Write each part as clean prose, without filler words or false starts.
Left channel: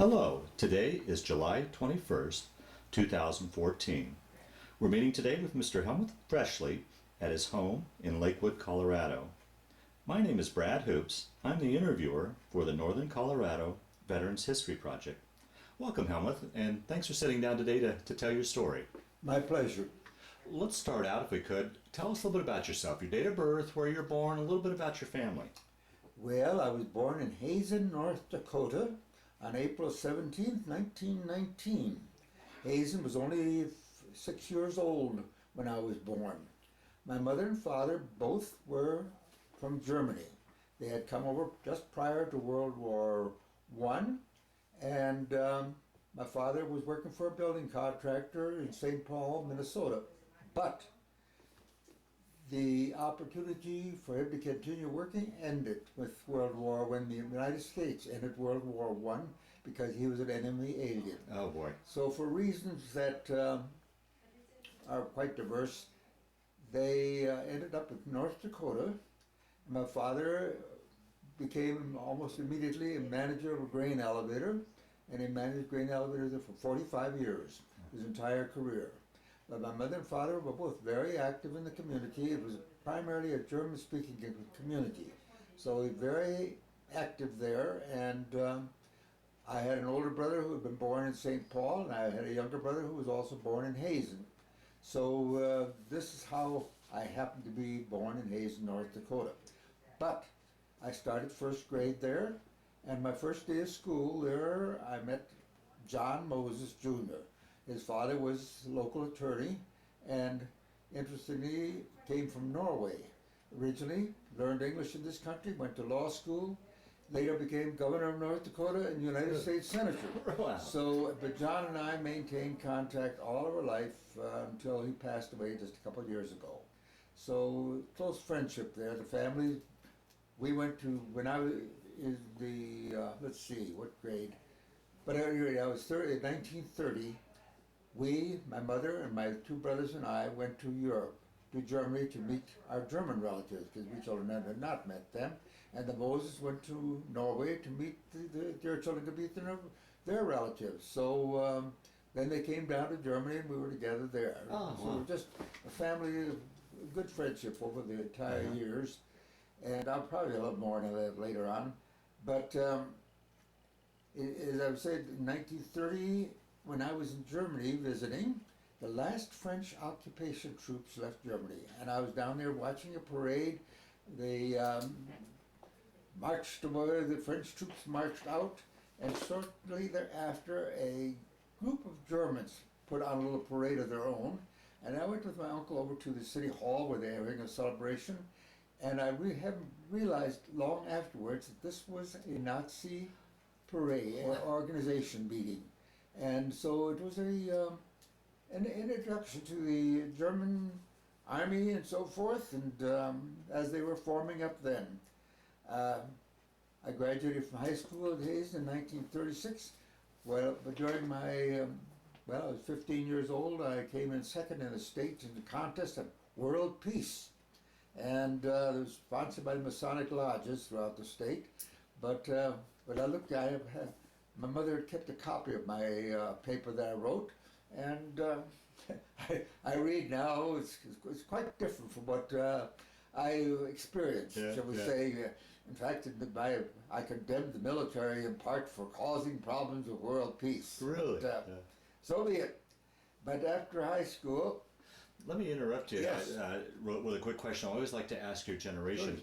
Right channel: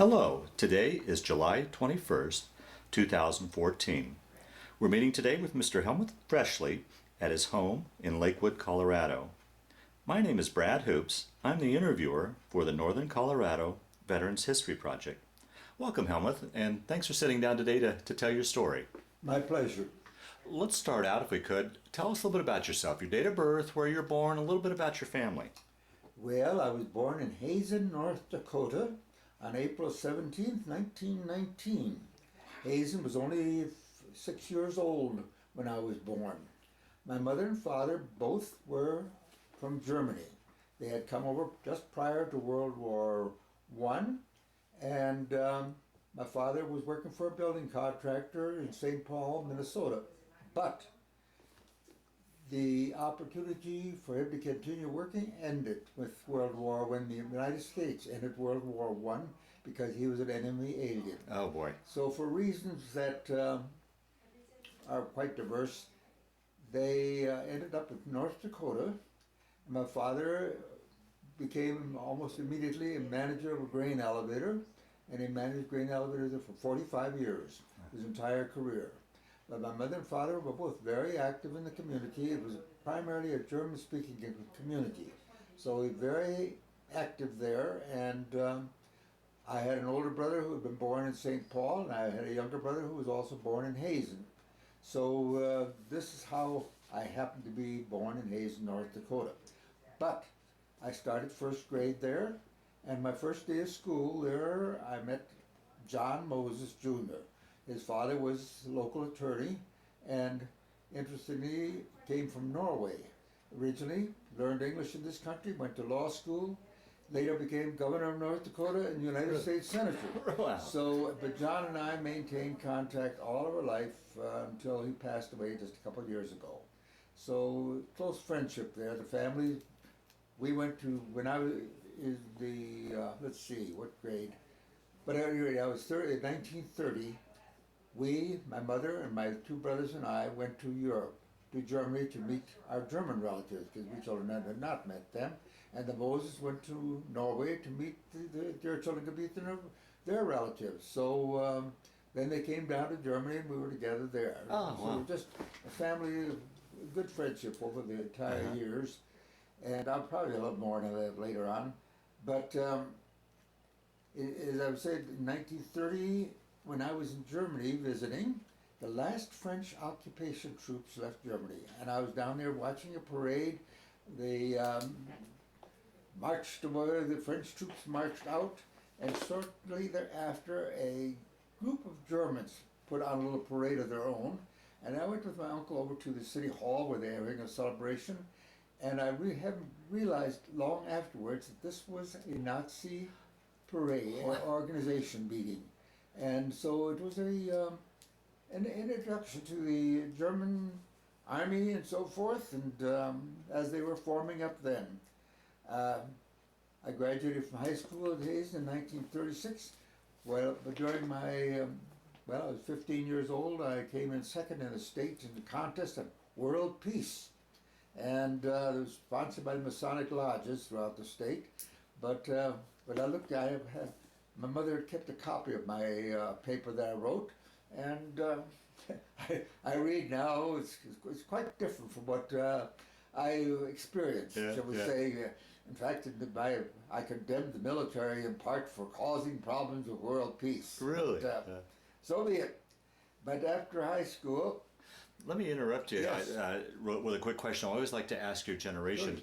Hello, today is July 21st, 2014. We're meeting today with Mr. Helmuth Froeschle at his home in Lakewood, Colorado. My name is Brad Hoops. I'm the interviewer for the Northern Colorado Veterans History Project. Welcome, Helmuth, and thanks for sitting down today to tell your story. My pleasure. Let's start out, if we could. Tell us a little bit about yourself, your date of birth, where you're born, a little bit about your family. Well, I was born in Hazen, North Dakota on April 17th, 1919. Hazen was only 6 years old when I was born. My mother and father both were from Germany. They had come over just prior to World War I, and my father was working for a building contractor in St. Paul, Minnesota. But the opportunity for him to continue working ended with World War when the United States ended World War I because he was an enemy alien. Oh boy. So for reasons that are quite diverse, they ended up in North Dakota, and my father became almost immediately a manager of a grain elevator, and he managed grain elevators there for 45 years, his entire career. But my mother and father were both very active in the community. It was primarily a German-speaking community, so very active there. And I had an older brother who had been born in St. Paul, and I had a younger brother who was also born in Hazen. So this is how I happened to be born in Hazen, North Dakota. But I started first grade there, and my first day of school there, I met John Moses Jr. His father was a local attorney, and interestingly came from Norway. Originally learned English in this country, went to law school, later became governor of North Dakota and United States Senator. Wow. So, but John and I maintained contact all of our life until he passed away just a couple of years ago. So close friendship there. The family, we went to, when I was in the, let's see, what grade? But anyway, I was 1930. My mother and my two brothers and I went to Europe, to Germany to meet our German relatives, because we children had not met them. And the Moses went to Norway to meet their children to meet their relatives. So then they came down to Germany and we were together there. Oh, so wow. Just a family of good friendship over the entire years. And I'll probably a little more on that later on. But as I've said, in 1930, when I was in Germany visiting, the last French occupation troops left Germany, and I was down there watching a parade. They marched away, the French troops marched out, and shortly thereafter a group of Germans put on a little parade of their own, and I went with my uncle over to the city hall where they were having a celebration, and I haven't realized long afterwards that this was a Nazi parade, organization meeting. And so it was an introduction to the German army and so forth, and as they were forming up then. I graduated from high school at Hazen in 1936. Well, but during my, I was 15 years old, I came in second in the state in the contest of world peace. And it was sponsored by the Masonic lodges throughout the state. But I looked, my mother had kept a copy of my paper that I wrote, and I read now. It's quite different from what I experienced, shall we say. In fact, I condemned the military in part for causing problems with world peace. Really? But, so be it. But after high school... Let me interrupt you. Yes. With a quick question. I always like to ask your generation.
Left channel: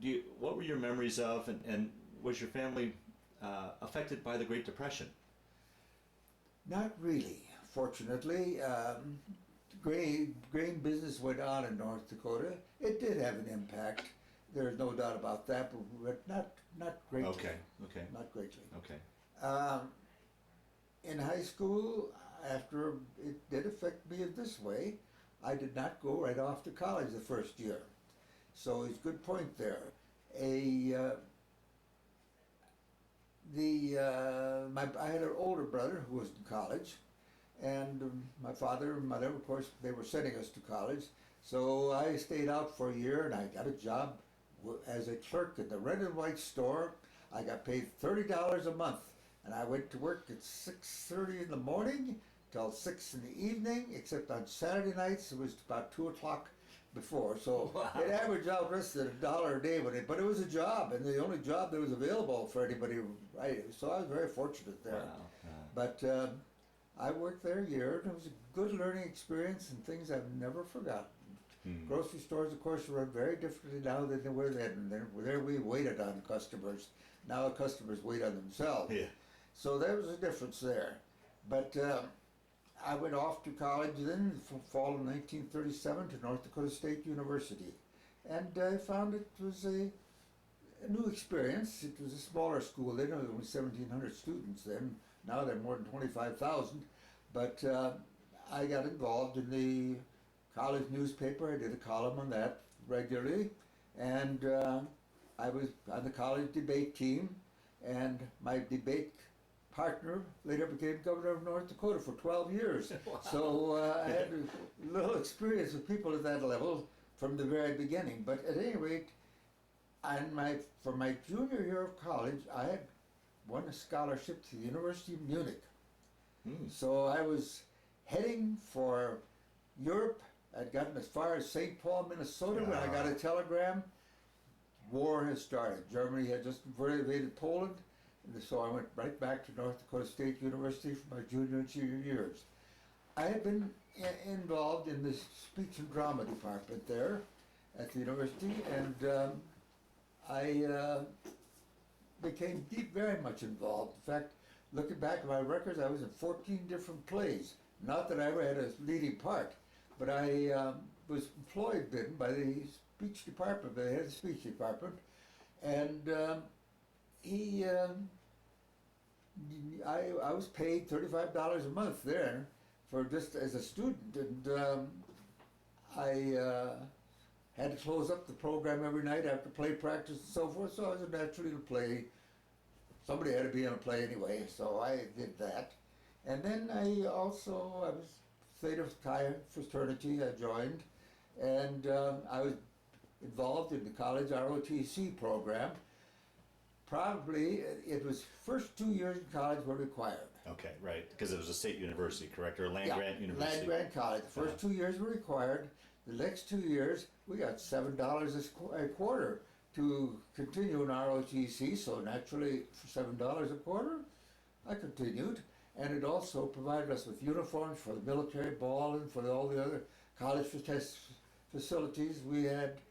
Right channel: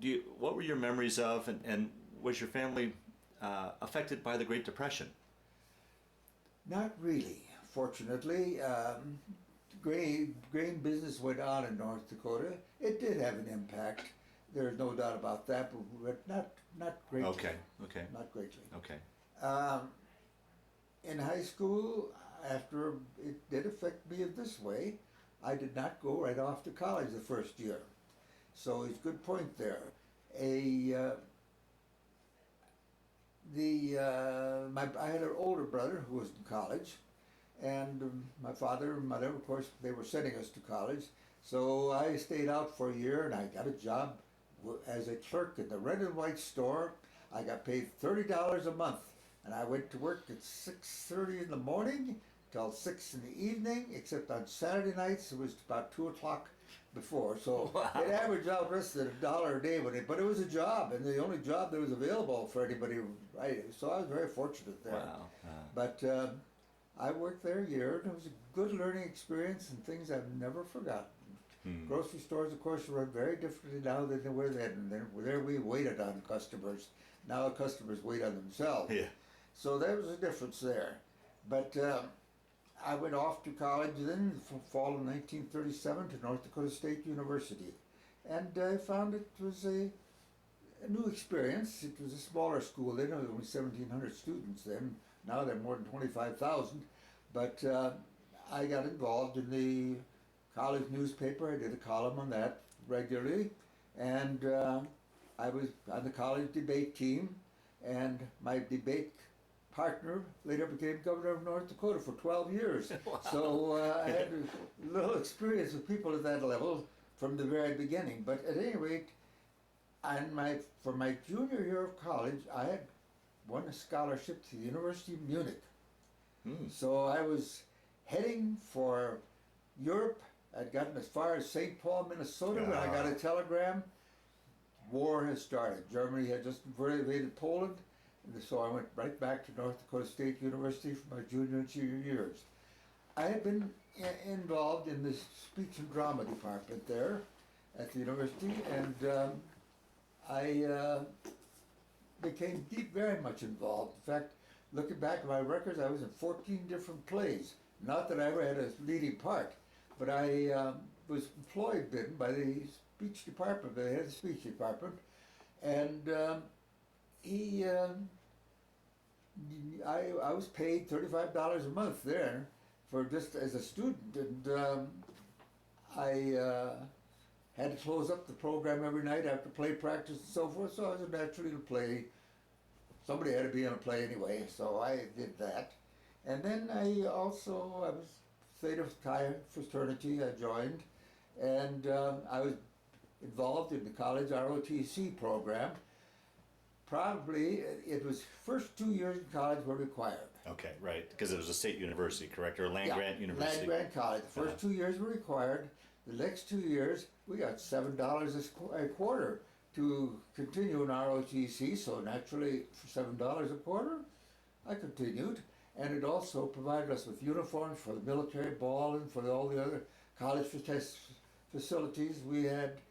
Good. What were your memories of, and was your family affected by the Great Depression? Not really, fortunately. Grain business went on in North Dakota. It did have an impact. There's no doubt about that, but not greatly. Okay. Not greatly. Okay. In high school, after it did affect me in this way, I did not go right off to college the first year. So it's a good point there. I had an older brother who was in college, and my father and mother, of course, they were sending us to college. So I stayed out for a year, and I got a job as a clerk in the red and white store. I got paid $30 a month And I went to work at 6:30 in the morning till 6 in the evening, except on Saturday nights it was about 2 o'clock before. So Wow. it averaged out less than $1 a day, but it was a job, and the only job that was available for anybody, right? So I was very fortunate there. Wow. But I worked there a year, and it was a good learning experience and things I've never forgotten. Grocery stores, of course, run very differently now than they were then. And there we waited on customers. Now customers wait on themselves. Yeah. So there was a difference there. But I went off to college then, fall of 1937, to North Dakota State University. And I found it was a new experience. It was a smaller school then, there were only 1,700 students then. Now there are more than 25,000. But I got involved in the college newspaper. I did a column on that regularly. And I was on the college debate team. And my debate partner later became governor of North Dakota for 12 years. Wow. So I had a little experience with people at that level from the very beginning. But at any rate, for my junior year of college, I had won a scholarship to the University of Munich. So I was heading for Europe. I'd gotten as far as St. Paul, Minnesota, when I got a telegram. War had started. Germany had just invaded Poland. And so I went right back to North Dakota State University for my junior and senior years. I had been involved in the speech and drama department there at the university, and I became very much involved. In fact, looking back at my records, I was in 14 different plays. Not that I ever had a leading part, but I was employed then by the speech department, the head of the speech department, and I was paid $35 a month there for just as a student, and I had to close up the program every night after play practice and so forth, so I was naturally to play. Somebody had to be in a play anyway, so I did that. And then I was Theta Chi fraternity, I joined, and I was involved in the college ROTC program. Probably, it was first 2 years in college were required. Okay, right, because it was a state university, correct, or a land-grant university? Land-grant college. The first 2 years were required. The next 2 years, we got $7 a quarter to continue in ROTC, so naturally, for $7 a quarter, I continued. And it also provided us with uniforms for the military ball and for all the other college facilities. We had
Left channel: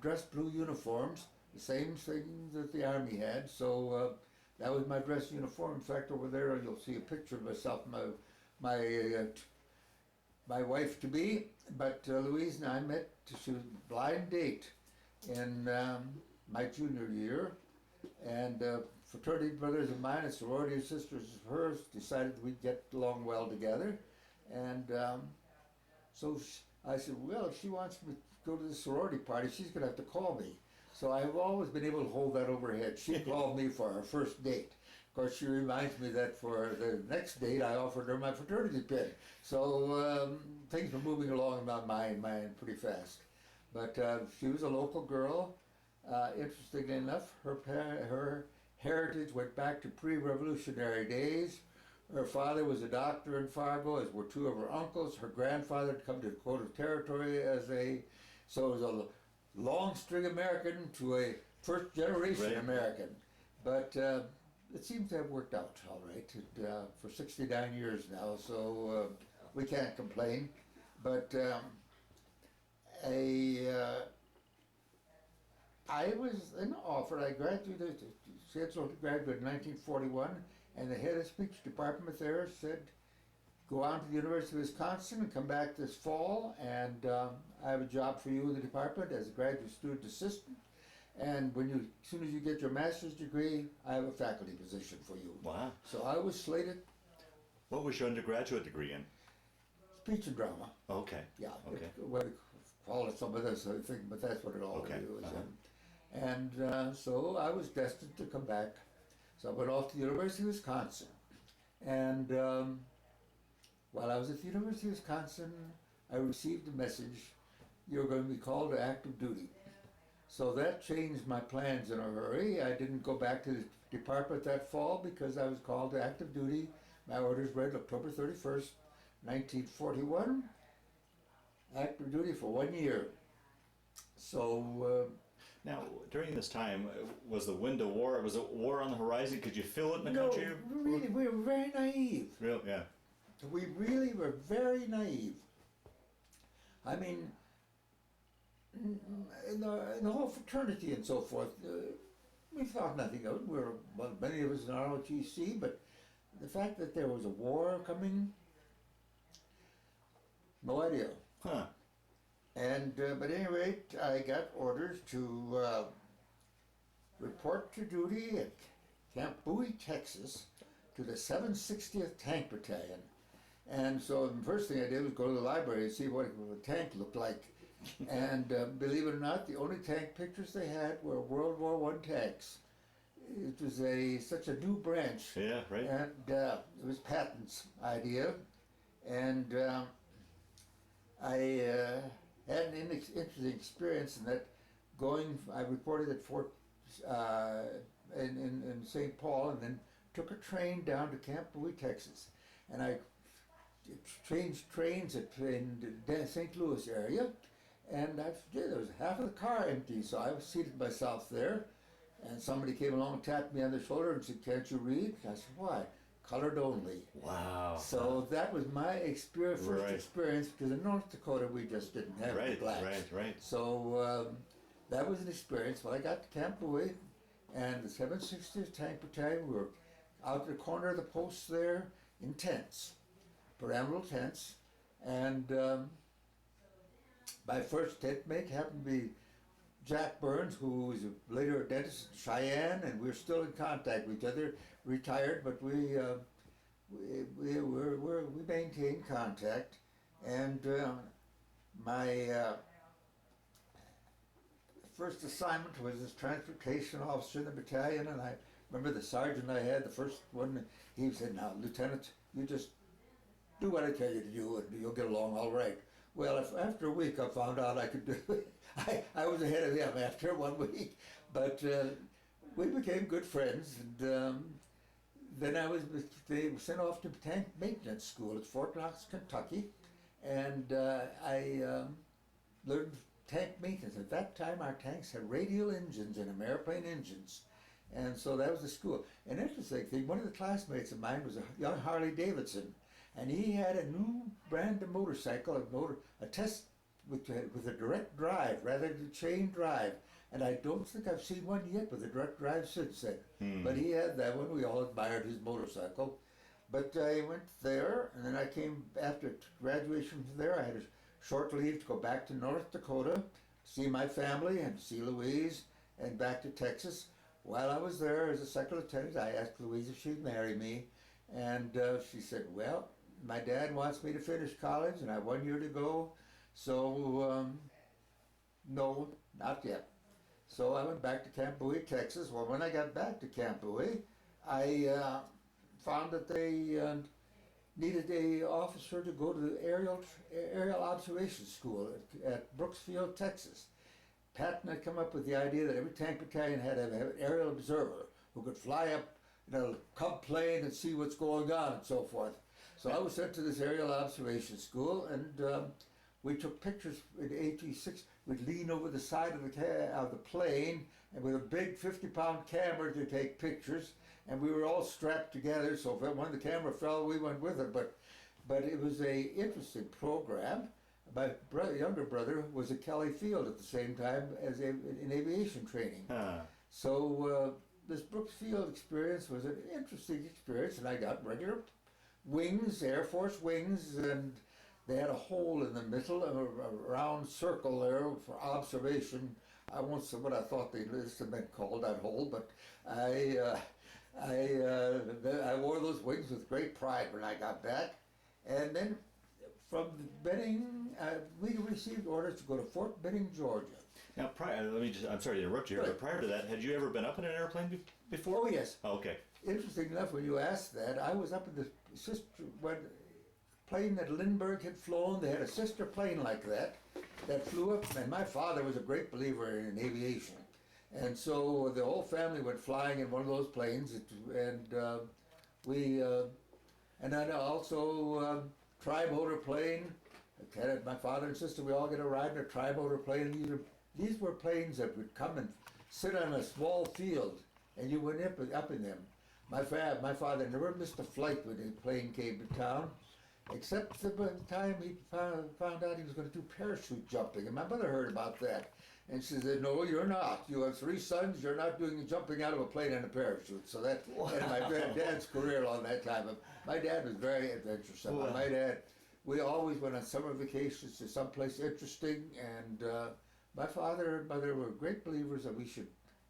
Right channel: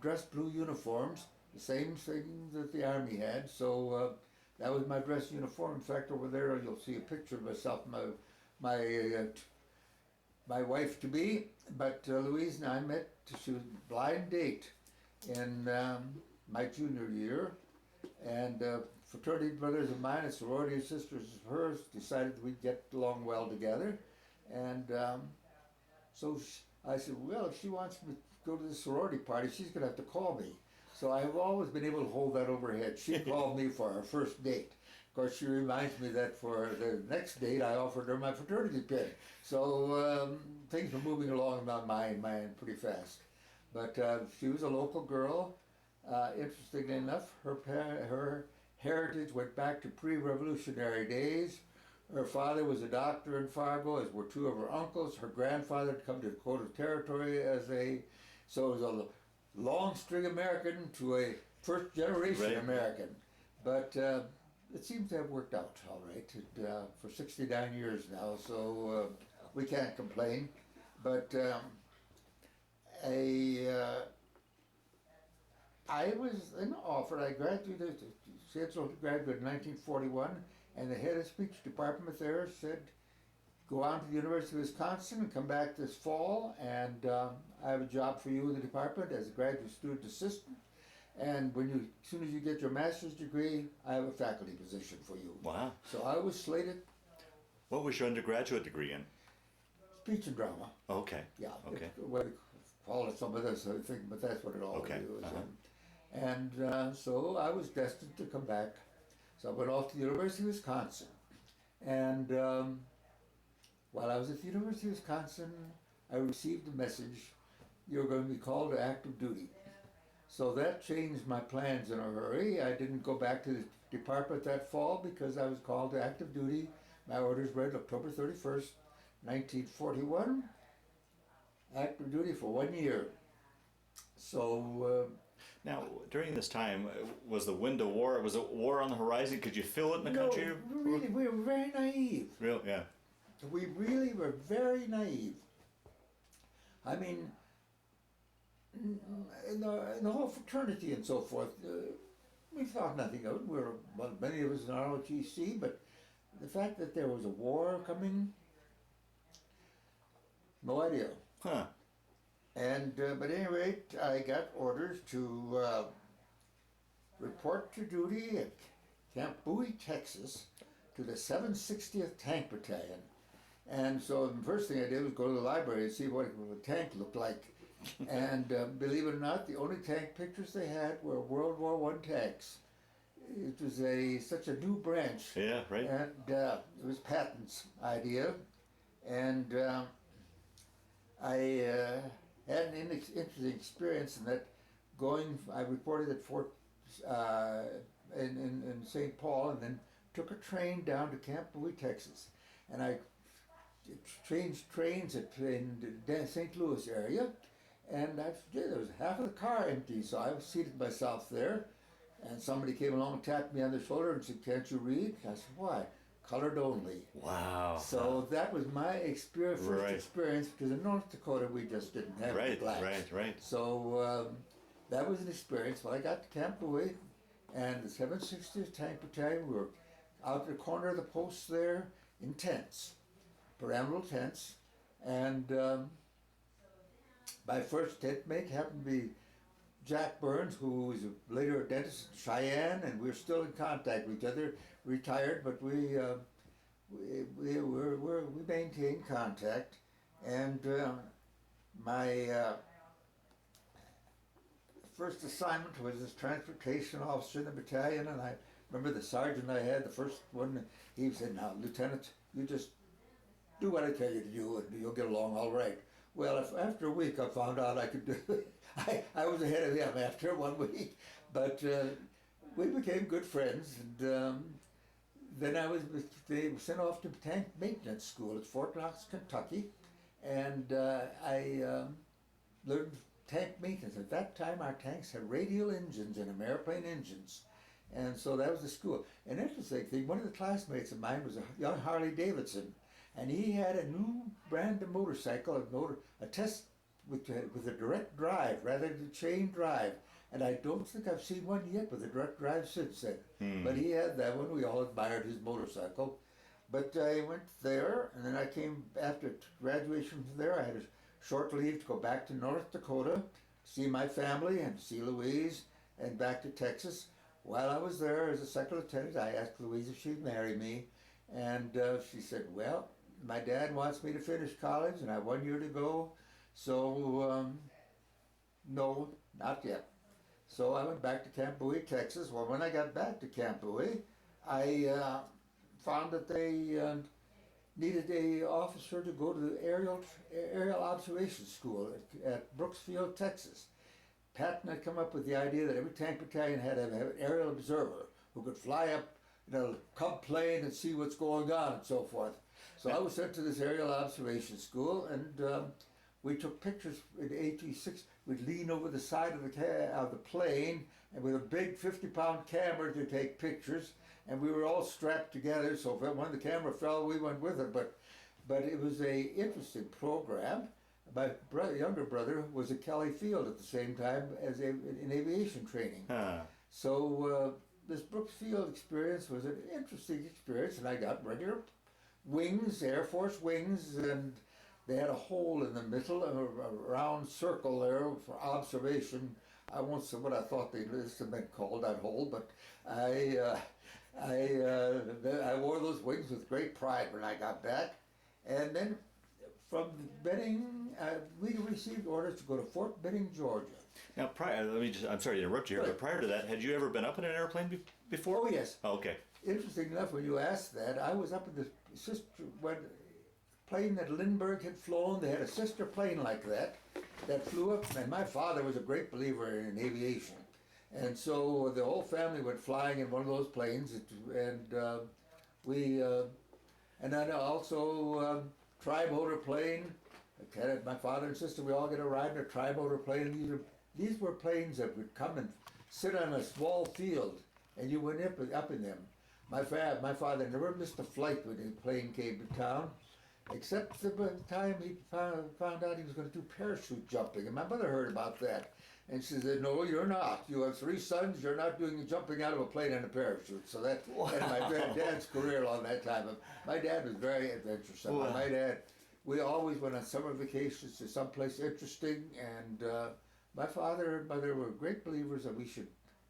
dress blue uniforms, the same thing that the Army had, so that was my dress uniform. In fact, over there you'll see a picture of myself, my wife-to-be, but Louise and I met, she was a blind date in my junior year, and fraternity brothers of mine and sorority sisters of hers decided we'd get along well together, and so I said, well, if she wants me to go to the sorority party, she's going to have to call me. So I have always been able to hold that over her head. She called me for our first date. Of course, she reminds me that for the next date, I offered her my fraternity pin. So things were moving along in my mind pretty fast. But she was a local girl. Interestingly enough, her heritage went back to pre-revolutionary days. Her father was a doctor in Fargo, as were two of her uncles. Her grandfather had come to Dakota Territory so it was a long string American to a first generation American. But it seems to have worked out all right for 69 years now, so we can't complain. But I was then offered, I graduated, scheduled to graduate in 1941, and the head of speech department there said, go on to the University of Wisconsin and come back this fall, and I have a job for you in the department as a graduate student assistant, and as soon as you get your master's degree, I have a faculty position for you. Wow. So I was slated. What was your undergraduate degree in? Speech and drama. Okay. Yeah. Okay. What they call it some other thing, but that's what it all is. And so I was destined to come back. So I went off to the University of Wisconsin. And while I was at the University of Wisconsin, I received a message, you're going to be called to active duty. So that changed my plans in a hurry. I didn't go back to the department that fall because I was called to active duty. My orders read October 31st, 1941. Active duty for 1 year. So Now, during this time, was the wind of war? Was it war on the horizon? Could you feel it in the no, country? really, we were very naive. Real, yeah. We really were very naive. I mean, in the whole fraternity and so forth, we thought nothing of it. Well, many of us in ROTC, but the fact that there was a war coming, no idea. Huh. And but at any rate, I got orders to report to duty at Camp Bowie, Texas, to the 760th Tank Battalion. And so the first thing I did was go to the library and see what a tank looked like. And believe it or not, the only tank pictures they had were World War I tanks. It was such a new branch. Yeah, right. And it was Patton's idea. And I had an interesting experience in that I reported at Fort in St. Paul, and then took a train down to Camp Bowie, Texas. And I changed trains in the St. Louis area, and there was half of the car empty, so I seated myself there, and somebody came along and tapped me on the shoulder and said, "Can't you read?" I said, "Why?" "Colored only." Wow. So that was my first Right. experience, because in North Dakota we just didn't have the glass. Right. So that was an experience. Well, I got to Camp Louis, and the 760th Tank Battalion, we were out at the corner of the post there in tents, pyramidal tents, and my first tent mate happened to be Jack Burns, who was later a dentist in Cheyenne, and we're still in contact with each other. Retired, but we maintained contact. And my first assignment was as transportation officer in the battalion, and I remember the sergeant I had, the first one, he said, "Now, Lieutenant, you just do what I tell you to do, and you'll get along all right." Well, after a week, I found out I could do it. I was ahead of him after 1 week, but we became good friends. And then they were sent off to tank maintenance school at Fort Knox, Kentucky, and I learned tank maintenance. At that time, our tanks had radial engines in them, airplane engines, and so that was the school. An interesting thing, one of the classmates of mine was a young Harley Davidson, and he had a new brand of motorcycle, a test with a direct drive rather than chain drive. And I don't think I've seen one yet with a direct drive since then. But he had that one. We all admired his motorcycle. But I went there, and then I came after graduation from there. I had a short leave to go back to North Dakota, to see my family and see Louise, and back to Texas. While I was there as a second lieutenant, I asked Louise if she'd marry me, and she said, "Well, my dad wants me to finish college, and I have 1 year to go, so no, not yet." So I went back to Camp Bowie, Texas. Well, when I got back to Camp Bowie, I found that they needed an officer to go to the aerial observation school at Brooksfield, Texas. Patton had come up with the idea that every tank battalion had to have an aerial observer who could fly up in a Cub plane and see what's going on and so forth. So I was sent to this aerial observation school, and we took pictures in AT-6. We'd lean over the side of the plane, and with a big 50-pound camera to take pictures, and we were all strapped together, so if when the camera fell, we went with it. But it was a interesting program. My younger brother was at Kelly Field at the same time as in aviation training. So this Brooksfield experience was an interesting experience, and I got regular wings, Air Force wings, and they had a hole in the middle of a round circle there for observation. I won't say what I thought they must have been called, that hole, but I wore those wings with great pride when I got back. And then from Benning, we received orders to go to Fort Benning, Georgia. Now, I'm sorry to interrupt you here, but prior to that, had you ever been up in an airplane before? Oh, yes. Oh, okay. Interesting enough, when you asked that, I was up in the plane that Lindbergh had flown. They had a sister plane like that flew up, and my father was a great believer in aviation. And so the whole family went flying in one of those planes, and and then also tri-motor plane. My father and sister, we all get a ride in a tri-motor plane. And these were planes that would come and sit on a small field, and you went up in them. My father never missed a flight when the plane came to town, except the time he found out he was going to do parachute jumping. And my mother heard about that. And she said, "No, you're not. You have 3 sons. You're not doing jumping out of a plane in a parachute." So that ended my dad's career along that time. But my dad was very adventuresome. Wow. My dad, we always went on summer vacations to someplace interesting. And my father and mother were great believers that we should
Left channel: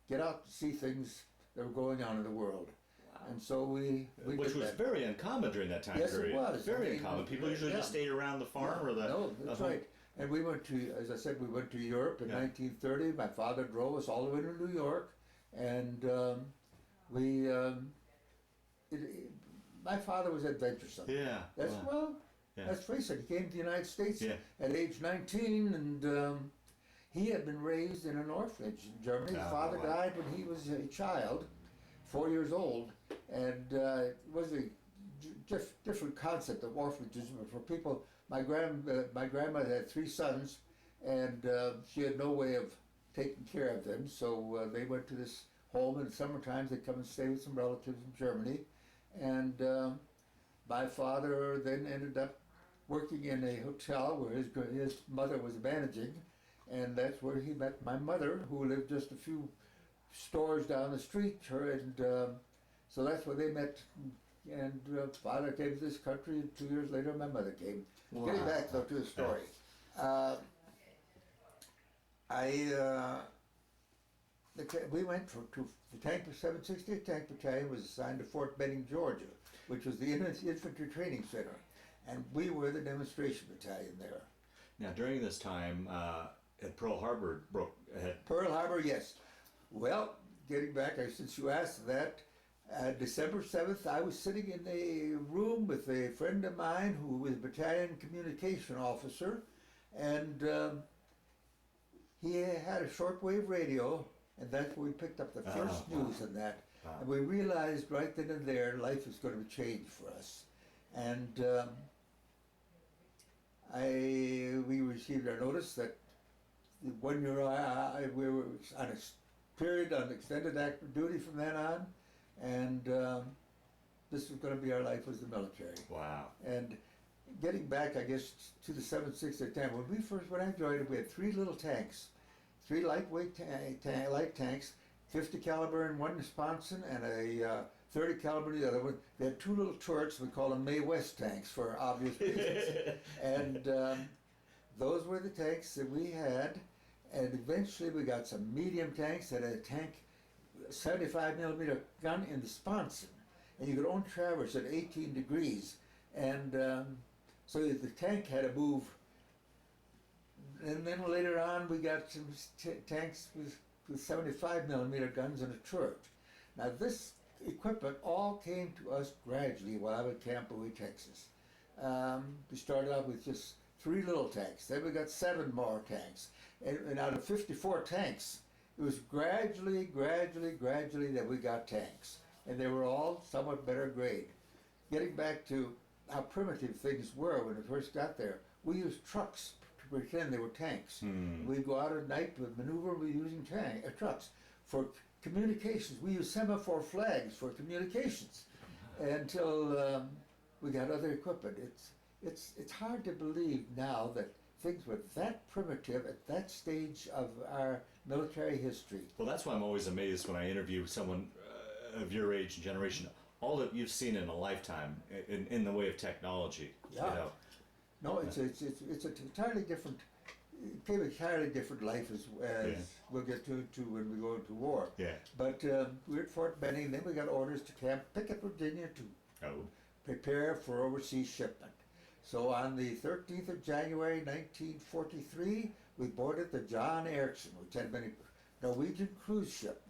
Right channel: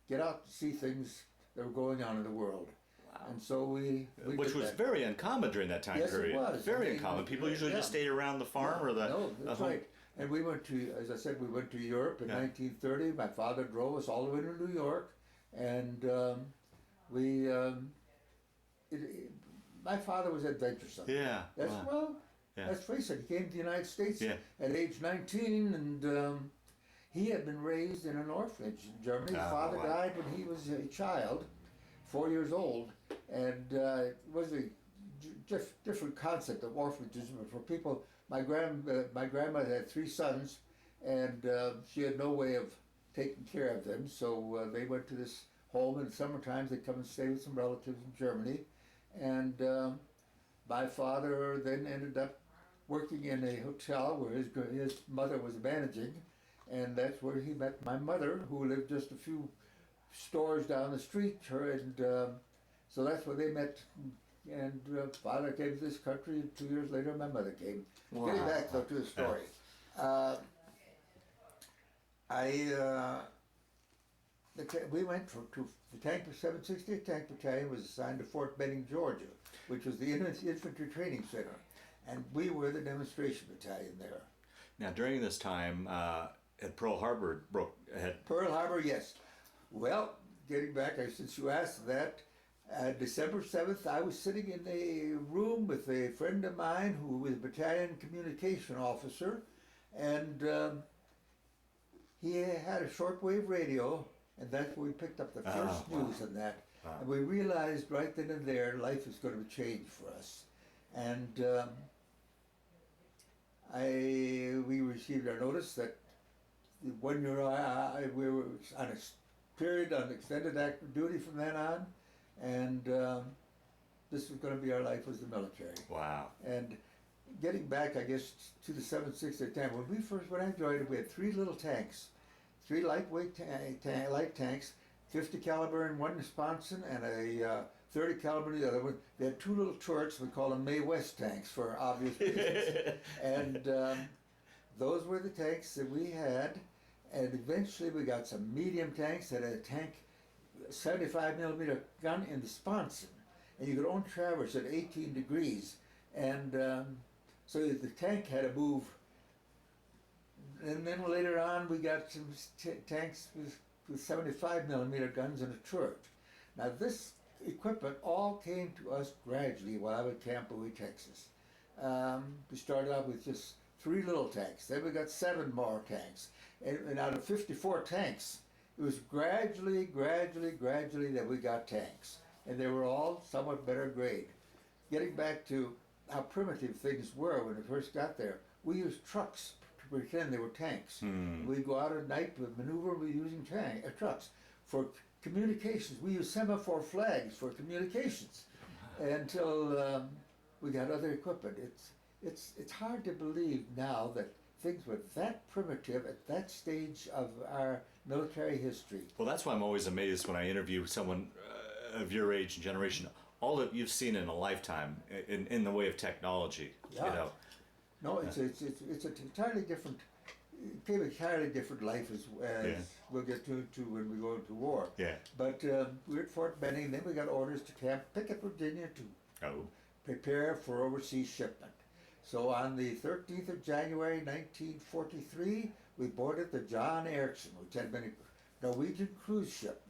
get out to see things that were going on in the world. Wow. And so we Which did was that. very uncommon during that time Yes, it period. was. Very I mean, uncommon. People usually just stayed around the farm or the. No, that's home. right. And we went to, as I said, we went to Europe in Yeah. 1930. My father drove us all the way to New York, and my father was adventuresome. Yeah. That's wow. Yeah. let's face it. He came to the United States Yeah. at age 19, and he had been raised in an orphanage in Germany. His father wow. died when he was a child, 4 years old, and it was a different concept of orphanages. But for people, my grandmother had 3 sons, and she had no way of taking care of them. So they went to this home. In the summer times, they'd come and stay with some relatives in Germany. And my father then ended up working in a hotel where his mother was managing, and that's where he met my mother, who lived just a few stores down the street. So that's where they met. And father came to this country, and 2 years later my mother came. Wow. Getting back though to the story, we went to the Tank 768 Tank Battalion was assigned to Fort Benning, Georgia, which was the infantry training center, and we were the demonstration battalion there. Now, during this time, at Pearl Harbor Pearl Harbor, yes. Well, getting back, since you asked that, December 7th, I was sitting in a room with a friend of mine who was a battalion communication officer, and he had a shortwave radio, and that's where we picked up the first news on that. Wow. And we realized right then and there life was going to change for us. And we received our notice that 1 year we were on a period on extended active duty from then on, and this was going to be our life as the military. Wow. And getting back, I guess, to the 768 tank, when I joined it, we had 3 little tanks, 3 lightweight light tanks, 50 caliber in one sponson and a 30 caliber in the other one. They had 2 little turrets. We call them Mae West tanks for obvious reasons. And those were the tanks that we had. And eventually we got some medium tanks that had a tank 75 millimeter gun in the sponson, and you could only traverse at 18 degrees, and so the tank had to move. And then later on we got some tanks with 75 millimeter guns and a turret. Now this equipment all came to us gradually while I was at Camp Bowie, Texas. We started out with just 3 little tanks, then we got 7 more tanks, and out of 54 tanks, it was gradually that we got tanks, and they were all somewhat better grade. Getting back to how primitive things were when we first got there, we used trucks to pretend they were tanks. We'd go out at night with maneuver, we were using trucks. For communications, we used semaphore flags for communications until we got other equipment. It's hard to believe now that things were that primitive at that stage of our military history. Well, that's why I'm always amazed when I interview someone of your age and generation. All that you've seen in a lifetime in the way of technology. Yeah. You know. No, it's an entirely different. It became a entirely different life as we'll get to when we go into war. Yeah. But we were at Fort Benning. Then we got orders to Camp Pickett, Virginia, to prepare for overseas shipment. So on the 13th of January 1943, we boarded the John Ericsson, which had been a Norwegian cruise ship,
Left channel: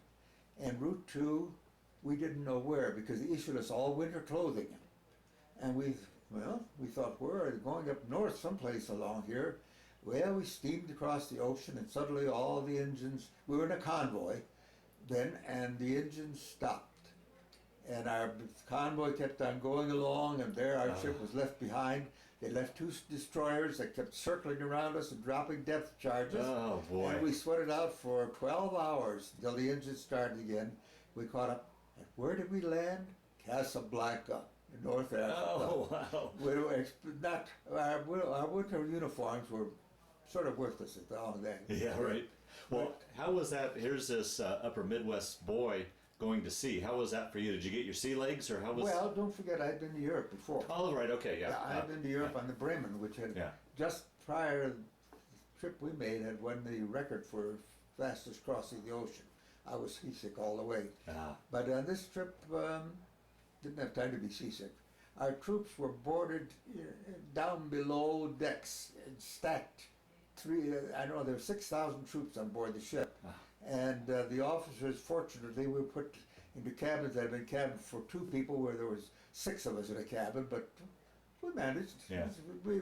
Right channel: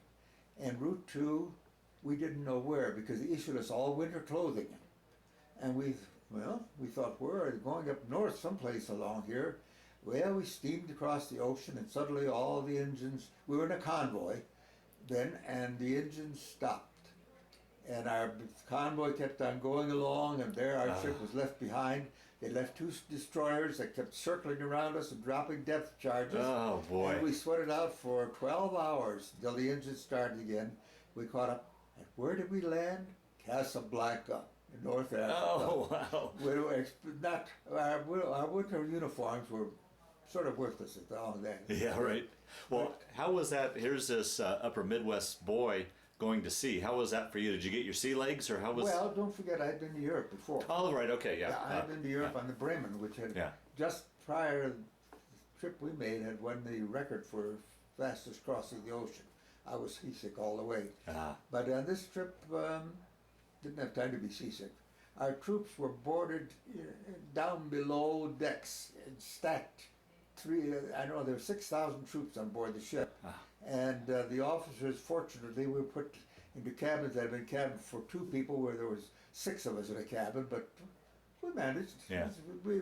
en route to we didn't know where, because they issued us all winter clothing. And we Well, we thought, we're going up north someplace along here. Well, we steamed across the ocean, and suddenly all the engines, we were in a convoy then, and the engines stopped. And our convoy kept on going along, and there our ship was left behind. They left two destroyers that kept circling around us and dropping depth charges. Oh, boy. And we sweated out for 12 hours until the engines started again. We caught up. And where did we land? Casablanca, in North Africa. Oh, wow. We were not, our winter uniforms were sort of worthless at all then. Yeah, right. Well, how was that? Here's this upper Midwest boy going to sea. How was that for you? Did you get your sea legs, or how was? Well, don't forget, I'd been to Europe before. Oh, right. Okay. Yeah. I'd been to Europe on the Bremen, which had just prior to the trip we made had won the record for fastest crossing the ocean. I was seasick all the way. But on this trip, didn't have time to be seasick. Our troops were boarded down below decks and stacked. I don't know, there were 6,000 troops on board the ship. And the officers, fortunately, were put into cabins that had been cabins for two people, where there was 6 of us in a cabin, but we managed. Yeah. We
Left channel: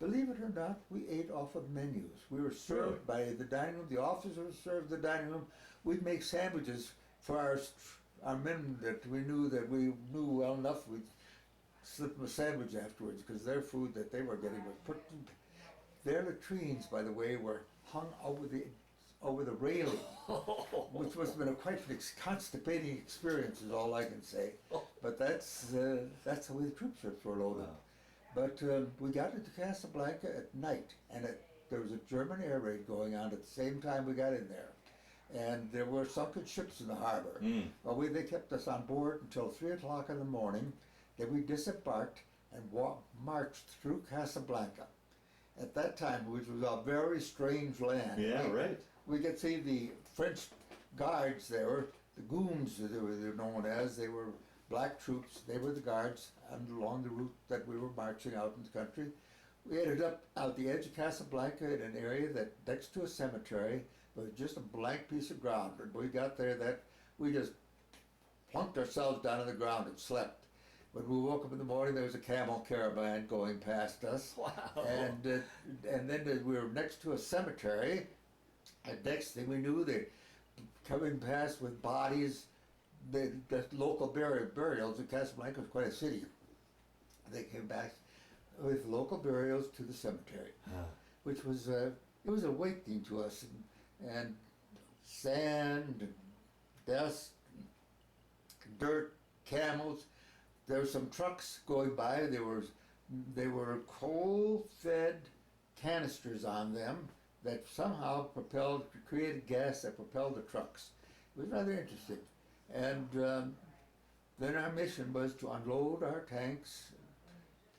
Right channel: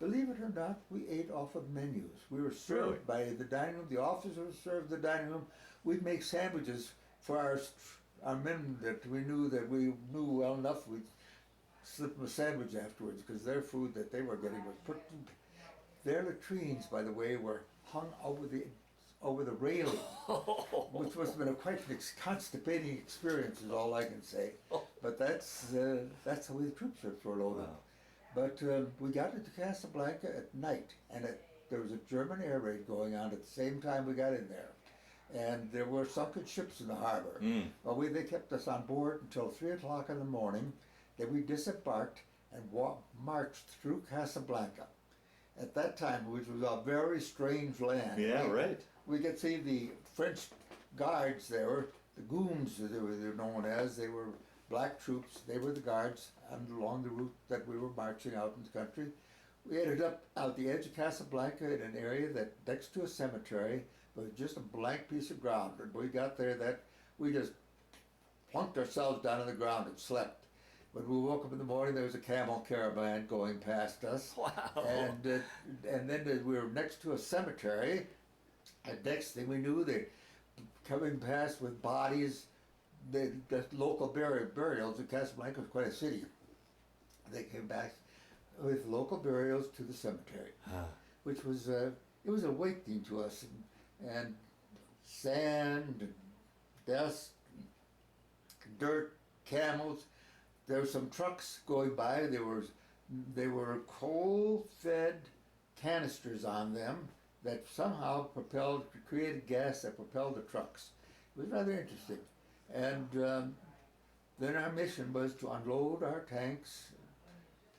believe it or not, we ate off of menus. We were served by the dining room. The officers served the dining room. We'd make sandwiches for our men that we knew well enough. We'd slip them a sandwich afterwards, because their food that they were getting was put in. Their latrines, by the way, were hung over the railing, which must have been quite an constipating experience, is all I can say. But that's the way the troop ships were loaded. Wow. But we got into Casablanca at night, and there was a German air raid going on at the same time we got in there. And there were sunken ships in the harbor. Well, they kept us on board until 3 o'clock in the morning. Then we disembarked and marched through Casablanca. At that time, which was a very strange land. Yeah, right. We could see the French guards there, the goons they were known as. They were black troops. They were the guards along the route that we were marching out in the country. We ended up out the edge of Casablanca in an area that next to a cemetery was just a blank piece of ground. And we got there, we just plunked ourselves down on the ground and slept. When we woke up in the morning, there was a camel caravan going past us. Wow. And then we were next to a cemetery. And next thing we knew, they coming past with bodies. The local burials in Casablanca was quite a city. They came back with local burials to the cemetery, which was it was awakening to us, and sand and dust, and dirt, camels. There were some trucks going by. There were coal-fed canisters on them that somehow created gas that propelled the trucks. It was rather interesting. And then our mission was to unload our tanks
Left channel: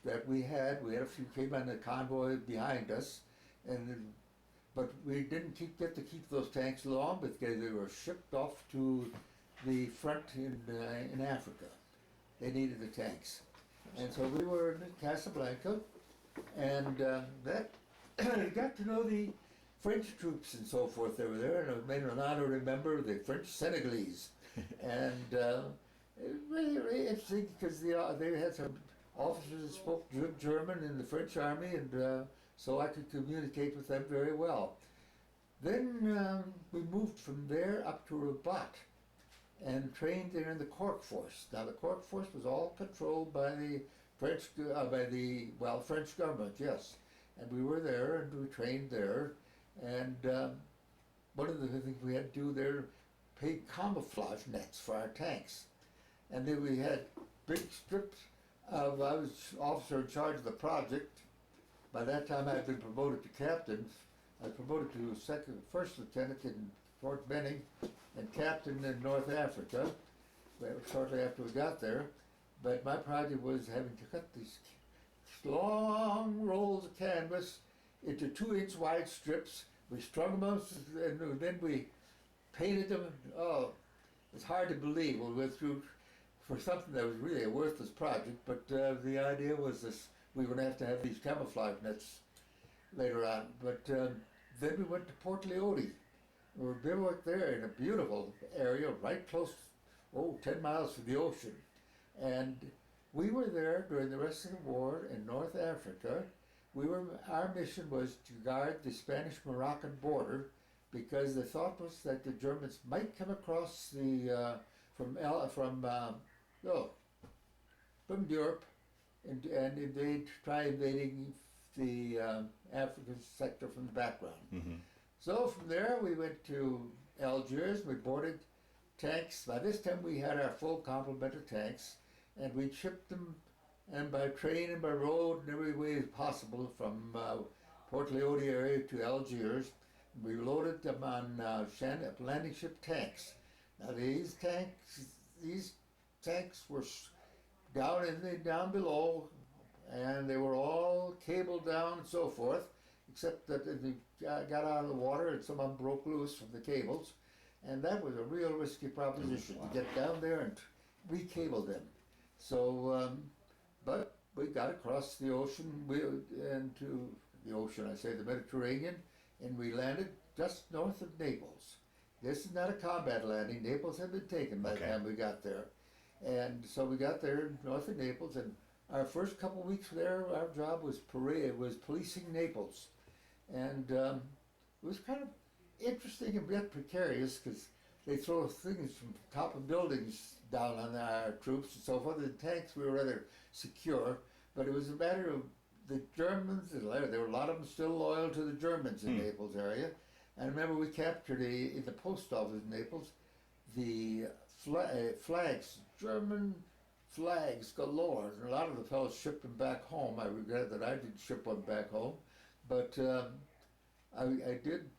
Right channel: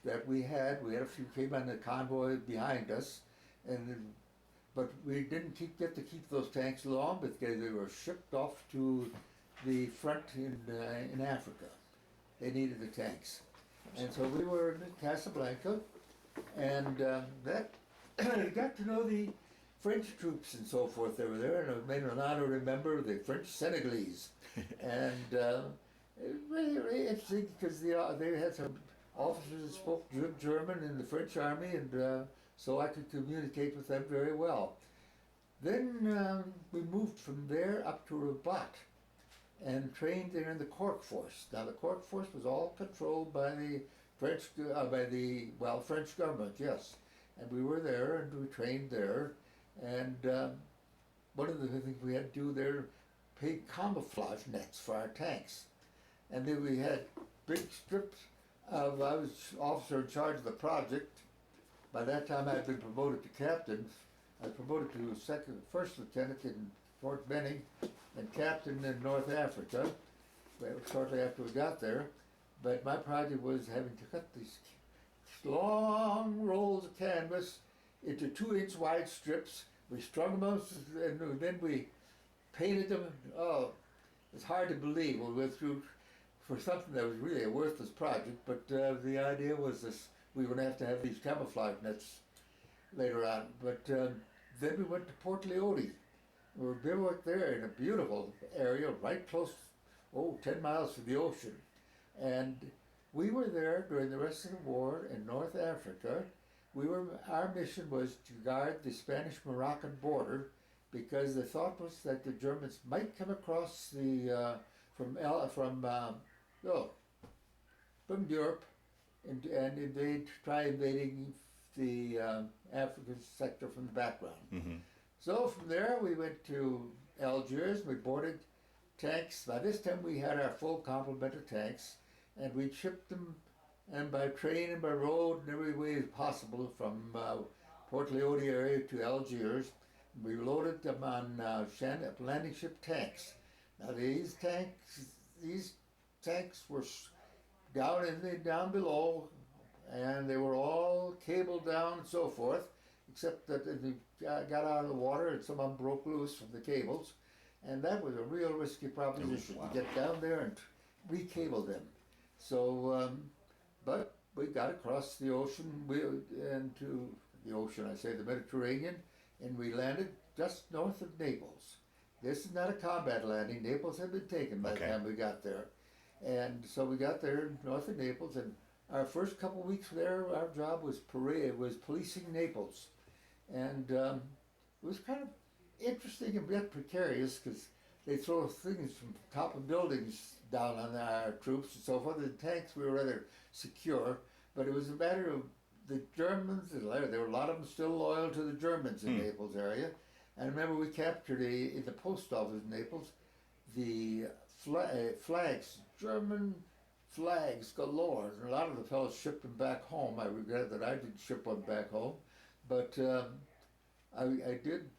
that we had. We had a few came on the convoy behind us, but we didn't get to keep those tanks long because they were shipped off to the front in Africa. They needed the tanks. And so we were in Casablanca, and got to know the French troops and so forth that were there, and it made an honor to remember the French Senegalese. And it was really interesting because they had some officers that spoke German in the French army, and so I could communicate with them very well. Then we moved from there up to Rabat and trained there in the Cork Force. Now the Cork Force was all controlled by the French government, yes. And we were there and we trained there. And one of the things we had to do there, paid camouflage nets for our tanks. And then we had big strips I was officer in charge of the project. By that time I had been promoted to captain. I was promoted to first lieutenant in Fort Benning and captain in North Africa, shortly after we got there. But my project was having to cut these long rolls of canvas into 2-inch wide strips. We strung them up, and then we painted them. Oh, it's hard to believe. We went through for something that was really a worthless project, but the idea was this: we were going to have these camouflage nets later on. But then we went to Port Leone. We were bivouacked there in a beautiful area, right close, 10 miles from the ocean. And We were there during the rest of the war in North Africa. Our mission was to guard the Spanish-Moroccan border because the thought was that the Germans might come across the from Europe and invade, try invading the African sector from the background. Mm-hmm. So from there we went to Algiers. We boarded tanks. By this time we had our full complement of tanks, and we shipped them, and by train and by road in every way possible from Port Leone area to Algiers. We loaded them on landing ship tanks. Now these tanks were down below, and they were all cabled down and so forth, except that they got out of the water and some of them broke loose from the cables, and that was a real risky proposition to get down there and recable them. So, but we got across the ocean, into the ocean, I say the Mediterranean, and we landed just north of Naples. This is not a combat landing. Naples had been taken by the time we got there. And so we got there north of Naples, and our first couple of weeks there, our job was policing Naples. And it was kind of interesting and a bit precarious because they throw things from top of buildings down on our troops and so forth. The tanks were rather secure, but it was a matter of the Germans, there were a lot of them still loyal to the Germans in Naples area. And I remember we captured in the post office in Naples, the flags, German flags galore. And a lot of the fellows shipped them back home. I regret that I didn't ship one back home, but I did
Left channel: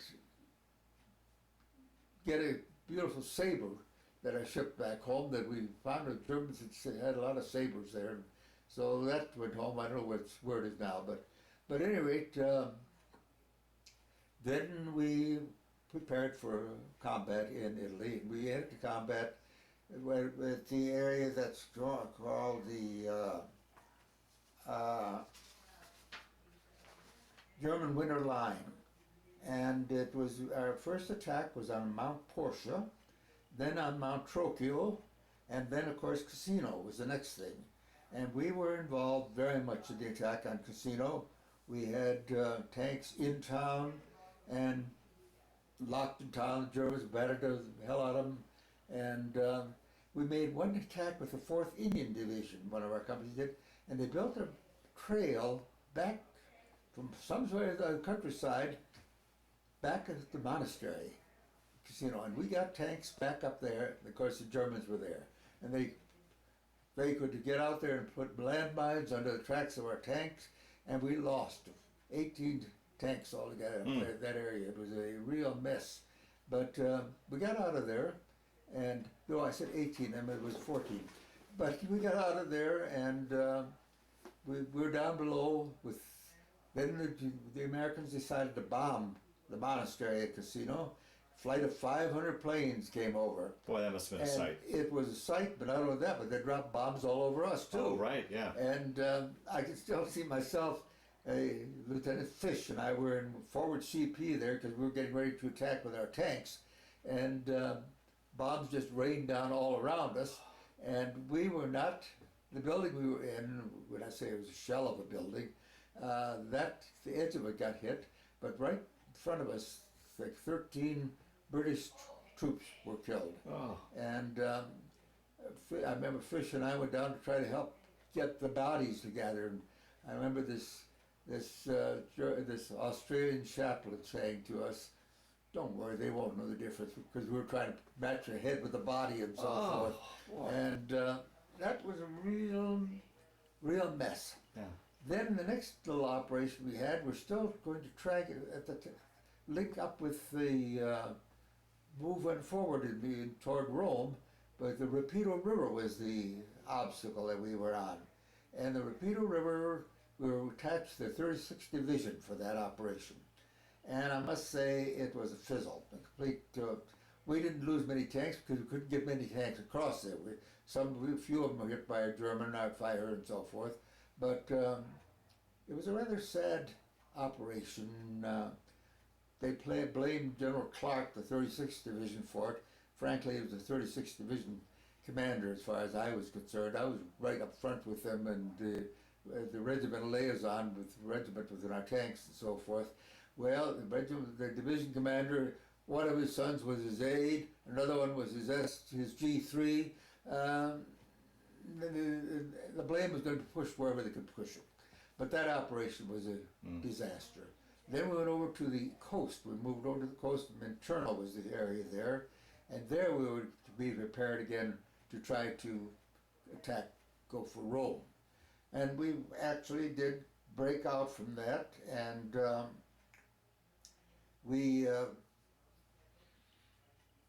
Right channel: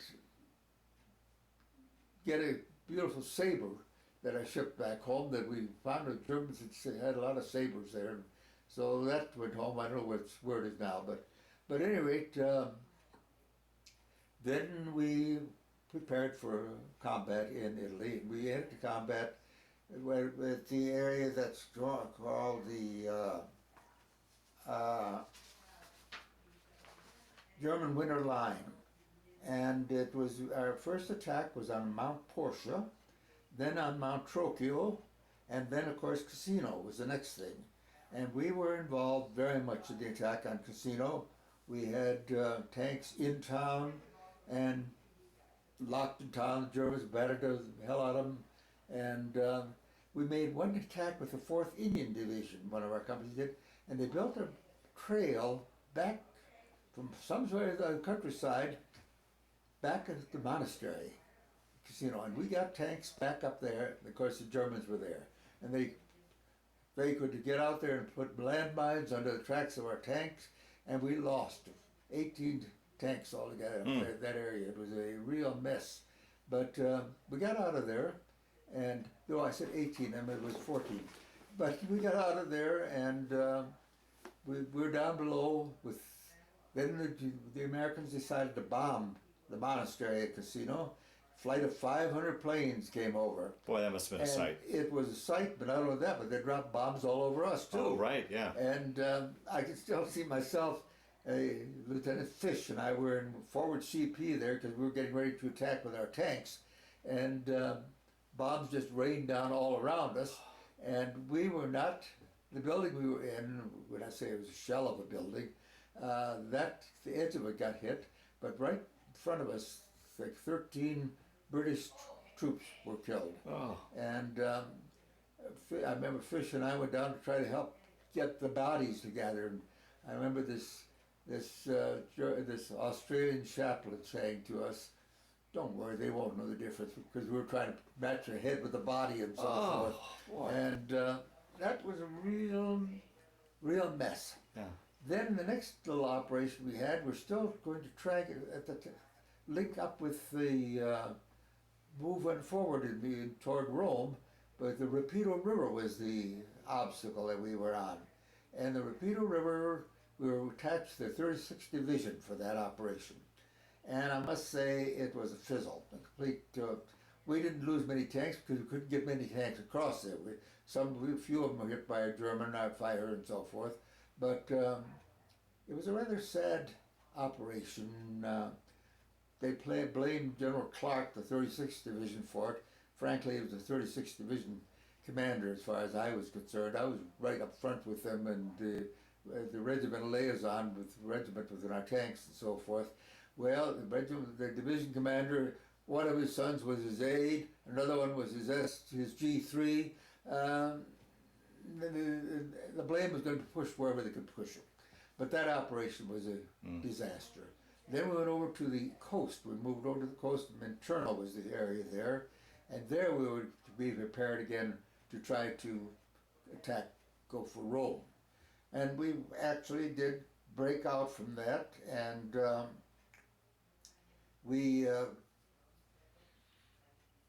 get a beautiful saber that I shipped back home that we found the Germans had a lot of sabers there. So that went home. I don't know where it is now, but at any rate, then we prepared for combat in Italy. We headed to combat at the area that's called the German Winter Line. And it was, our first attack was on Mount Portia, then on Mount Trocchio, and then of course Cassino was the next thing. And we were involved very much in the attack on Cassino. We had tanks in town and locked in town. The Germans battered the hell out of them. And we made one attack with the 4th Indian Division, one of our companies did, and they built a trail back from somewhere in the countryside back at the monastery, Cassino, and we got tanks back up there. Of course, the Germans were there, and they could get out there and put landmines under the tracks of our tanks, and we lost 18 tanks altogether in that area. It was a real mess, but we got out of there, and though I said 18, I mean it was 14, but we got out of there, and we were down below with. Then the Americans decided to bomb the monastery at Cassino. Flight of 500 planes came over. Boy, that must have been a sight. It was a sight, but not only that, but they dropped bombs all over us too. Oh, right, yeah. And I can still see myself, Lieutenant Fish and I were in forward CP there because we were getting ready to attack with our tanks. And bombs just rained down all around us. And we were not, the building we were in, when I say it was a shell of a building, the edge of it got hit, but right in front of us, like 13 British troops were killed. Oh. And I remember Fish and I went down to try to help get the bodies together. And I remember this Australian chaplain saying to us, "Don't worry, they won't know the difference," because we were trying to match a head with the body and so forth. Boy. And that was a real mess. Yeah. Then the next little operation we had, we're still going to try at link up with the move went forward toward Rome, but the Rapido River was the obstacle that we were on. And the Rapido River, we were attached to the 36th Division for that operation. And I must say it was a fizzle, a complete. We didn't lose many tanks because we couldn't get many tanks across there. A few of them were hit by a German fire and so forth. But it was a rather sad operation. They blamed General Clark, the 36th Division, for it. Frankly, it was the 36th Division commander as far as I was concerned. I was right up front with them, and the regimental liaison with the regiment within our tanks and so forth. Well, the division commander, one of his sons was his aide, another one was his G3. The blame was going to be pushed wherever they could push it. But that operation was a disaster. Then we went over to the coast. We moved over to the coast, and Minturno was the area there. And there we were to be prepared again to try to go for Rome. And we actually did break out from that, and we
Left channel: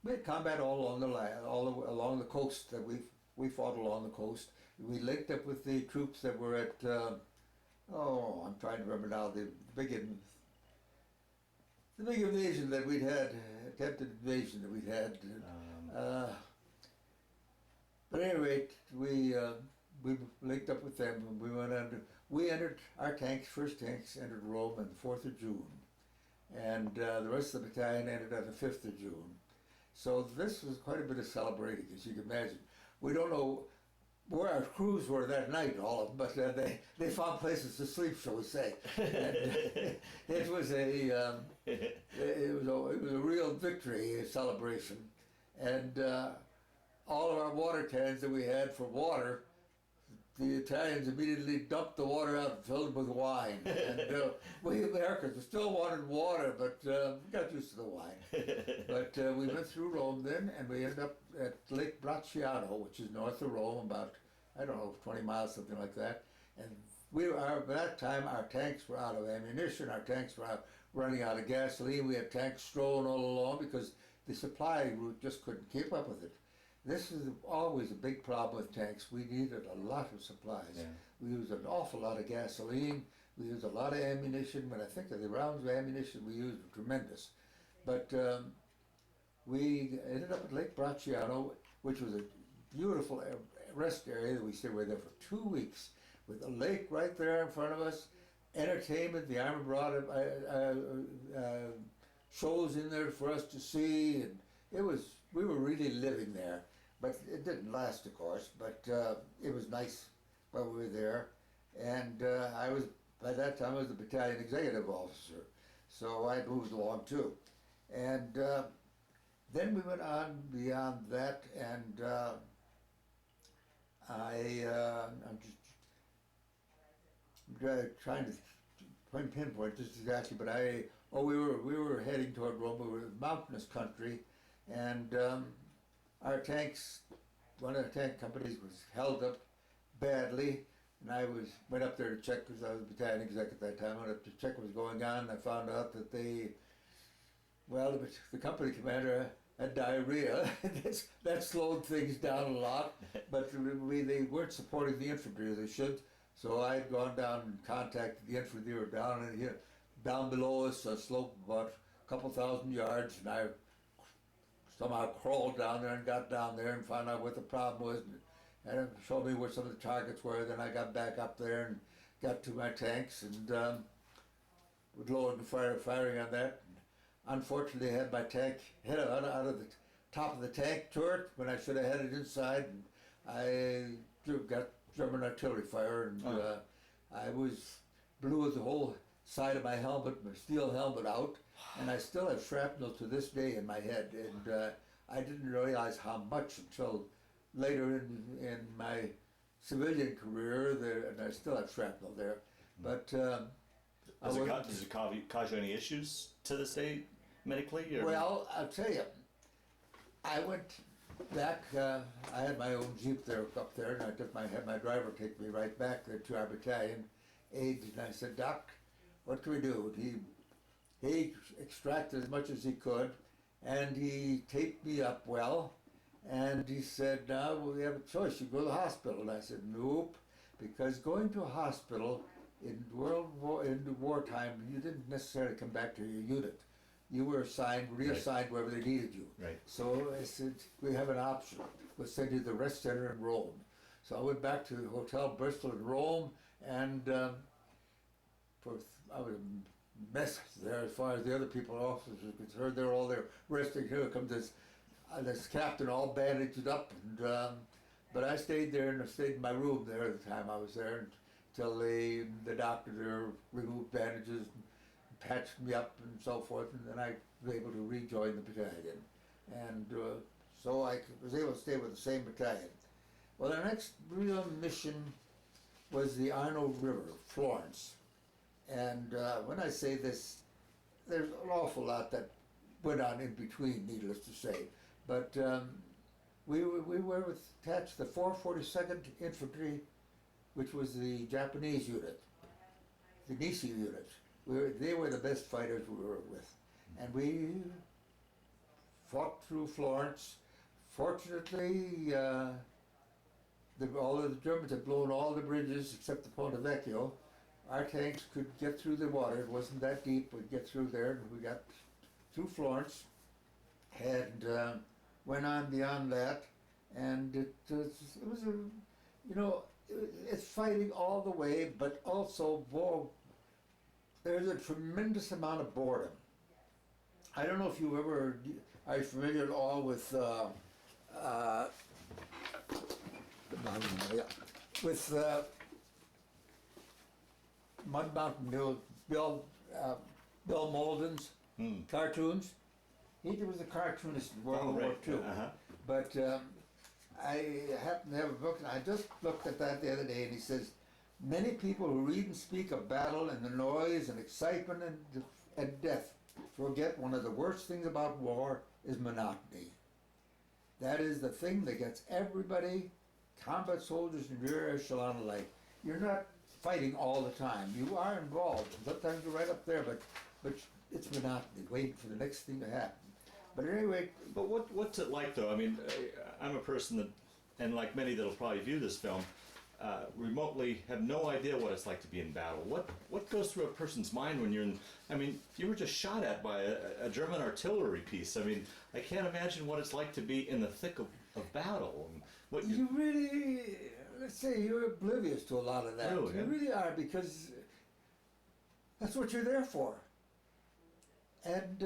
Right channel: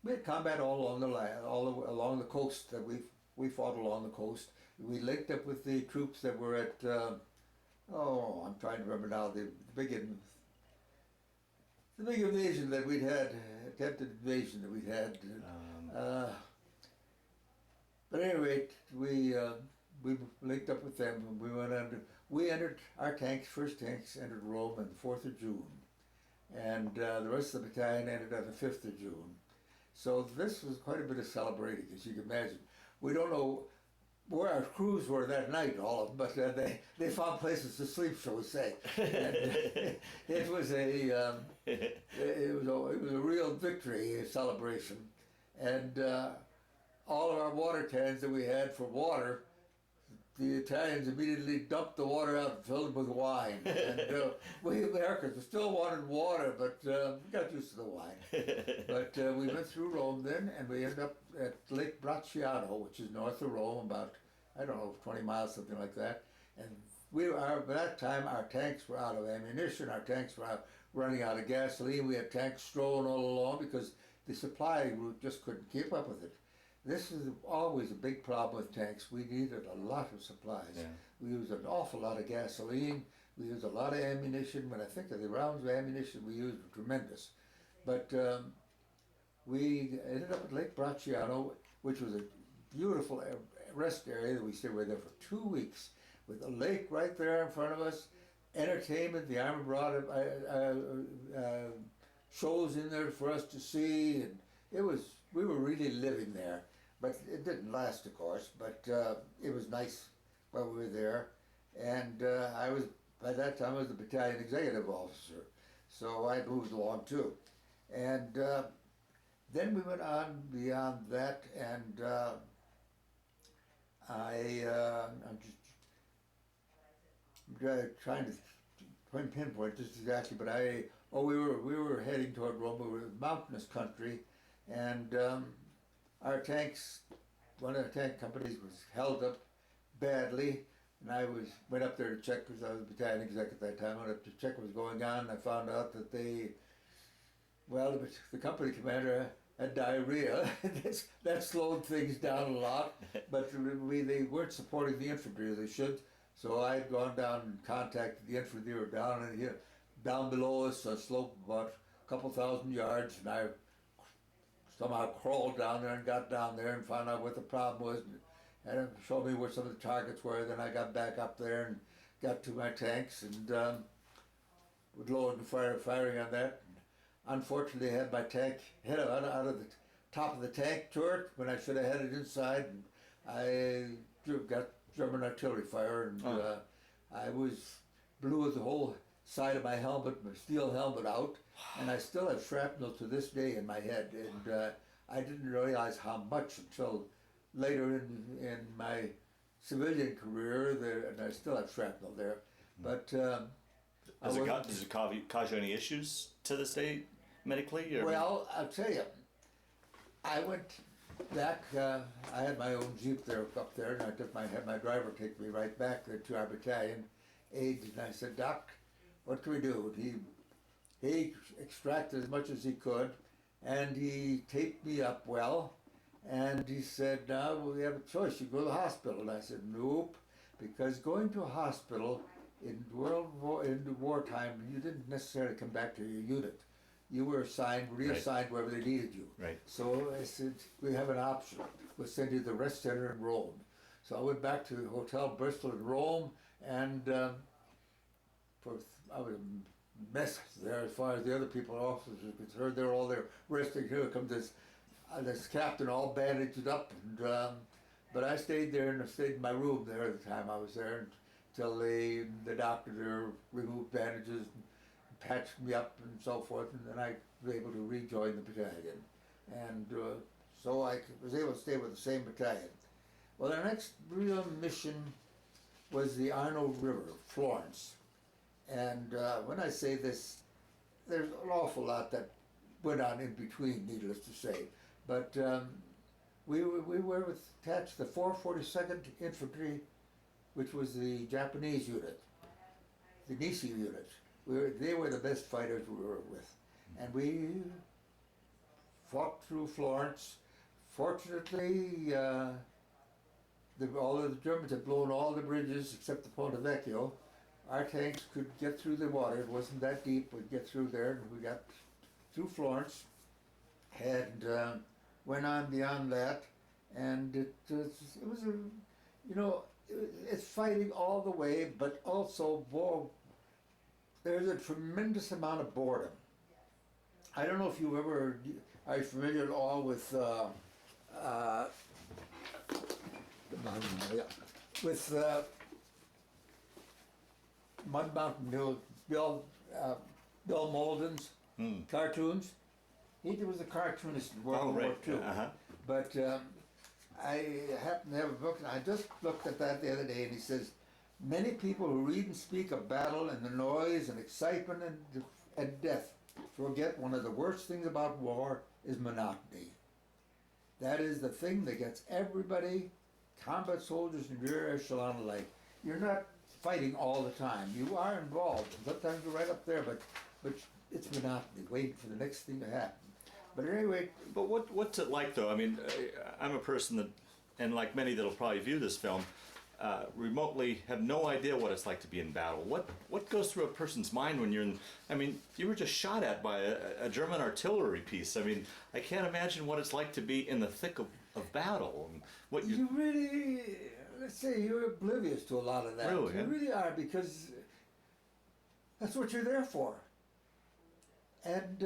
had combat all along the land, along the coast. That we fought along the coast. We linked up with the troops that were at I'm trying to remember now, the big invasion that we'd had, attempted invasion that we'd had. But at any rate, we linked up with them, and we entered our tanks, first tanks entered Rome on the 4th of June, and the rest of the battalion entered on the 5th of June. So this was quite a bit of celebrating, as you can imagine. We don't know where our crews were that night, all of them, but they found places to sleep, shall we say. And it was a real victory, a celebration, and all of our water cans that we had for water, the Italians immediately dumped the water out and filled it with wine. And we Americans still wanted water, but we got used to the wine. But we went through Rome then, and we ended up at Lake Bracciano, which is north of Rome, about, 20 miles, something like that. And by that time, our tanks were out of ammunition, our tanks were running out of gasoline. We had tanks strolling all along because the supply route just couldn't keep up with it. This is always a big problem with tanks. We needed a lot of supplies. Yeah. We used an awful lot of gasoline. We used a lot of ammunition. When I think of the rounds of ammunition we used were tremendous. But we ended up at Lake Bracciano, which was a beautiful rest area that we stayed there for 2 weeks, with the lake right there in front of us, entertainment. The Army brought shows in there for us to see, and we were really living there. But it didn't last, of course, but it was nice while we were there. And by that time I was the battalion executive officer, so I moved along too. And then we went on beyond that, and I'm just trying to pinpoint this exactly, but we were heading toward Rome. We were in mountainous country, and our tanks, one of the tank companies was held up badly, and I went up there to check, because I was the battalion exec at that time. I went up to check what was going on, and I found out that the company commander had diarrhea. That slowed things down a lot, but they weren't supporting the infantry as they should. So I had gone down and contacted the infantry. They were down below us, a slope about a couple thousand yards, and I somehow crawled down there and got down there and found out what the problem was, and it showed me where some of the targets were. Then I got back up there and got to my tanks, and with loading and firing on that. And unfortunately, I had my tank hit out of the top of the tank turret when I should have had it inside, and I got German artillery fire, and I blew the whole side of my helmet, my steel helmet out, and I still have shrapnel to this day in my head, and I didn't realize how much until later in my civilian career, and I still have shrapnel there. But does it cause you any issues to this day, medically? Or? Well, I'll tell you, I went back, I had my own Jeep there up there, and I had my driver take me right back there to our battalion aide, and I said, "Doc, what can we do?" And he extracted as much as he could, and he taped me up well, and he said, "Now we have a choice, you go to the hospital." And I said, "Nope," because going to a hospital in wartime, you didn't necessarily come back to your unit. You were reassigned wherever they needed you. Right. So I said, "We have an option. We'll send you to the rest center in Rome." So I went back to Hotel Bristol in Rome, and I was a mess there as far as the other people, officers were concerned. They were all there resting. Here comes this this captain all bandaged up, and but I stayed there and I stayed in my room there the time I was there until the doctor there removed bandages, and patched me up and so forth, and then I was able to rejoin the battalion, and so I was able to stay with the same battalion. Well, the next real mission was the Arno River, Florence, and when I say this, there's an awful lot that went on in between, needless to say, but we were attached to the 442nd Infantry, which was the Japanese unit, the Nisi unit. They were the best fighters we were with, and we fought through Florence. Fortunately, all of the Germans had blown all the bridges except the Ponte Vecchio. Our tanks could get through the water. It wasn't that deep. We'd get through there, and we got through Florence, and went on beyond that. And it was a, you know, it's fighting all the way, but also, whoa, there's a tremendous amount of boredom. I don't know if you ever are familiar at all with Mud Mountain Bill Malden's cartoons. He was a cartoonist in World War II. But I happen to have a book, and I just looked at that the other day, and he says, many people who read and speak of battle and the noise and excitement and death forget one of the worst things about war is monotony. That is the thing that gets everybody, combat soldiers and rear echelon alike. You're not fighting all the time. You are involved. Sometimes you're right up there, but it's monotony, waiting for the next thing to happen. But anyway. But what's it like, though? I mean, I'm a person that, and like many that'll probably view this film, remotely have no idea what it's like to be in battle. What goes through a person's mind when you're in? I mean, you were just shot at by a German artillery piece. I mean, I can't imagine what it's like to be in the thick of battle. And what you really, let's say, you're oblivious to a lot of that. Really, you really are, because that's what you're there for. And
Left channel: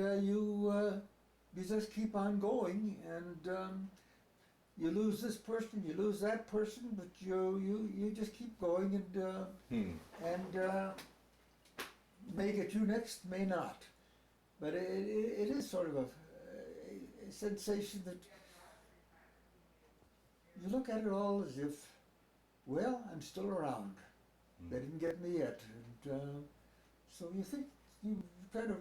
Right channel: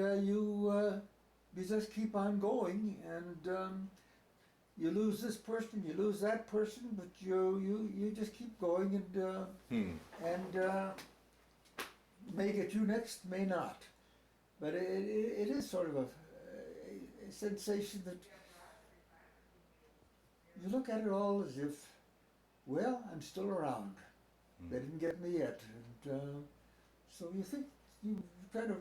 you just keep on going, and you lose this person, you lose that person, but you just keep going, and may get you next, may not. But it is sort of a sensation that you look at it all as if, well, I'm still around. They didn't get me yet, and so you think you kind of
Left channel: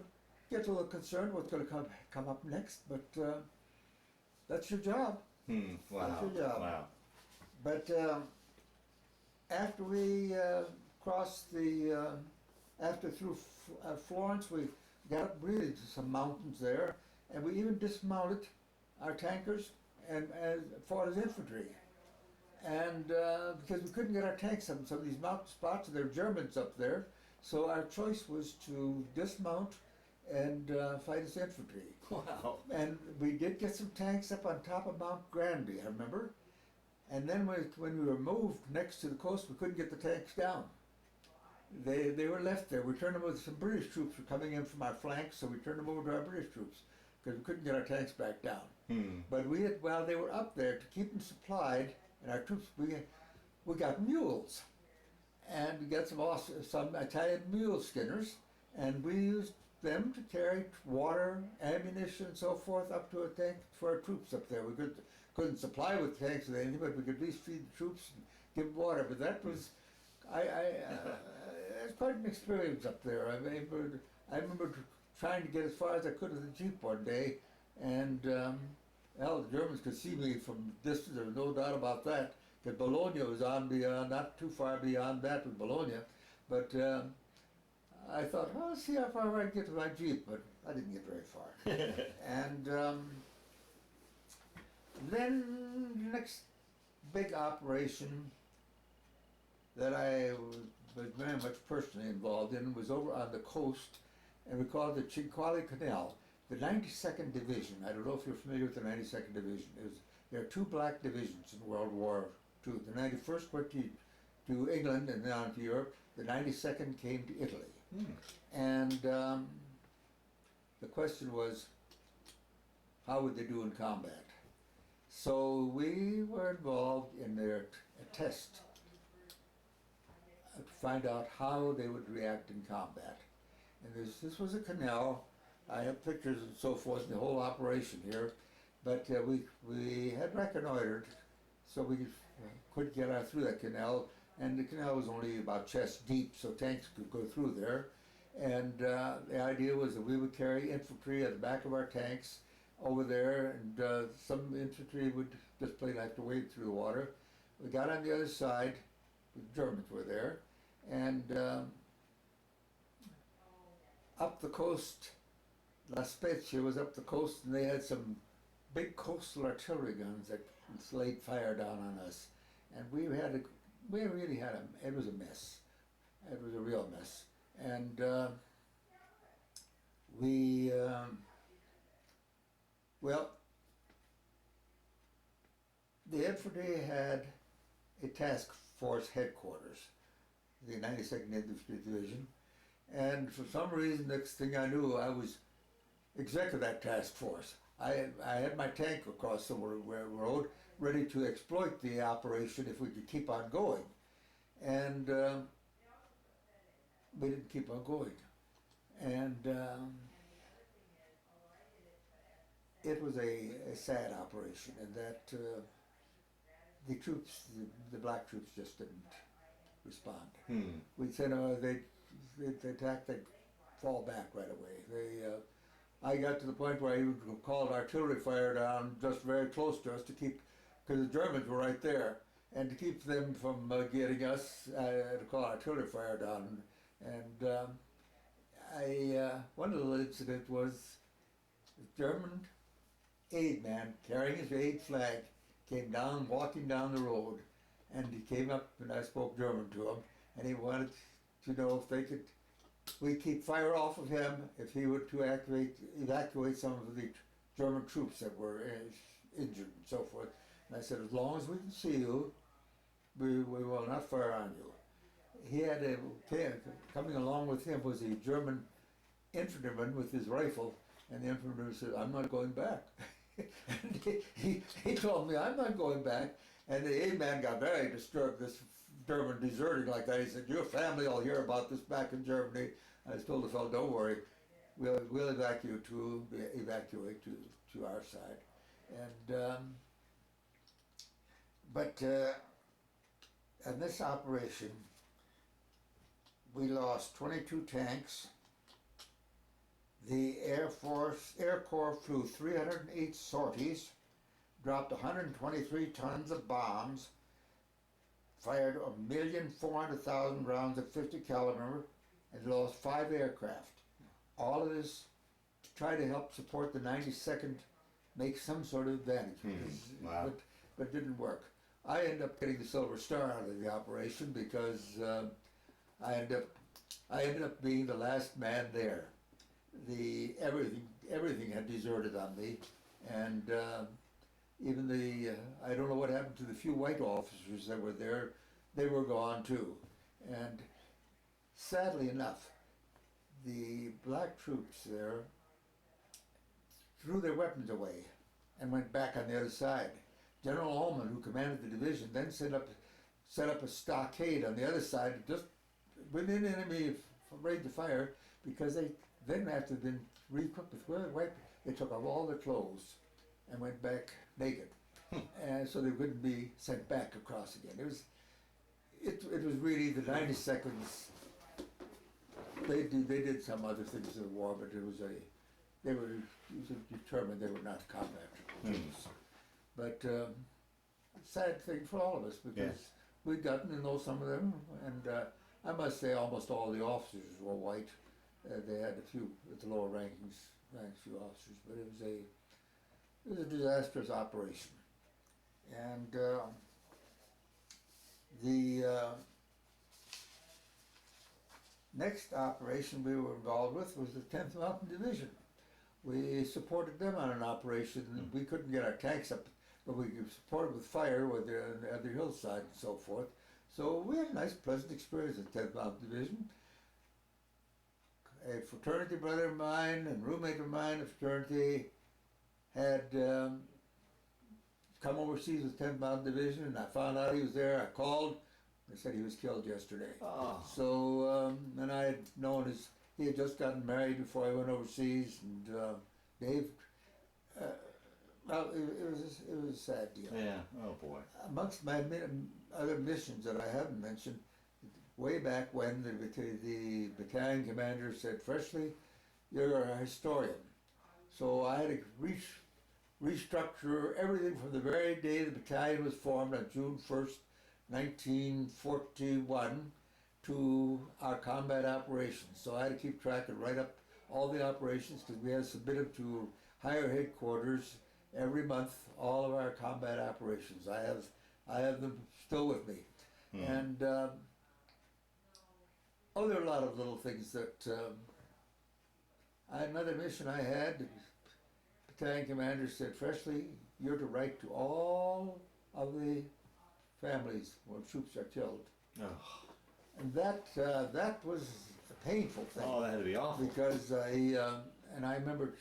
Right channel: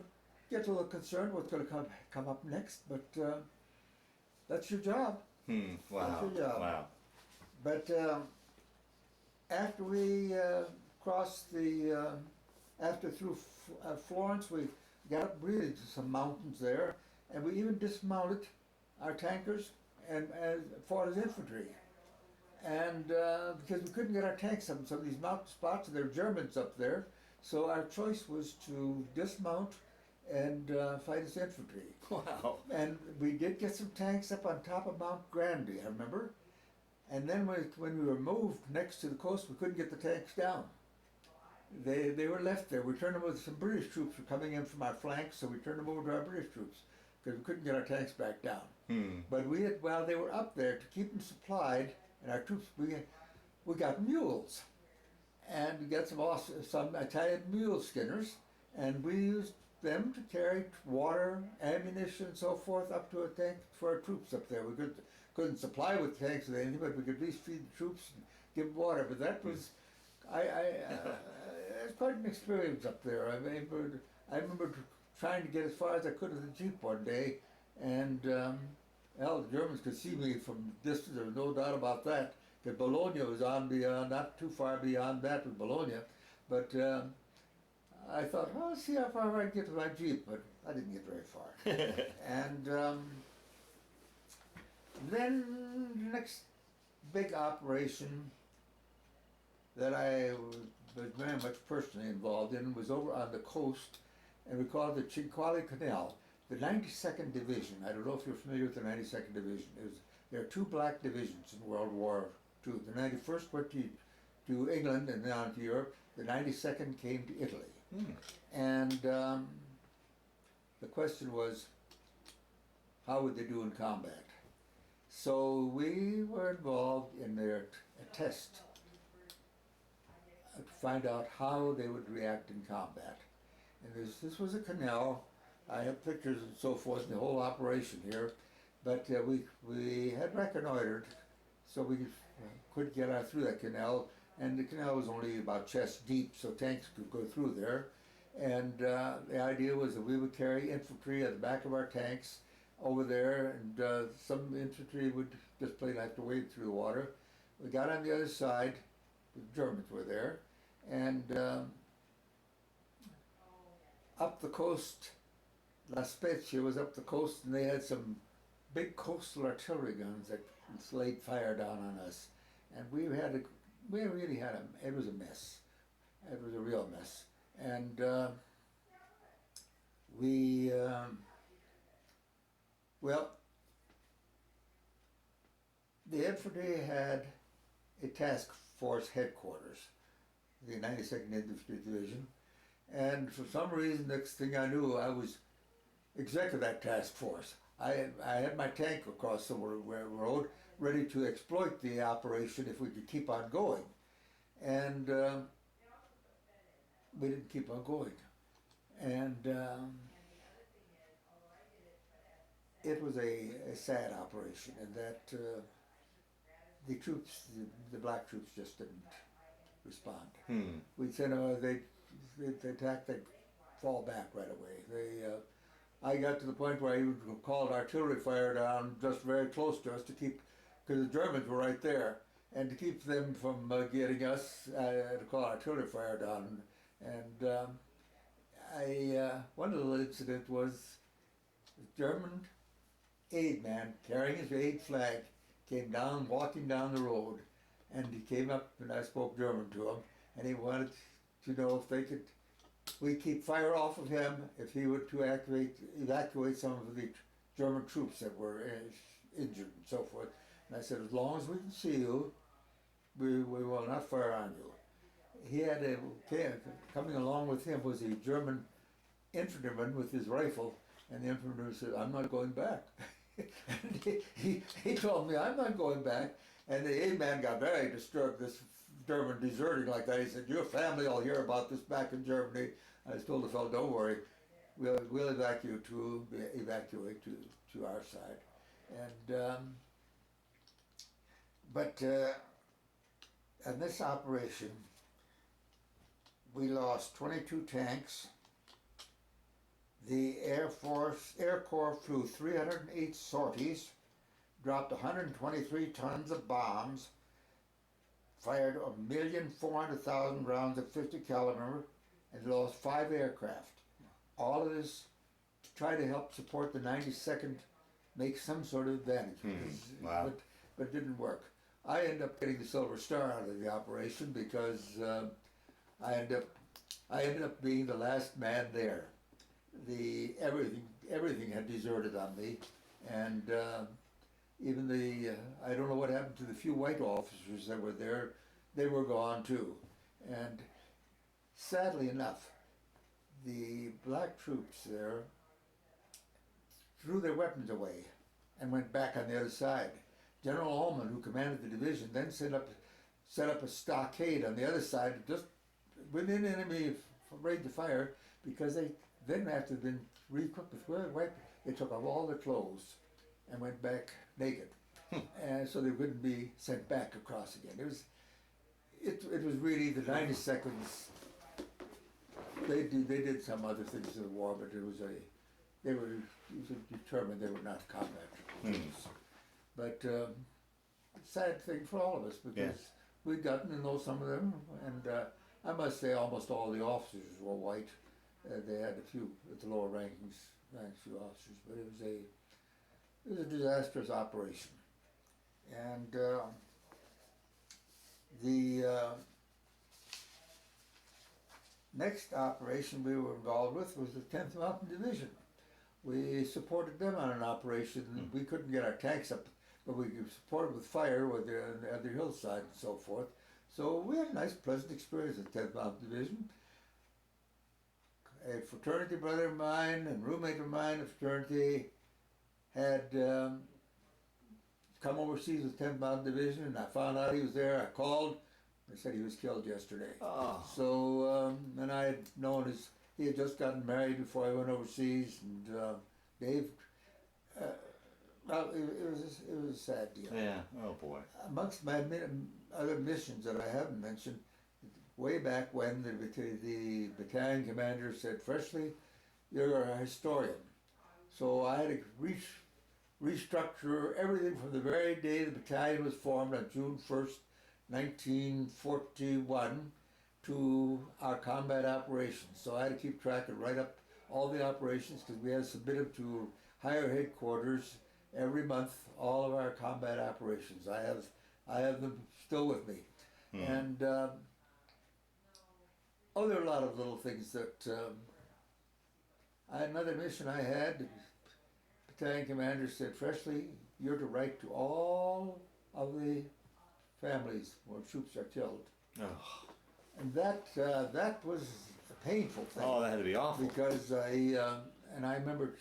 get a little concerned what's going to come up next, but that's your job. Wow. That's your job. Wow. But after we crossed after through Florence, we got up really to some mountains there, and we even dismounted our tankers and fought as infantry. And because we couldn't get our tanks up in some of these mountain spots, and there were Germans up there, so our choice was to dismount and fight as infantry. Wow. And we did get some tanks up on top of Mount Granby, I remember. And then when we were moved next to the coast, we couldn't get the tanks down. They were left there. We turned them over. Some British troops were coming in from our flanks, so we turned them over to our British troops because we couldn't get our tanks back down. But while they were up there, to keep them supplied, and our troops, we got mules. And we got some Italian mule skinners, and we used them to carry water, ammunition, and so forth up to a tank for our troops up there. We couldn't supply with tanks with anything, but we could at least feed the troops and give them water. But that was, it was quite an experience up there. I remember trying to get as far as I could with the Jeep one day, and well, the Germans could see me from distance. There was no doubt about that. Because Bologna was on beyond, not too far beyond that with Bologna, but. I thought, well, let's see how far I can get with my Jeep, but I didn't get very far. And then the next big operation that I was very much personally involved in was over on the coast, and we called it the Cinquale Canal, the 92nd Division. I don't know if you're familiar with the 92nd Division. There are two black divisions in World War II. The 91st went to England and then on to Europe. The 92nd came to Italy. And the question was, how would they do in combat? So we were involved in their test to find out how they would react in combat. And this was a canal. I have pictures and so forth in the whole operation here, but we had reconnoitered, so we could get out through that canal, and the canal was only about chest deep, so tanks could go through there. And the idea was that we would carry infantry at the back of our tanks over there, and some infantry would just plain have to wade through the water. We got on the other side, the Germans were there, and up the coast, La Spezia was up the coast, and they had some big coastal artillery guns that laid fire down on us, and we really had it was a mess. It was a real mess, and well, the infantry had a task force headquarters, the 92nd Infantry Division, and for some reason, next thing I knew, I was exec of that task force. I had my tank across the road, ready to exploit the operation if we could keep on going, and we didn't keep on going, and it was a sad operation, and that the troops, the black troops, just didn't respond. We'd send they'd attack, they'd fall back right away. I got to the point where I even called artillery fire down just very close to us to keep, because the Germans were right there, and to keep them from getting us, I had to call artillery fire down. And one little incident was the German aid man carrying his aid flag came down, walking down the road, and he came up and I spoke German to him, and he wanted to know if we'd keep fire off of him if he were to evacuate some of the German troops that were injured and so forth. And I said, as long as we can see you, we will not fire on you. He had coming along with him was a German infantryman with his rifle, and the infantryman said, I'm not going back. And he told me, I'm not going back. And the aid man got very disturbed, this German deserting like that. He said, your family will hear about this back in Germany. I told the fellow, don't worry, we'll evacuate to our side. And but in this operation, we lost 22 tanks. The Air Corps flew 308 sorties, dropped 123 tons of bombs, fired 1,400,000 rounds of 50 caliber, and lost 5 aircraft. All of this to try to help support the 92nd make some sort of advantage. Wow. But it didn't work. I ended up getting the Silver Star out of the operation because I ended up being the last man there. Everything had deserted on me, and even I don't know what happened to the few white officers that were there. They were gone too, and sadly enough, the black troops there threw their weapons away and went back on the other side. General Ullman, who commanded the division, then set up a stockade on the other side, just within enemy range of fire, because they then, after they'd been re-equipped with weapons, they took off all their clothes and went back naked, and so they wouldn't be sent back across again. It was really the 92nds. They did some other things in the war, but they were determined they were not combat troops. But sad thing for all of us, because we'd gotten to know some of them, and I must say almost all the officers were white. They had a few at the lower ranks, few officers, but it was a disastrous operation. And the next operation we were involved with was the 10th Mountain Division. We supported them on an operation. We couldn't get our tanks up, but we could support with fire with the hillside and so forth. So we had a nice, pleasant experience at 10th Mountain Division. A fraternity brother of mine and roommate of mine, a fraternity, had come overseas with 10th Mountain Division, and I found out he was there. I called. They said he was killed yesterday. Oh. So, and I had known he had just gotten married before I went overseas, and Dave. Well, it was a sad deal. Yeah. Oh boy. Amongst my other missions that I haven't mentioned, way back when the battalion commander said, "Froeschle, you're a historian." So I had to restructure everything from the very day the battalion was formed on June 1st, 1941, to our combat operations. So I had to keep track and write up all the operations because we had to submit them to higher headquarters every month, all of our combat operations. I have them still with me. And there are a lot of little things that another mission I had, the battalion commander said, "Froeschle, you're to write to all of the families where troops are killed." Oh. And that was a painful thing. Oh, that had to be awful. Because and I remember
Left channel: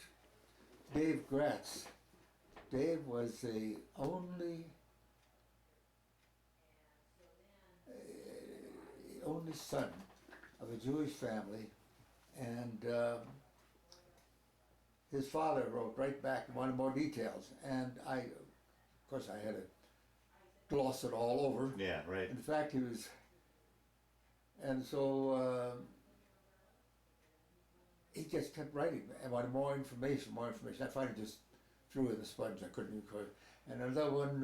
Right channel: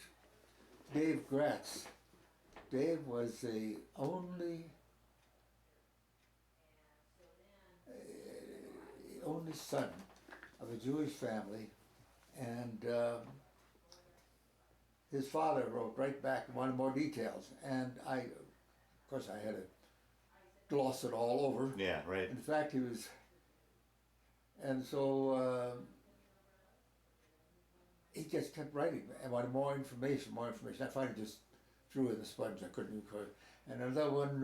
Dave Gratz. Dave was the only son of a Jewish family, and his father wrote right back and wanted more details, and of course I had to gloss it all over. Yeah, right. In fact, and so he just kept writing and wanted more information. I finally just threw in the sponge. I couldn't record. And another one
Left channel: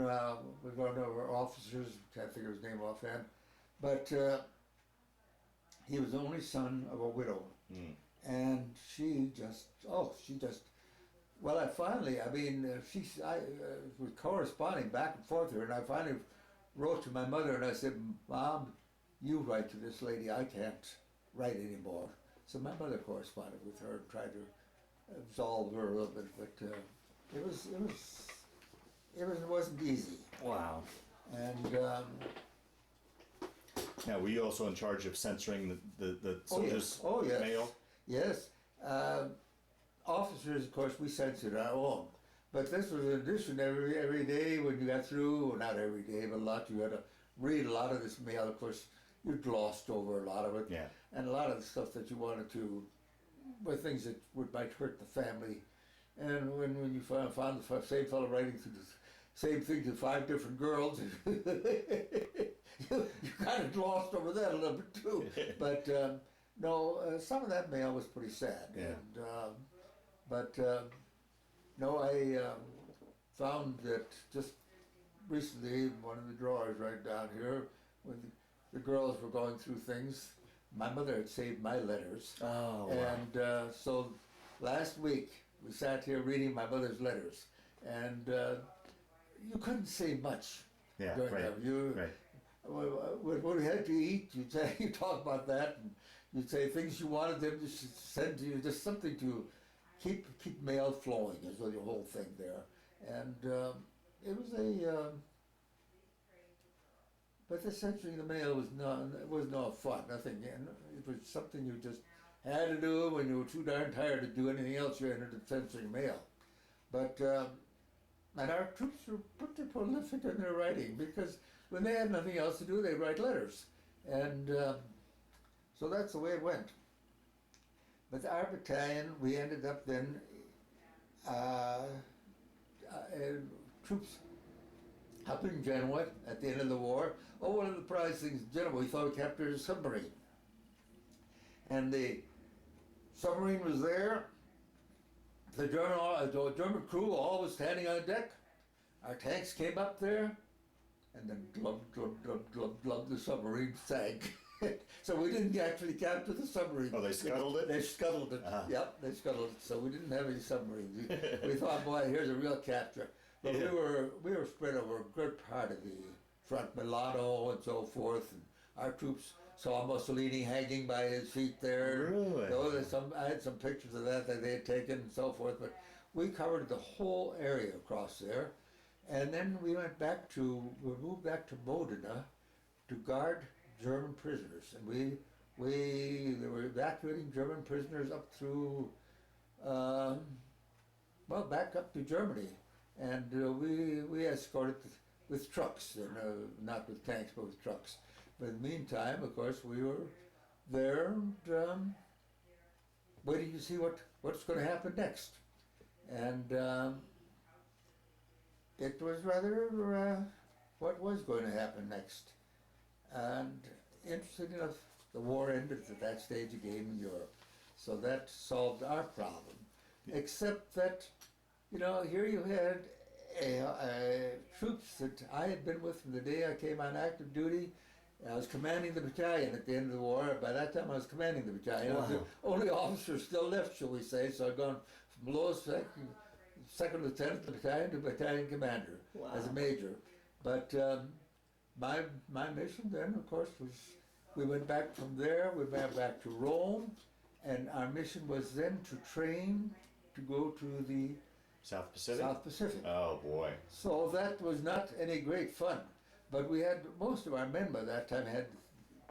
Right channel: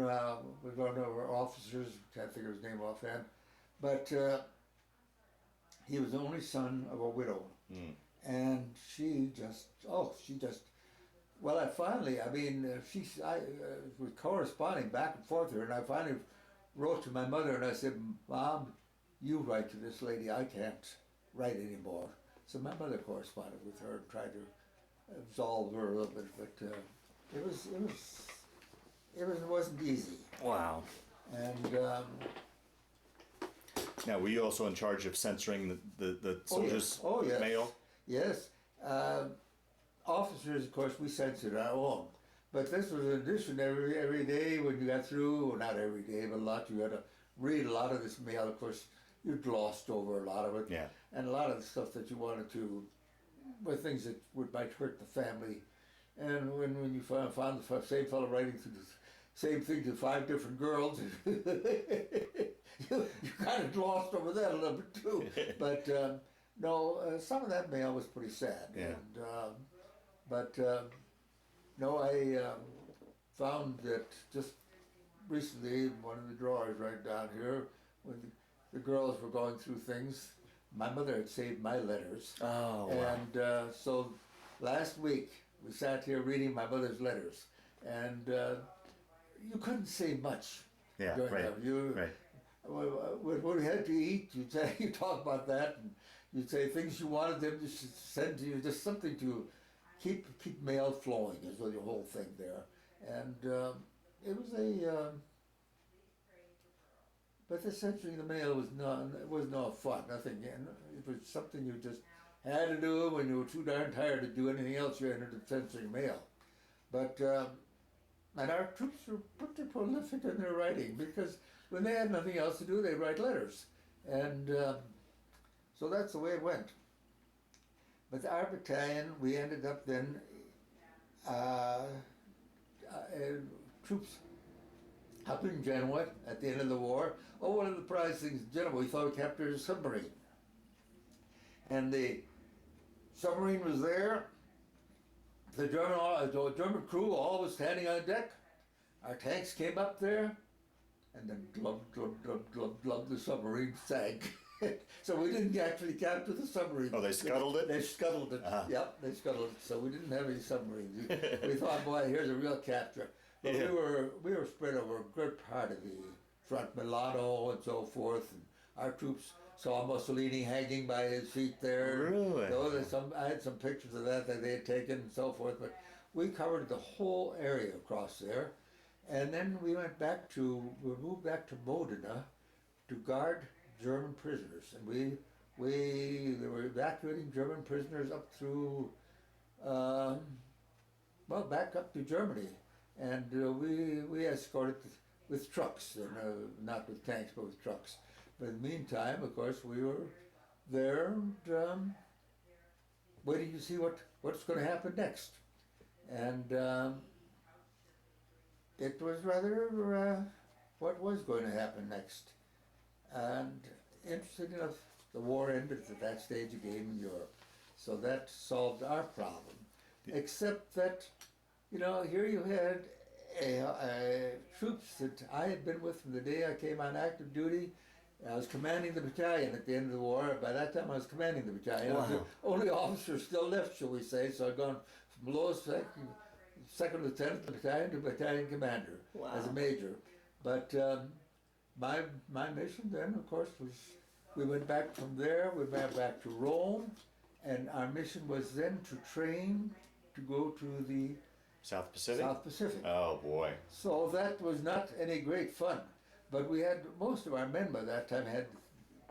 was one of our officers, can't think of his name offhand, but he was the only son of a widow. And she just, well, I was corresponding back and forth with her, and I finally wrote to my mother and I said, "Mom, you write to this lady, I can't write anymore." So my mother corresponded with her and tried to absolve her a little bit, but it wasn't easy. Wow. And now, were you also in charge of censoring the soldiers' yes. mail? Yes. Officers, of course, we censored our own. But this was an addition every day when you got through, well, not every day, but a lot, you had to read a lot of this mail. Of course, you glossed over a lot of it. Yeah. And a lot of the stuff that you wanted to, were things that might hurt the family. And when you found the same fellow writing through the same thing to 5 different girls, you kind of glossed over that a little bit too. But no, some of that mail was pretty sad. Yeah. And, I found that just recently, in one of the drawers right down here, when the girls were going through things, my mother had saved my letters. Oh, wow. And so last week, we sat here reading my mother's letters, and you couldn't say much. Yeah, during right. them. Right. When we had to eat, you talk about that, and you'd say things you wanted them to send to you, just something to keep mail flowing is the whole thing there. And it was but the censoring the mail was no fun, nothing. It was something you just had to do when you were too darn tired to do anything else. You ended up censoring mail. But and our troops were pretty prolific in their writing, because when they had nothing else to do, they'd write letters. And so that's the way it went. But our battalion, we ended up then, troops up in Genoa at the end of the war. Oh, one of the prize things in Genoa, we thought we captured a submarine. And the submarine was there. The German crew all was standing on deck. Our tanks came up there, and then glub, glub, glub, glub, glub, the submarine sank. So we didn't actually capture the submarine. Oh, they scuttled it? They scuttled it. Uh-huh. Yep, they scuttled it. So we didn't have any submarines. We thought, boy, here's a real capture. But Yeah. we were spread over a good part of the front, Milano and so forth. And our troops saw Mussolini hanging by his feet there. Really? I had some pictures of that they had taken and so forth. But we covered the whole area across there. And then we moved back to Modena to guard German prisoners, and they were evacuating German prisoners up through, back up to Germany, and we escorted with trucks, and not with tanks, but with trucks. But in the meantime, of course, we were there and waiting to see what's going to happen next. And it was rather what was going to happen next. And interesting enough, the war ended at that stage of game in Europe. So that solved our problem. Except that, you know, here you had troops that I had been with from the day I came on active duty. I was commanding the battalion at the end of the war. By that time, I was commanding the battalion. Wow. I was the only officer still left, shall we say. So I'd gone from lowest second lieutenant of the battalion to battalion commander as a major. But my mission then, of course, was we went back from there. We went back to Rome, and our mission was then to train to go to the South Pacific? South Pacific. Oh boy. So that was not any great fun. But we had, most of our men by that time had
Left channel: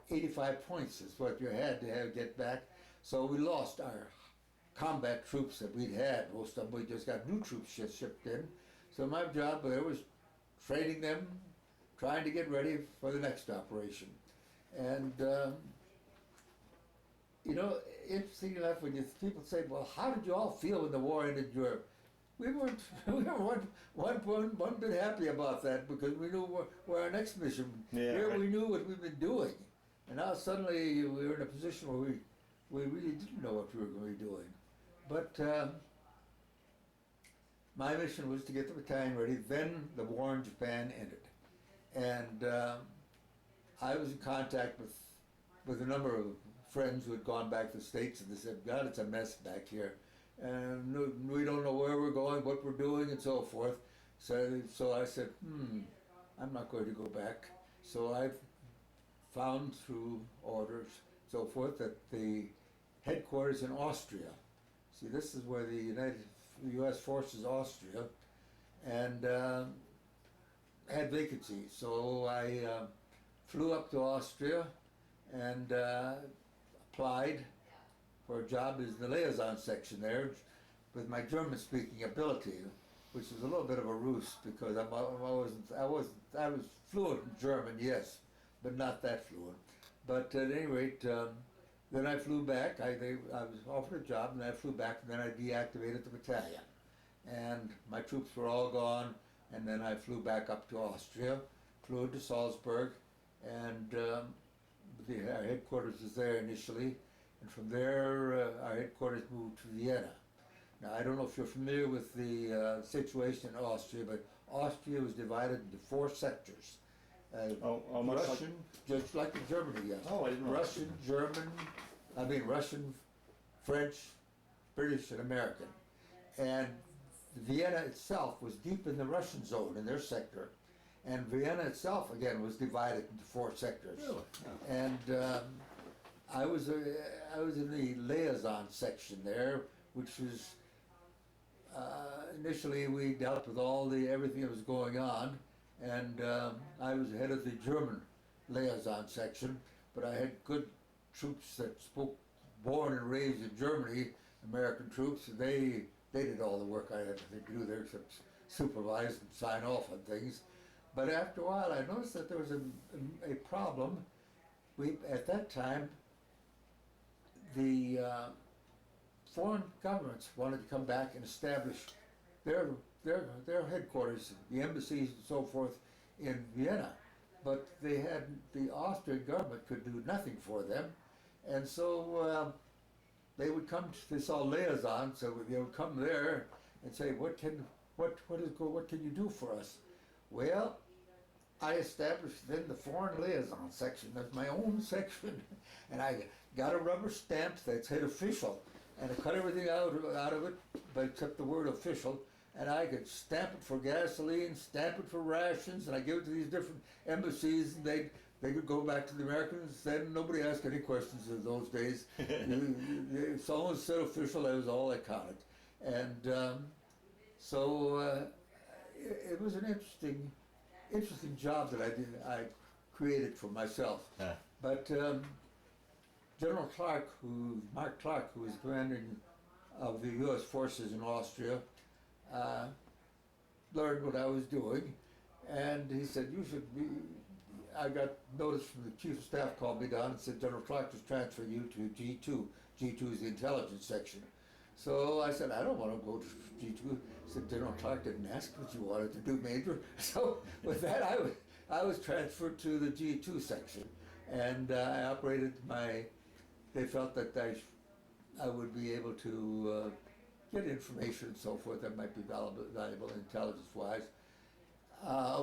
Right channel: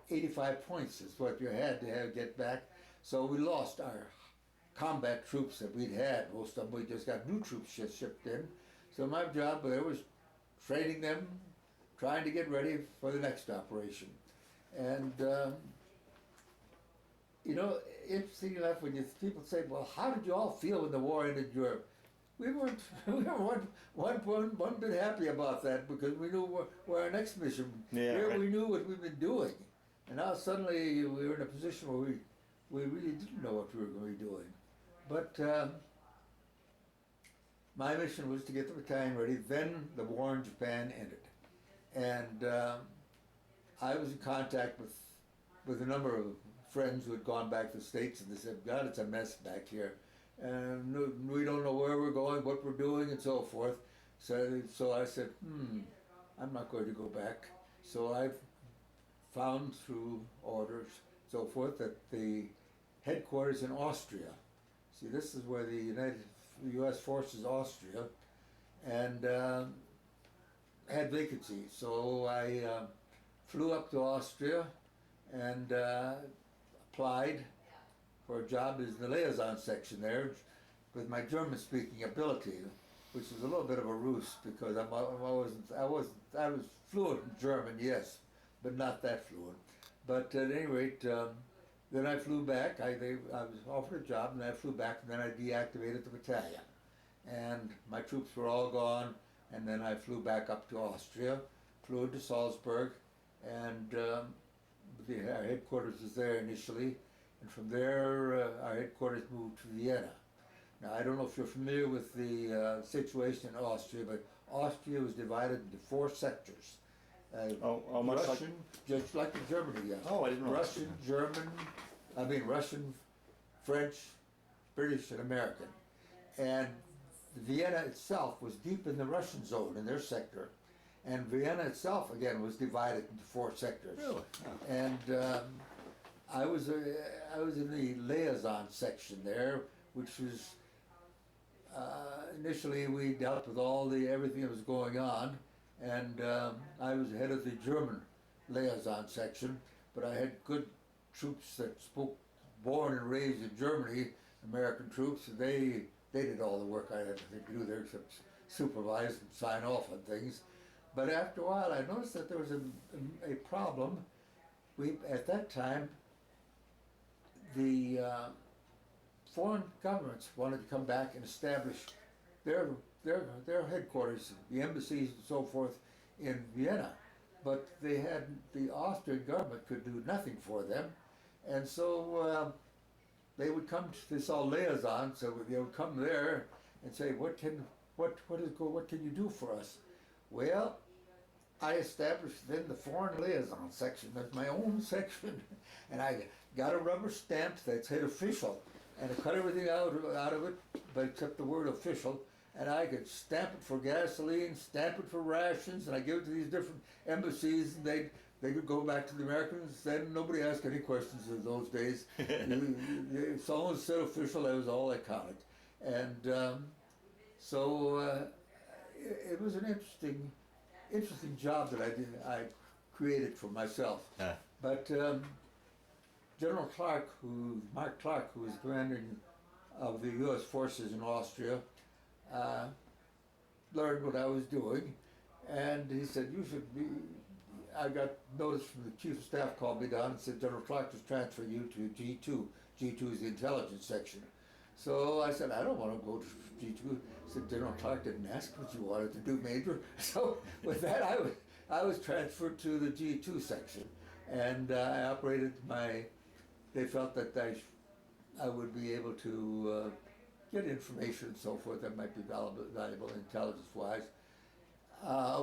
85 points is what you had to have get back. So we lost our combat troops that we'd had. Most of them, we just got new troops shipped in. So my job there was training them, trying to get ready for the next operation. And, you know, interesting enough, when people say, well, how did you all feel when the war ended in Europe? We weren't one bit happy about that, because we knew where our next mission. Yeah, Here right. we knew what we've been doing, and now suddenly we were in a position where we really didn't know what we were going to be doing. But my mission was to get the battalion ready. Then the war in Japan ended, and I was in contact with a number of friends who had gone back to the States, and they said, "God, it's a mess back here. And we don't know where we're going, what we're doing, and so forth." So I said, I'm not going to go back. So I found through orders, so forth, that the headquarters in Austria, see, this is where the U.S. forces Austria, and had vacancies. So I flew up to Austria and applied for a job as the liaison section there with my German-speaking ability, which was a little bit of a ruse, because I was fluent in German, yes, but not that fluent. But at any rate, then I flew back. I was offered a job, and I flew back, and then I deactivated the battalion. And my troops were all gone, and then I flew back up to Austria, flew into Salzburg, and our headquarters was there initially. And from there, our headquarters moved to Vienna. Now, I don't know if you're familiar with the situation in Austria, but Austria was divided into 4 sectors. Much Russian, just like in Germany, yes. Oh, I didn't know. Russian, French, British, and American. And Vienna itself was deep in the Russian zone, in their sector. And Vienna itself, again, was divided into 4 sectors. Really? Oh. And I was in the liaison section there, which was initially we dealt with everything that was going on, and I was head of the German liaison section, but I had good troops that spoke, born and raised in Germany, American troops. They did all the work I had to do there, except supervise and sign off on things. But after a while, I noticed that there was a problem. At that time, the foreign governments wanted to come back and establish their headquarters, the embassies and so forth, in Vienna, but the Austrian government could do nothing for them, and so they would come to this all liaison. So they would come there and say, what can you do for us? Well, I established then the foreign liaison section as my own section, and I got a rubber stamp that said official, and I cut everything out of it, but except the word official, and I could stamp it for gasoline, stamp it for rations, and I give it to these different embassies, and they could go back to the Americans. Then nobody asked any questions in those days. If someone said official, that was all that counted. And so it was an interesting job that I created for myself. But General Mark Clark, who was commander of the U.S. forces in Austria, learned what I was doing, and he said, you should be, I got notice from the chief of staff called me down and said, General Clark has transferred you to G2. G2 is the intelligence section. So I said, I don't want to go to G2. He said, General Clark didn't ask what you wanted to do, Major. So with that, I was transferred to the G2 section, and I operated they felt that I would be able to get information and so forth that might be valuable intelligence-wise.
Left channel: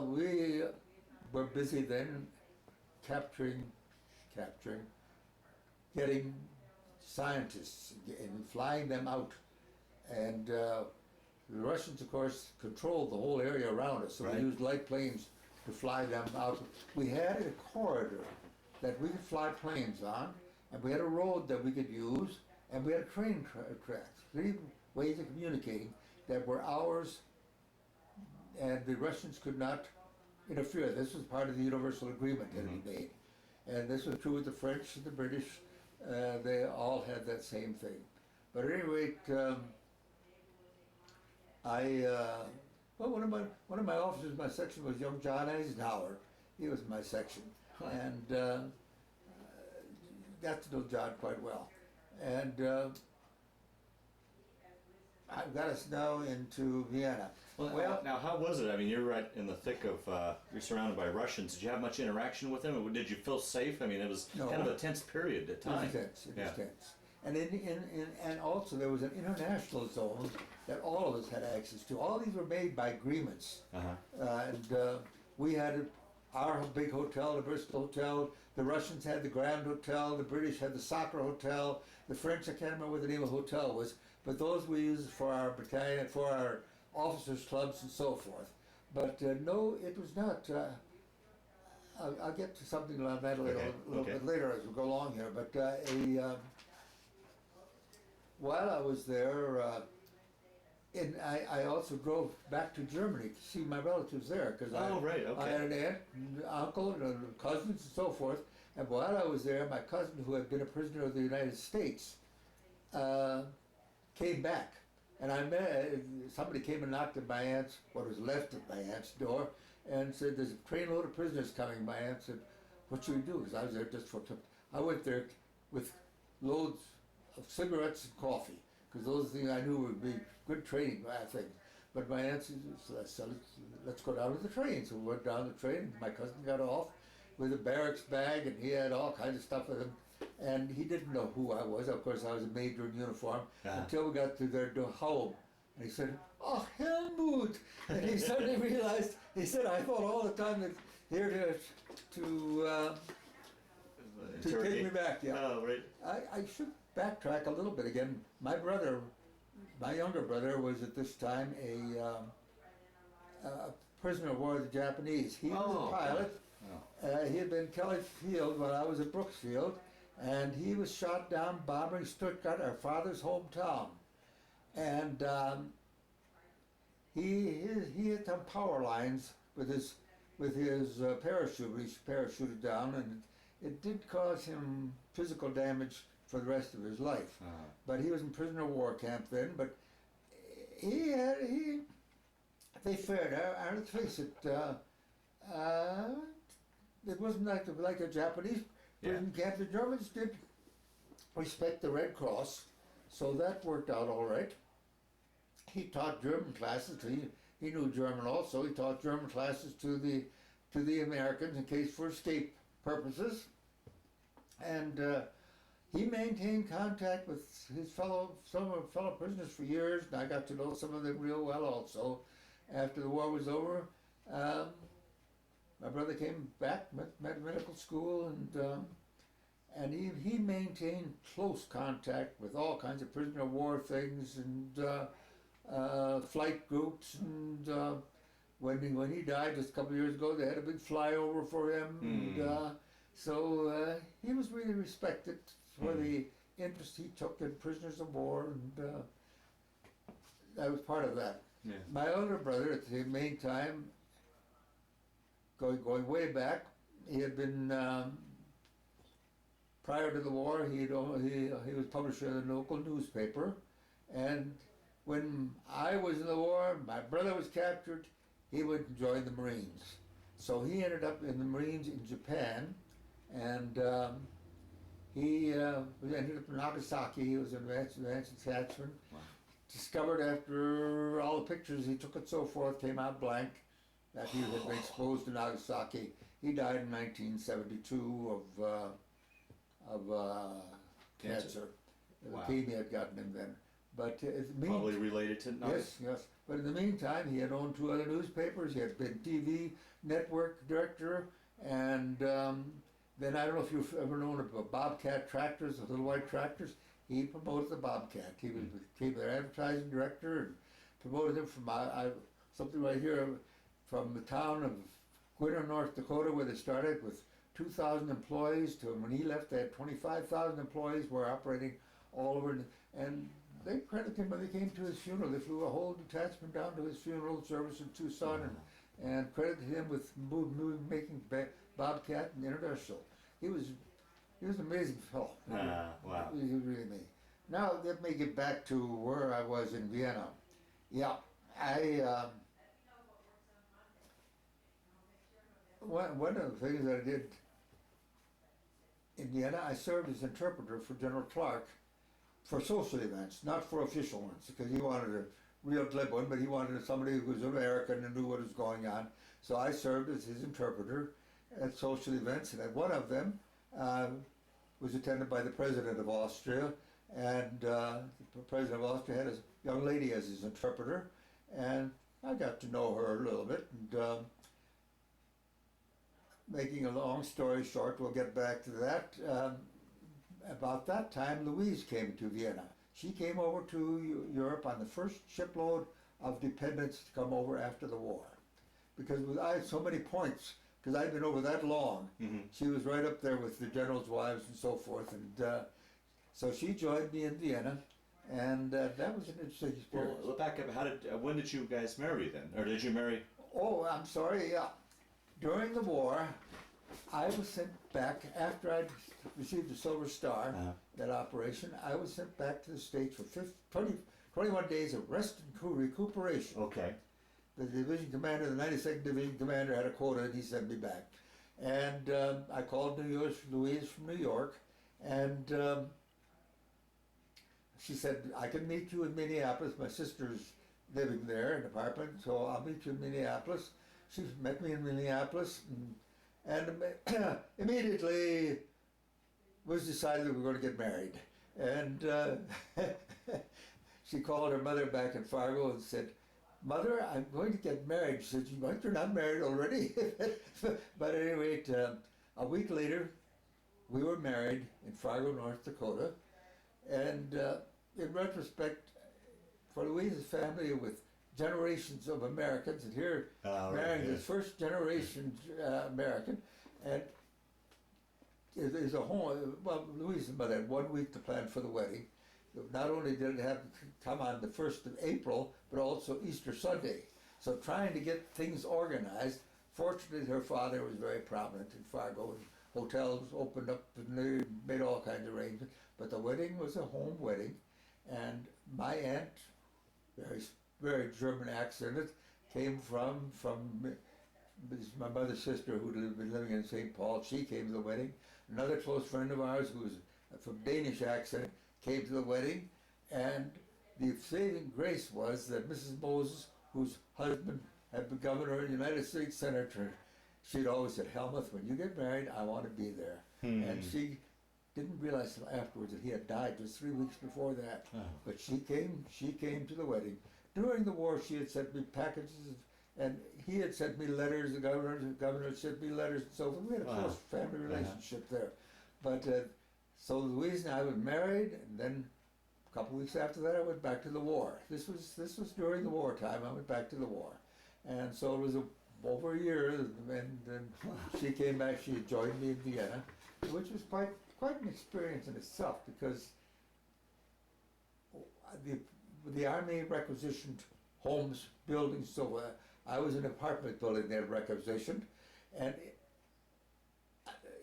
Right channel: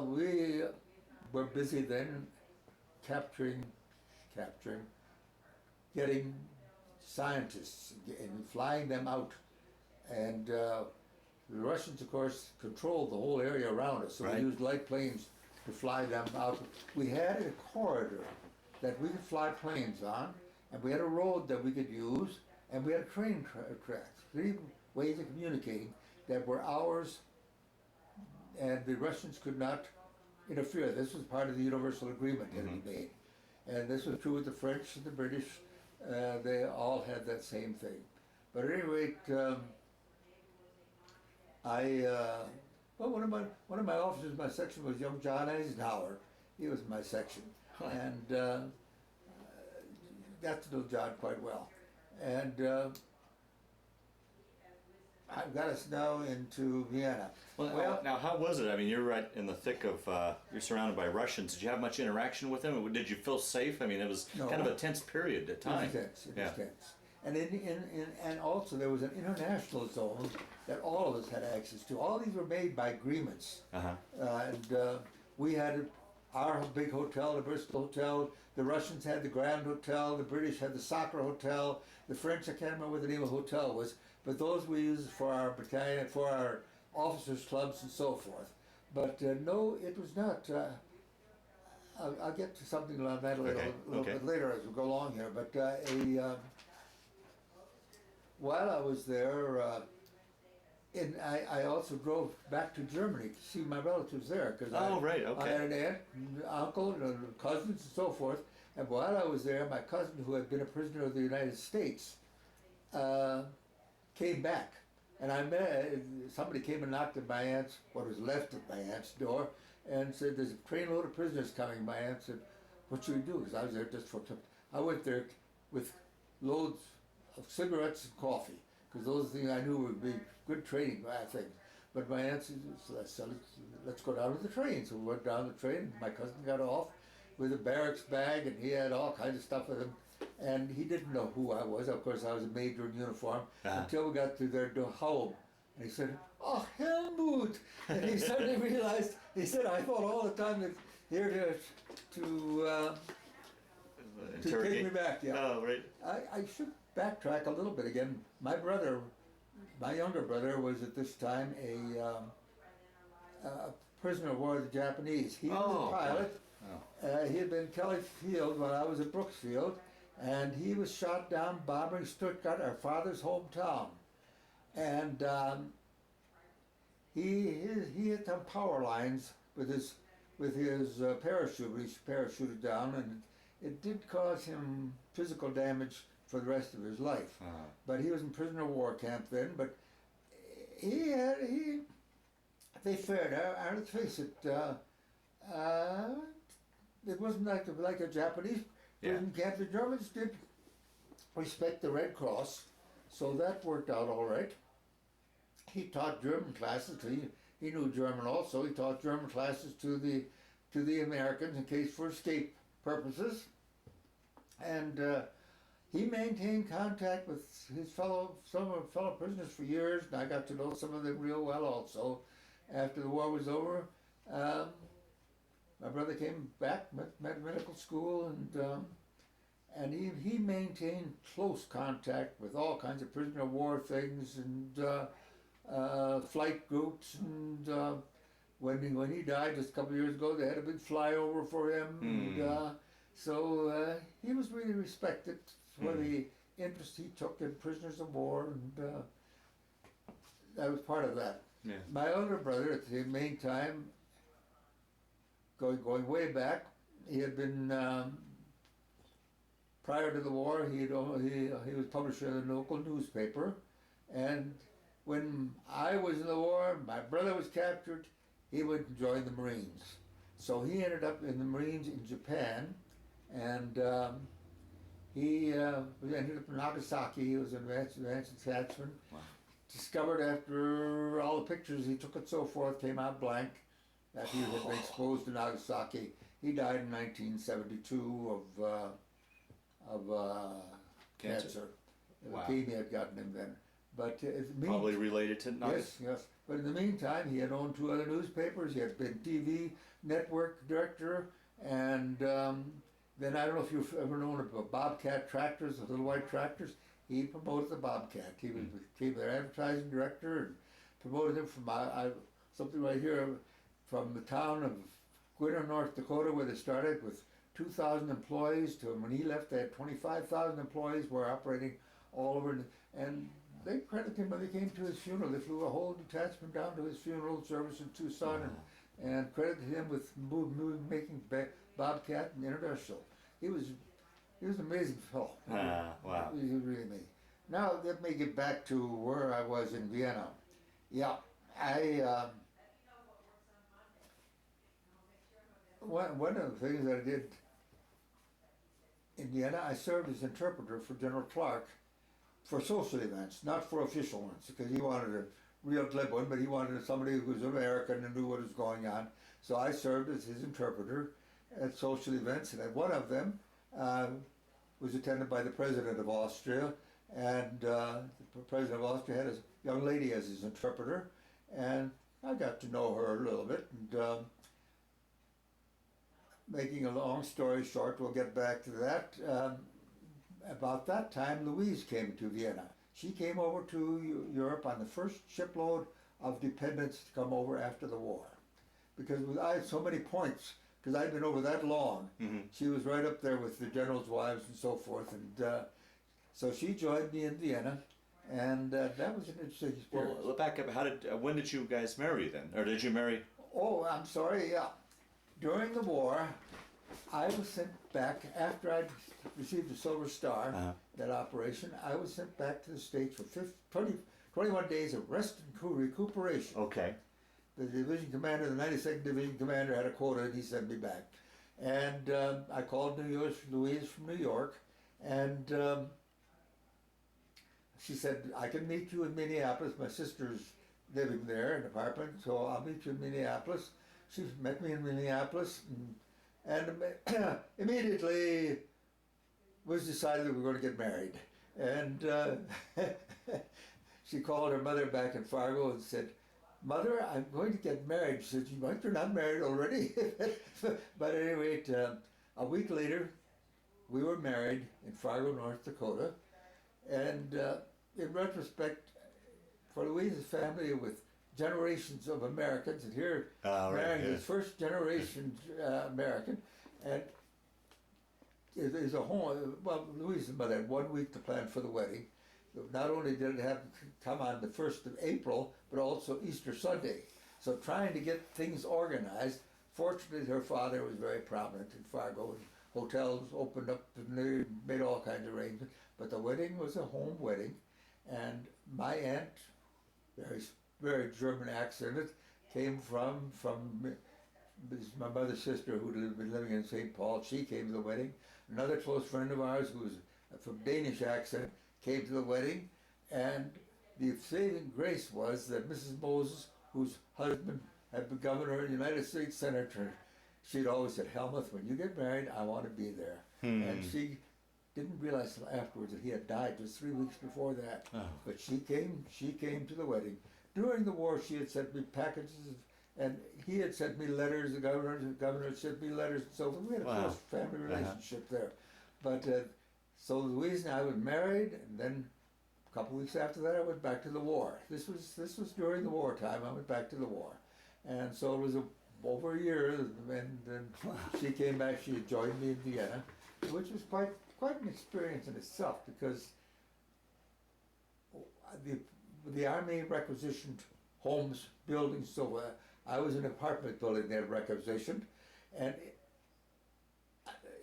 We were busy then capturing, getting scientists and flying them out. And the Russians, of course, controlled the whole area around us, so Right. we used light planes to fly them out. We had a corridor that we could fly planes on, and we had a road that we could use, and we had train tracks, 3 ways of communicating that were ours, and the Russians could not interfere. This was part of the universal agreement that had been made. And this was true with the French and the British. They all had that same thing. But at any rate, well, one of my officers in my section was young John Eisenhower. He was in my section, and got to know John quite well. And I've got us now into Vienna. Well, now how was it? I mean, you're right in the thick of, you're surrounded by Russians. Did you have much interaction with them? Did you feel safe? I mean, it was kind of a tense period at times. It was tense. And and also there was an international zone that all of us had access to. All these were made by agreements. And we had our big hotel, the Bristol Hotel. The Russians had the Grand Hotel. The British had the Soccer Hotel. The French, I can't remember what the name of the hotel was, but those we used for our battalion, for our officers' clubs and so forth. But no, it was not. I'll get to something like that a little bit later as we go along here. But while I was there, I also drove back to Germany to see my relatives there, because I had an aunt, and uncle, and cousins, and so forth. And while I was there, my cousin, who had been a prisoner of the United States, came back. And I met, somebody came and knocked at my aunt's, what was left of my aunt's door, and said, there's a trainload of prisoners coming. My aunt said, what should we do? Because I was there just for, I went there with loads of cigarettes and coffee, because those things I knew would be good training things. But my aunt said, let's go down to the train. So we went down the train. My cousin got off with a barracks bag, and he had all kinds of stuff with him. And he didn't know who I was. Of course, I was a major in uniform until we got to their home. And he said, oh, Helmuth! And he suddenly realized, he said, I thought all the time that here to take me back. Yeah. Oh, right. I should backtrack a little bit again. My brother, my younger brother, was at this time a prisoner of war of the Japanese. He was a pilot. He had been in Kelly Field when I was at Brooksfield, and he was shot down bombing Stuttgart, our father's hometown. And he hit some power lines with his parachute. He parachuted down, and it did cause him physical damage for the rest of his life. But he was in prisoner of war camp then. But they fared. Let's face it. It wasn't like a Japanese prison camp. The Germans did respect the Red Cross, so that worked out all right. He taught German classes. He knew German also. He taught German classes to the Americans in case for escape purposes, and he maintained contact with his fellow prisoners for years, and I got to know some of them real well also. After the war was over, my brother came back, met medical school, and he maintained close contact with all kinds of prisoner of war things and flight groups. And when he died just a couple of years ago, they had a big flyover for him. And, so he was really respected for the interest he took in prisoners of war, and I was part of that. Yeah. My older brother, at the main time, going way back, he had been prior to the war. He was publisher of the local newspaper, and when I was in the war, my brother was captured. he would join the Marines. So he ended up in the Marines in Japan, and he ended up in Nagasaki. He was an advanced attachment. Wow. Discovered after all the pictures he took and so forth came out blank, that he had been exposed to Nagasaki. He died in 1972 of cancer. Wow. Leukemia had gotten him then. But Probably related to Yes, yes. But in the meantime, he had owned 2 other newspapers. He had been TV network director, and then I don't know if you've ever known of Bobcat tractors, the little white tractors. He promoted the Bobcat. He became their advertising director and promoted them from something right here from the town of Gwinner, North Dakota, where they started with 2,000 employees to when he left, they had 25,000 employees, were operating all over, and they credited him when they came to his funeral. They flew a whole detachment down to his funeral service in Tucson and credited him with making Bobcat an international. He was an amazing fellow. Wow. He was really amazing. Now let me get back to where I was in Vienna. Yeah, one of the things that I did in Vienna, I served as interpreter for General Clark for social events, not for official ones, because he wanted a real glib one, but he wanted somebody who was American and knew what was going on. So I served as his interpreter at social events, and at one of them was attended by the President of Austria, and the President of Austria had a young lady as his interpreter, and I got to know her a little bit, and making a long story short, we'll get back to that. About that time, Louise came to Vienna. She came over to Europe on the first shipload of dependents to come over after the war. Because I had so many points, because I'd been over that long. She was right up there with the generals' wives and so forth. And so she joined me in Vienna, and that was an interesting experience. Well, back up. When did you guys marry then? Or did you marry? Oh, I'm sorry, yeah. During the war, I was sent back, after I'd received the Silver Star, that operation, I was sent back to the States for 21 days of rest and recuperation. Okay. The division commander, the 92nd Division commander, had a quota, and he sent me back. And I called Louise from New York, and she said, I can meet you in Minneapolis. My sister's living there in an apartment, so I'll meet you in Minneapolis. She met me in Minneapolis, and immediately was decided that we were going to get married. And she called her mother back in Fargo and said, Mother, I'm going to get married. She said, you're not married already? But at any rate, a week later, we were married in Fargo, North Dakota. And in retrospect, for Louise's family with generations of Americans, and here marrying his first generation American, and it is a home. Well, Louise's mother had 1 week to plan for the wedding. Not only did it have to come on the 1st of April, but also Easter Sunday. So trying to get things organized. Fortunately, her father was very prominent in Fargo, and hotels opened up, and they made all kinds of arrangements. But the wedding was a home wedding, and my aunt, very German accent, came from my mother's sister who had been living in St. Paul. She came to the wedding. Another close friend of ours who was from Danish accent came to the wedding, and the saving grace was that Mrs. Moses, whose husband had been governor and United States Senator, she'd always said, Helmuth, when you get married, I want to be there. And she didn't realize till afterwards that he had died just 3 weeks before that. But she came to the wedding. During the war, she had sent me packages, and he had sent me letters, the governor had sent me letters and so forth. We had a close family relationship there. But so Louise and I were married, and then a couple of weeks after that, I went back to the war. This was during the wartime. I went back to the war, and so it was over a year, and then she came back. She had joined me in Vienna, which was quite an experience in itself, because the army requisitioned homes, buildings. So I was in an apartment building they had requisitioned, and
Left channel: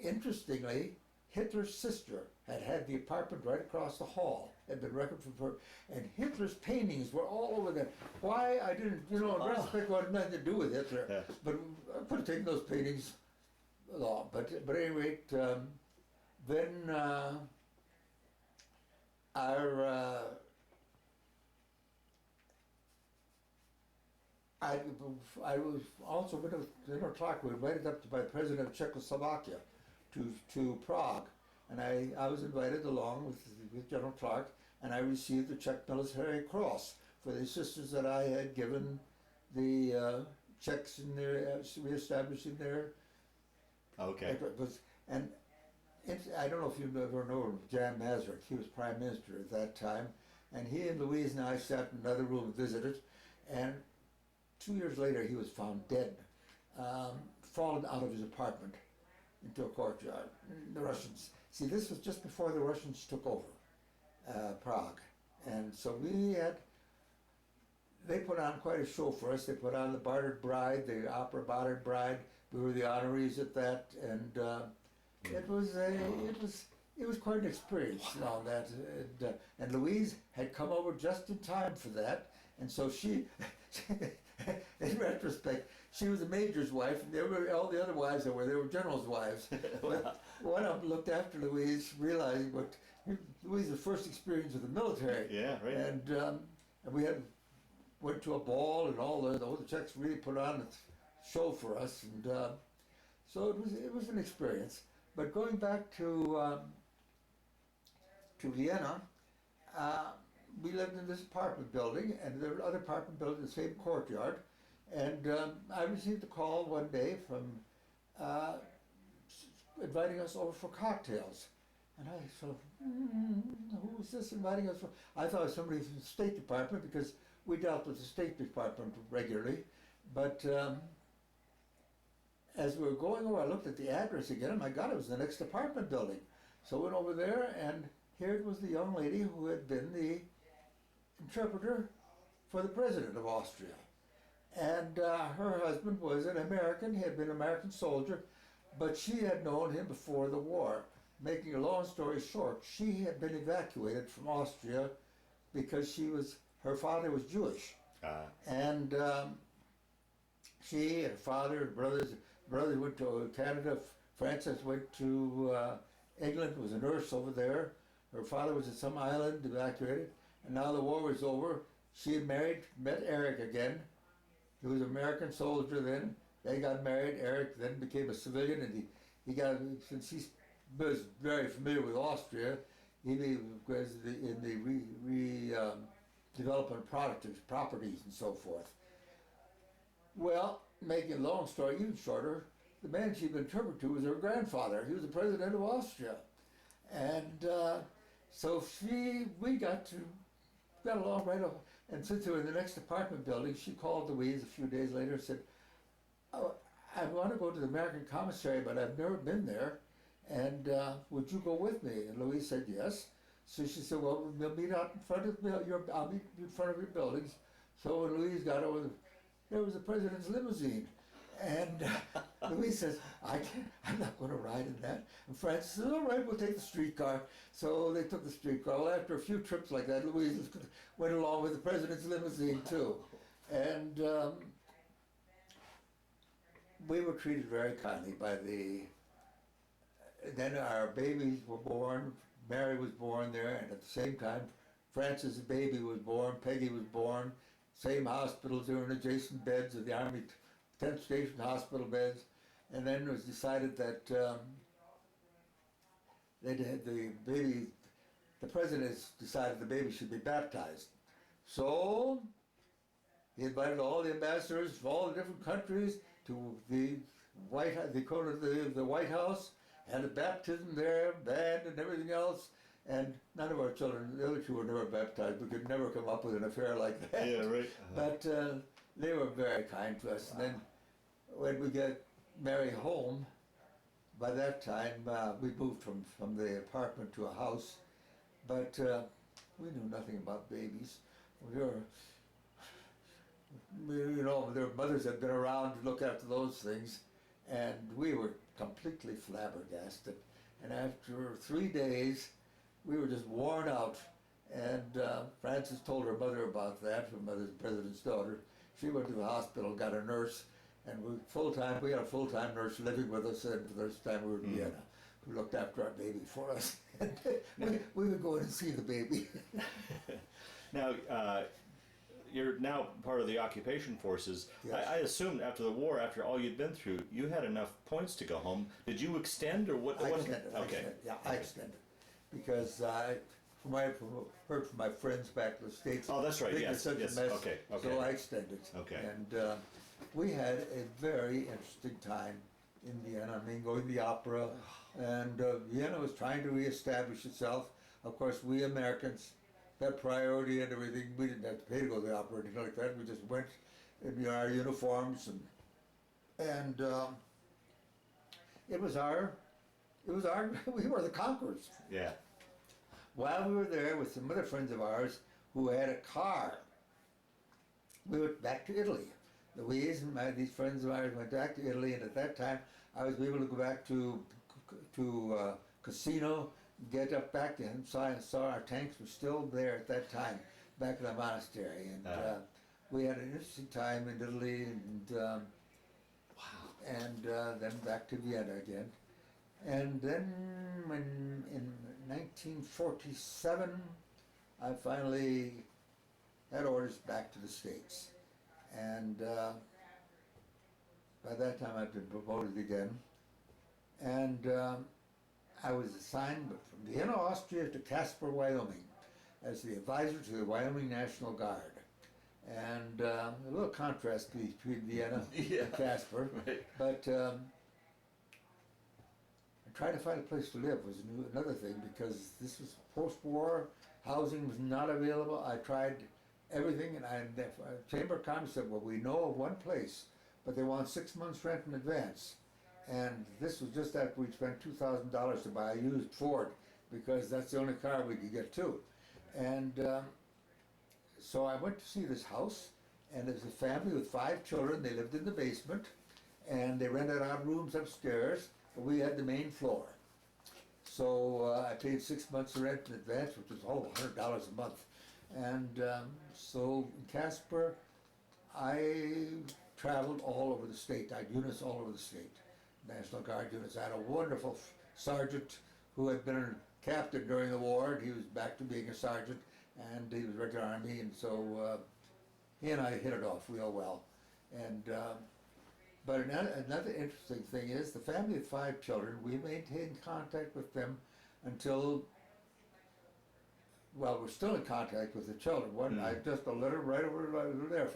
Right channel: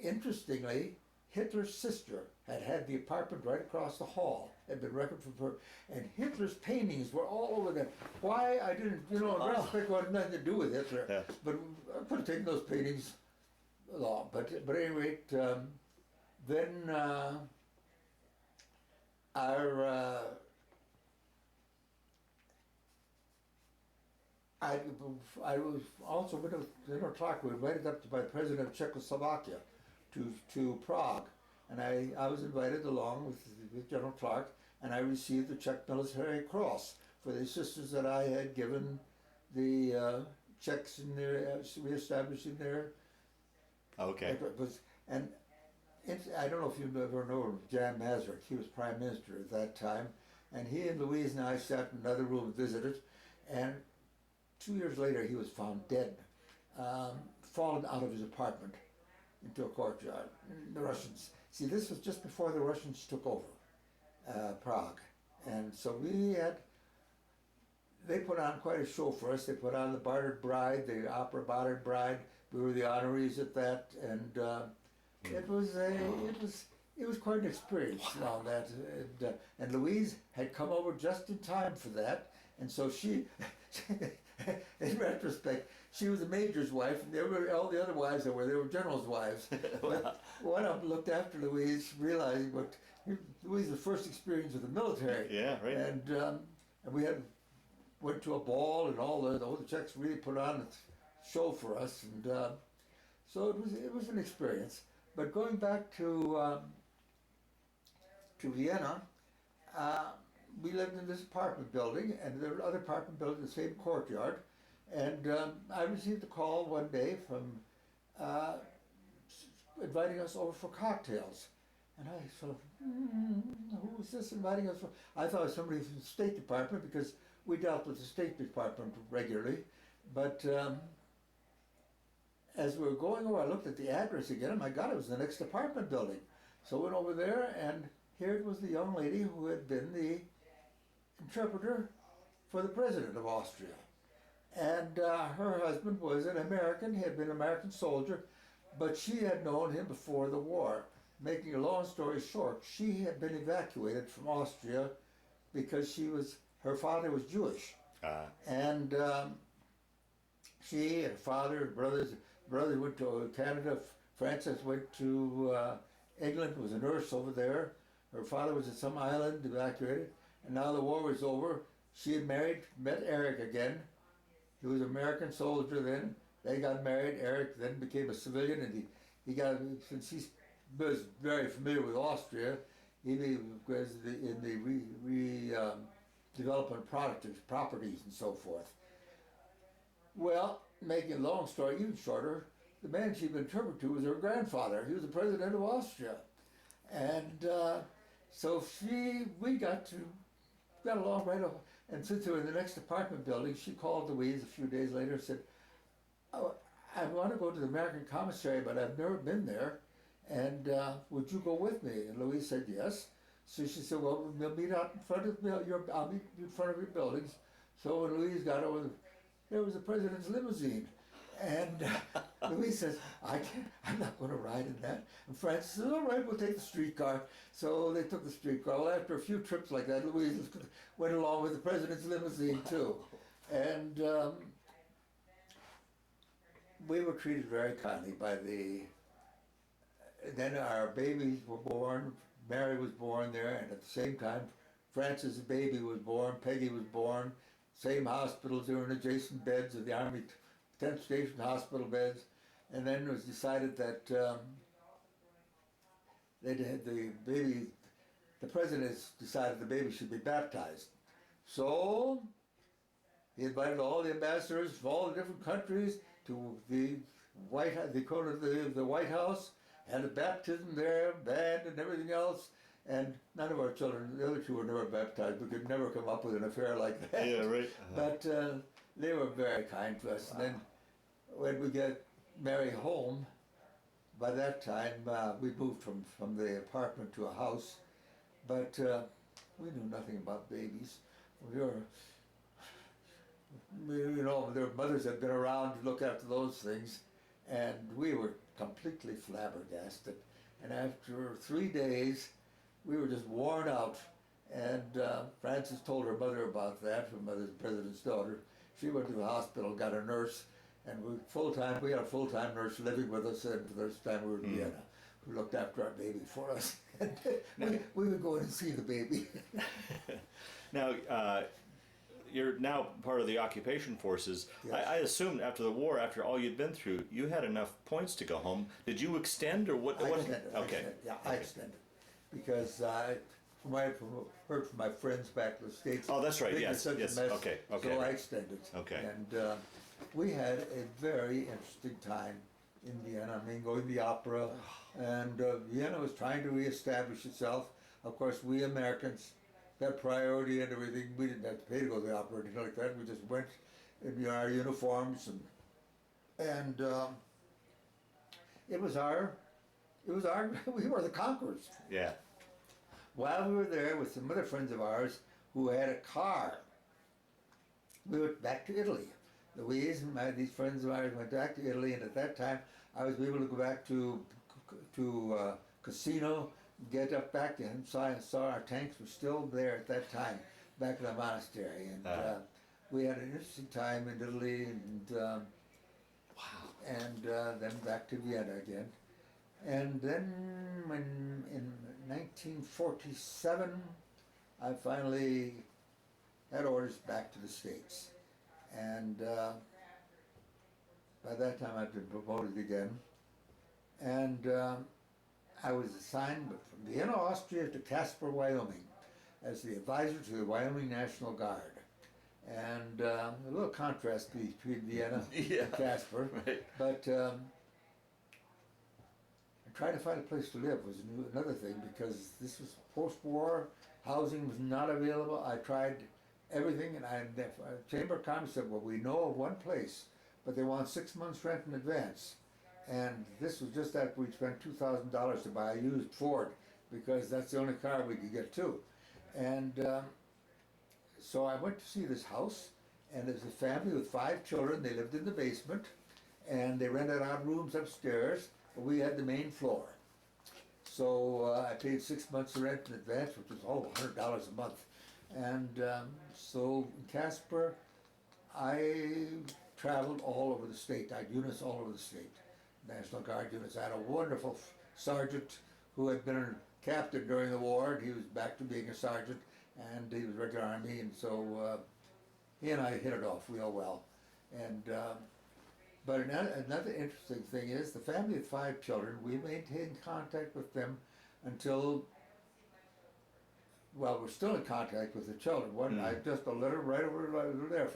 interestingly, Hitler's sister had the apartment right across the hall. Had been rented for, and Hitler's paintings were all over there. Why I didn't, in retrospect, had nothing to do with Hitler, Yeah. but I could have taken those paintings along. But at any rate, then I was also went to talk. We were invited up by the president of Czechoslovakia to Prague, and I was invited along with General Clark, and I received the Czech Military Cross for the assistance that I had given the Czechs in their reestablishing their. Okay. And I don't know if you ever know Jan Masaryk. He was prime minister at that time, and he and Louise and I sat in another room and visited, and 2 years later he was found dead, fallen out of his apartment into a courtyard. The Russians, see, this was just before the Russians took over Prague, and so they put on quite a show for us. They put on the Bartered Bride, the opera Bartered Bride. We were the honorees at that, and it was quite an experience. Now that, and Louise had come over just in time for that, and so she, in retrospect, she was a major's wife, and all the other wives they were generals' wives. But one of them looked after Louise, realizing what Louise's first experience with the military. Yeah, right. And we went to a ball, and all the Czechs really put on a show for us, and so it was an experience. But going back to Vienna, we lived in this apartment building, and there were other apartment buildings in the same courtyard. And I received a call one day from inviting us over for cocktails. And I sort of, who is this inviting us for? I thought it was somebody from the State Department, because we dealt with the State Department regularly. But as we were going over, I looked at the address again, and my God, it was the next apartment building. So I went over there, and here it was the young lady who had been the interpreter for the president of Austria. And her husband was an American. He had been an American soldier, but she had known him before the war. Making a long story short, she had been evacuated from Austria because her father was Jewish. And she and her father and brothers went to Canada. Frances went to England, was a nurse over there. Her father was at some island, evacuated. And now the war was over. She had met Eric again. He was an American soldier then. They got married. Eric then became a civilian, and since he was very familiar with Austria, he was in the development of properties and so forth. Well, making a long story even shorter, the man she'd been interpreted to was her grandfather. He was the president of Austria. And so we got along right off. And since they were in the next apartment building, she called Louise a few days later and said, "Oh, I want to go to the American commissary, but I've never been there. And would you go with me?" And Louise said yes. So she said, "Well, we'll meet out in front of I'll meet in front of your buildings." So when Louise got over, there was the president's limousine. And Louise says, I'm not going to ride in that. And Francis says, "All right, we'll take the streetcar." So they took the streetcar. Well, after a few trips like that, Louise went along with the president's limousine too. And we were treated very kindly by then our babies were born. Mary was born there, and at the same time, Francis' baby was born. Peggy was born. Same hospitals, they were in adjacent beds of the Army 10th Station hospital beds. And then it was decided that the president decided the baby should be baptized. So he invited all the ambassadors from all the different countries to the White House, had a baptism there, band and everything else. And none of our children, the other two were never baptized. We could never come up with an affair like that. Yeah, right. But they were very kind to us. And then when we got Mary home, by that time we moved from the apartment to a house. But we knew nothing about babies. Their mothers had been around to look after those things. And we were completely flabbergasted. And after 3 days, we were just worn out. And Frances told her mother about that, her mother's president's daughter. She went to the hospital, got a nurse, and we had a full-time nurse living with us, and for the first time we were in Vienna, who looked after our baby for us. we would go in and see the baby. Now, you're now part of the occupation forces. Yes. I assumed after the war, after all you'd been through, you had enough points to go home. Did you extend, or what? I extended. Okay. I extended. Because from what I've heard from my friends back in the States, Oh, that's right. things Yes. were such a Yes. mess, Okay. Okay. so I extended. Okay. And we had a very interesting time in Vienna. I mean, going to the opera, and Vienna was trying to reestablish itself. Of course, we Americans, that priority and everything, we didn't have to pay to go to the opera or anything like that. We just went in our uniforms, and it was our, we were the conquerors. Yeah. While we were there with some other friends of ours who had a car, we went back to Italy. Louise and these friends of ours went back to Italy, and at that time I was able to go back to Casino, get up back and saw our tanks were still there at that time, back in the monastery, and we had an interesting time in Italy, and and then back to Vienna again, and then in 1947 I finally had orders back to the States. And by that time I'd been promoted again. And I was assigned from Vienna, Austria to Casper, Wyoming as the advisor to the Wyoming National Guard. And a little contrast between Vienna and Casper. Right. But trying to find a place to live was another thing, because this was post-war, housing was not available. I tried everything, and the Chamber of Commerce said, well, we know of one place, but they want 6 months rent in advance. And this was just after we'd spent $2,000 to buy a used Ford, because that's the only car we could get to. And so I went to see this house, and there's a family with 5 children. They lived in the basement, and they rented out rooms upstairs. We had the main floor. So I paid 6 months rent in advance, which was $100 a month. And so in Casper, I traveled all over the state. I had units all over the state, National Guard units. I had a wonderful sergeant who had been a captain during the war, and he was back to being a sergeant, and he was regular Army, and so he and I hit it off real well. And but another interesting thing is the family of 5 children, we maintained contact with them until, well, we're still in contact with the children. I just a letter right over there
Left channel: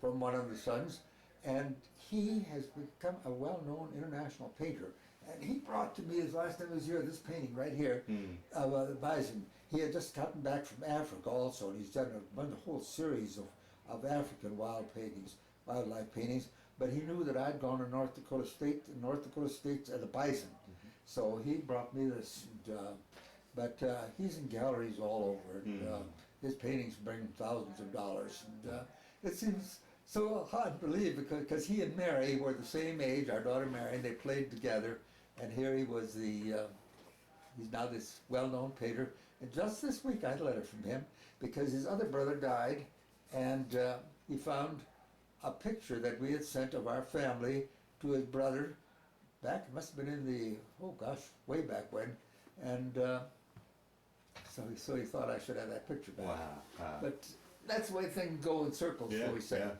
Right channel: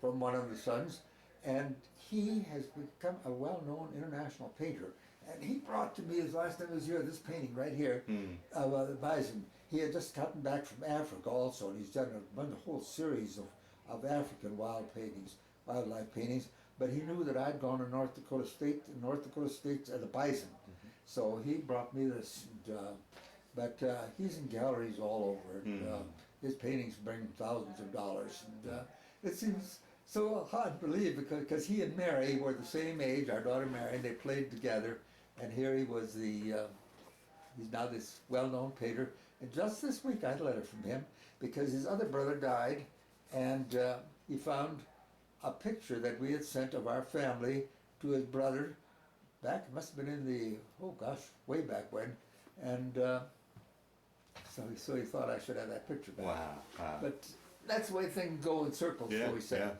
from one of the sons, and he has become a well-known international painter. And he brought to me, his last time he was here, this painting right here of the bison. He had just gotten back from Africa also, and he's done a whole series of African wildlife paintings. But he knew that I'd gone to North Dakota State, and the bison. So he brought me this, but he's in galleries all over. And, his paintings bring thousands of dollars. And it seems so hard to believe, because he and Mary were the same age, our daughter Mary, and they played together. And here he was he's now this well-known painter. And just this week I had a letter from him, because his other brother died, and he found a picture that we had sent of our family to his brother back, it must have been in the, way back when, and so he thought I should have that picture back. Wow. But that's the way things go in circles, Yeah, shall we say. yeah.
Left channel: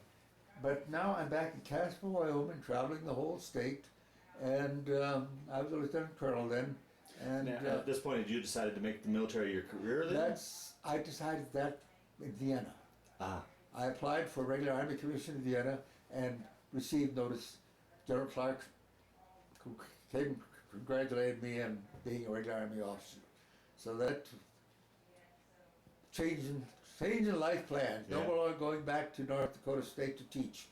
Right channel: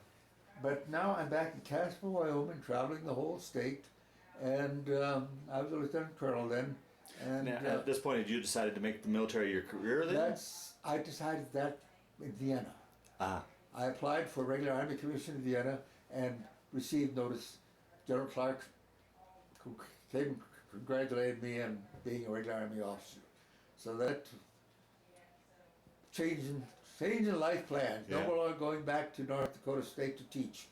But now I'm back in Casper, Wyoming, traveling the whole state, and I was a lieutenant colonel then. And Now, at this point, had you decided to make the military your career then? I decided that in Vienna. Ah. I applied for a regular Army commission in Vienna and received notice. General Clark came and congratulated me on being a regular Army officer. So that changing life plans. No Yeah. more going back to North Dakota State to teach.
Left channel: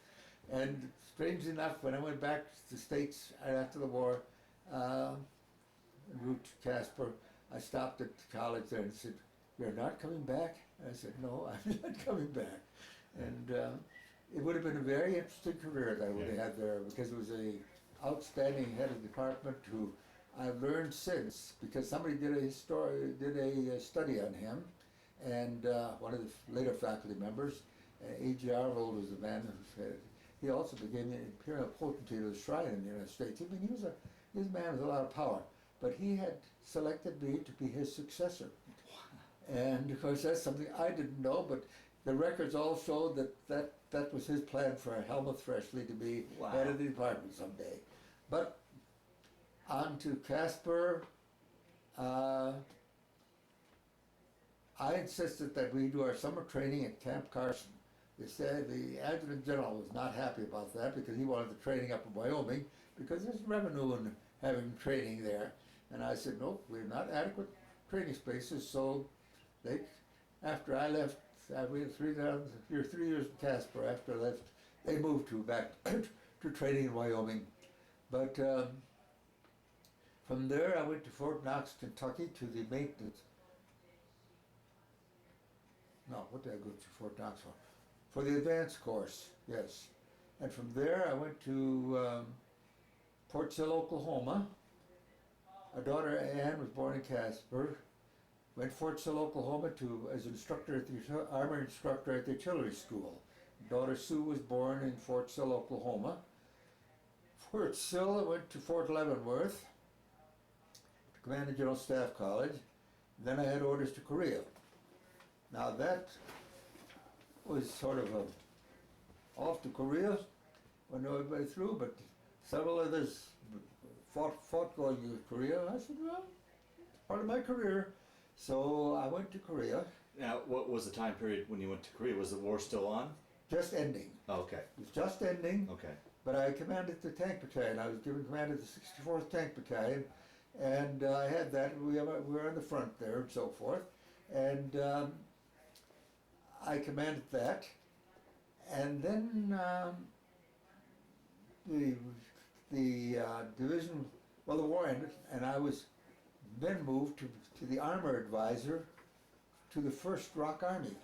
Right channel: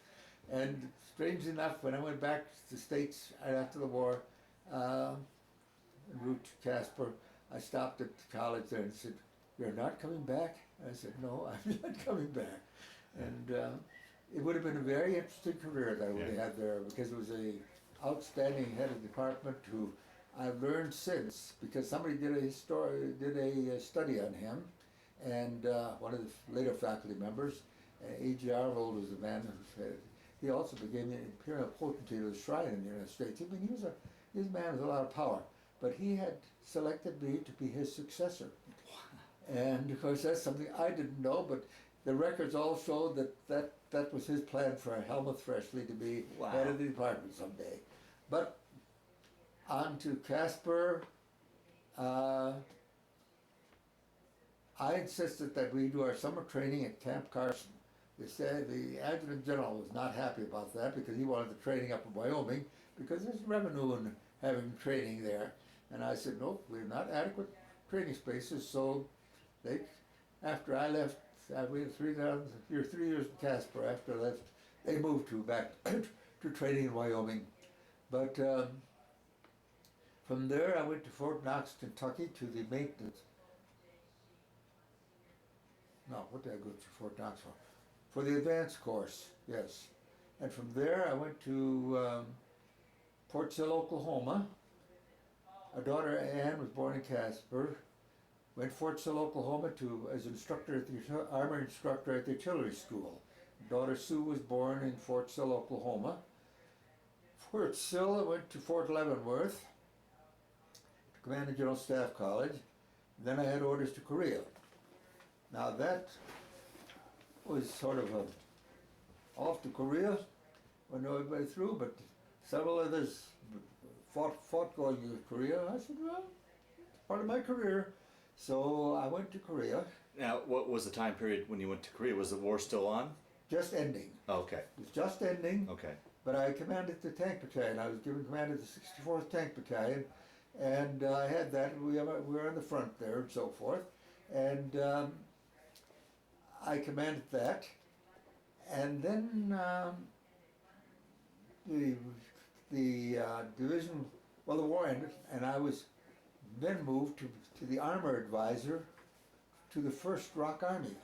And strangely enough, when I went back to the States right after the war, en route to Casper, I stopped at the college there and said, "You're not coming back?" And I said, "No, I'm not coming back." And it would have been a very interesting career that I would have had there, because it was a outstanding head of department who I've learned since, because somebody did a study on him, and one of the later faculty members, A.G. Arnold was the man who said, he also became the imperial potentate of the shrine in the United States. I mean, he was a man with a lot of power, but he had selected me to be his successor. And of course, that's something I didn't know, but the records all show that was his plan for Helmuth Froeschle to be head of the department someday. But on to Casper. I insisted that we do our summer training at Camp Carson. They said the adjutant general was not happy about that because he wanted the training up in Wyoming because there's revenue in having training there. And I said, nope, we're not adequate training spaces. So after I left, we had 3 years in Casper. After I left, they moved back to training in Wyoming. But from there, I went to Fort Knox, Kentucky, to the maintenance. No, what did I go to Fort Knox for? For the advanced course, yes. And from there, I went to Port Sill, Oklahoma. Our daughter Ann was born in Casper. Went to Fort Sill, Oklahoma as instructor at the armor instructor at the artillery school. Daughter Sue was born in Fort Sill, Oklahoma. Fort Sill, I went to Fort Leavenworth, to Command and General Staff College. Then I had orders to Korea. Now that was sort of off to Korea when everybody through, but several others fought going to Korea. I said, well, it's part of my career. So I went to Korea. Now, what was the time period when you went to Korea? Was the war still on? Just ending. Oh, okay. It was just ending. Okay. But I commanded the Tank Battalion. I was given command of the 64th Tank Battalion, and I had that. We were on the front there and so forth. And I commanded that. And then the division, well, the war ended, and I was then moved to the armor advisor to the 1st Rock Army.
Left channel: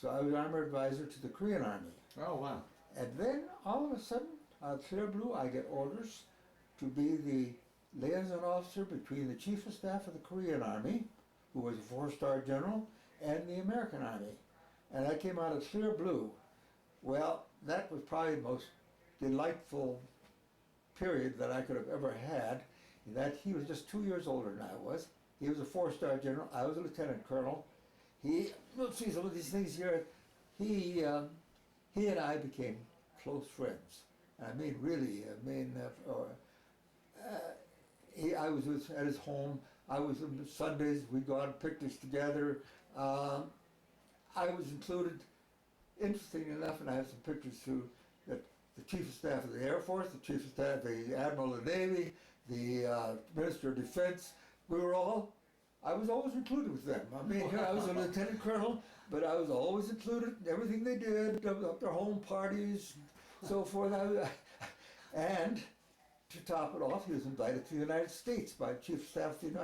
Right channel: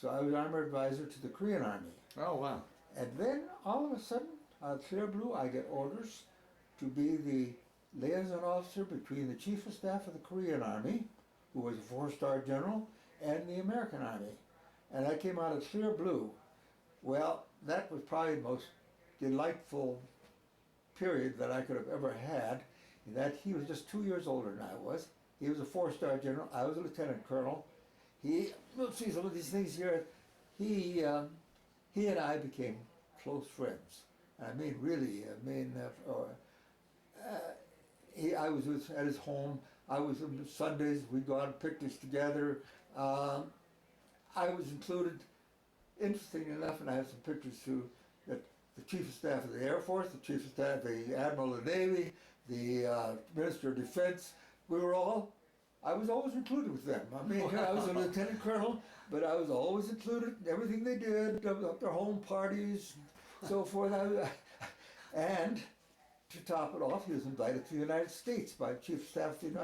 So I was armor advisor to the Korean Army. Oh, wow. And then all of a sudden, out of clear blue, I get orders to be the liaison officer between the Chief of Staff of the Korean Army, who was a 4-star general, and the American Army. And I came out of clear blue. Well, that was probably the most delightful period that I could have ever had, in that he was just 2 years older than I was. He was a 4-star general. I was a lieutenant colonel. We'll see some of these things here. He and I became close friends. I mean, really. I was at his home. I was on Sundays. We'd go on picnics together. I was included, interesting enough, and I have some pictures too, that the Chief of Staff of the Air Force, the Chief of Staff, the Admiral of the Navy, the Minister of Defense, I was always included with them. I mean, I was a lieutenant colonel, but I was always included in everything they did, up their home parties, so forth. And to top it off, he was invited to the United States by Chief of Staff in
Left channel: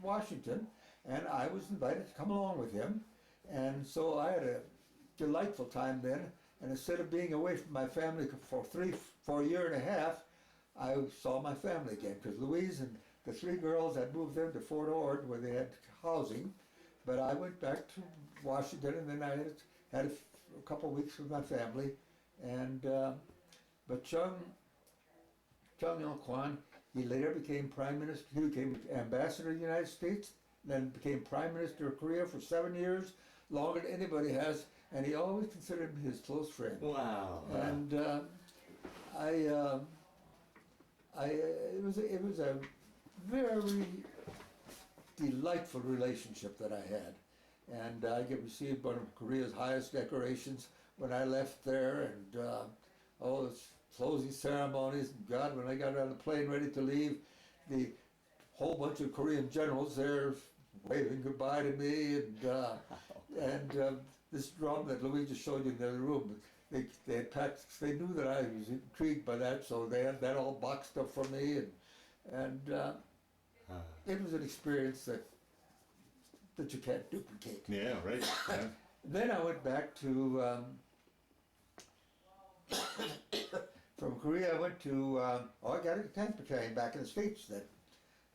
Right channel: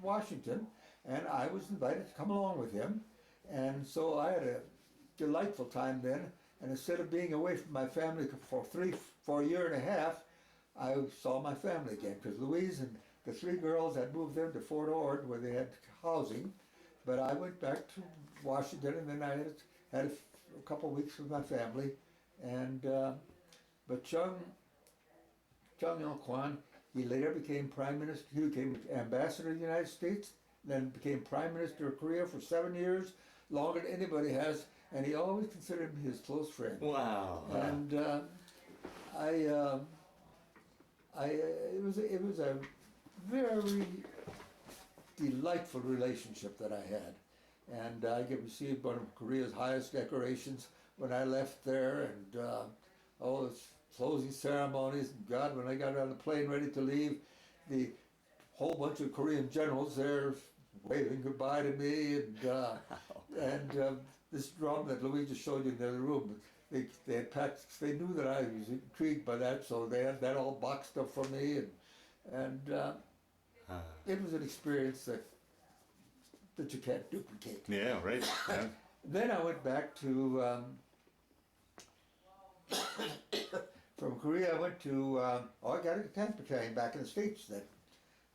Washington, and I was invited to come along with him. And so I had a delightful time then, and instead of being away from my family for a year and a half, I saw my family again, because Louise and the 3 girls, I'd moved them to Fort Ord where they had housing, but I went back to Washington, and then I had a couple of weeks with my family. And but Chung Il-kwon, he later became Prime Minister. He became Ambassador to the United States, then became Prime Minister of Korea for 7 years, longer than anybody has, and he always considered me his close friend. Wow. And it was a very delightful relationship that I had, and I received one of Korea's highest decorations when I left there, and all the closing ceremonies. And God, when I got on the plane ready to leave, the whole bunch of Korean generals there waving goodbye to me, and this drum that Louise just showed you in the other room. They had packed. They knew that I was intrigued by that, so they had that all boxed up for me, and it was an experience that you can't duplicate. Yeah, right. Yeah. Then I went back to from Korea, I went to, I got a Tank Battalion back in the States then.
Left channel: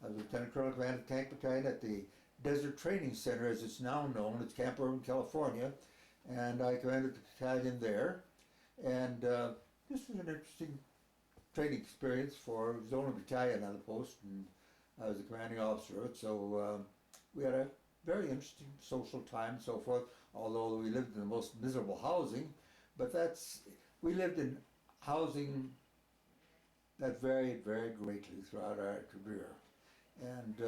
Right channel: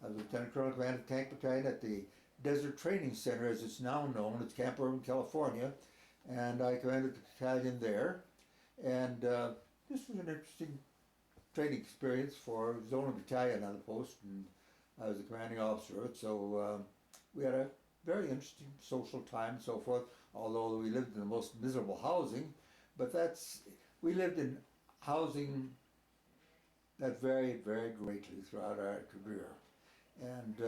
I was Lieutenant Colonel Commanding Tank Battalion at the Desert Training Center, as it's now known. It's Camp Irving, California. And I commanded the battalion there. And this was an interesting training experience for, it was the only battalion on the post, and I was the commanding officer of it. So we had a very interesting social time and so forth, although we lived in the most miserable housing. But we lived in housing that varied very greatly throughout our career. And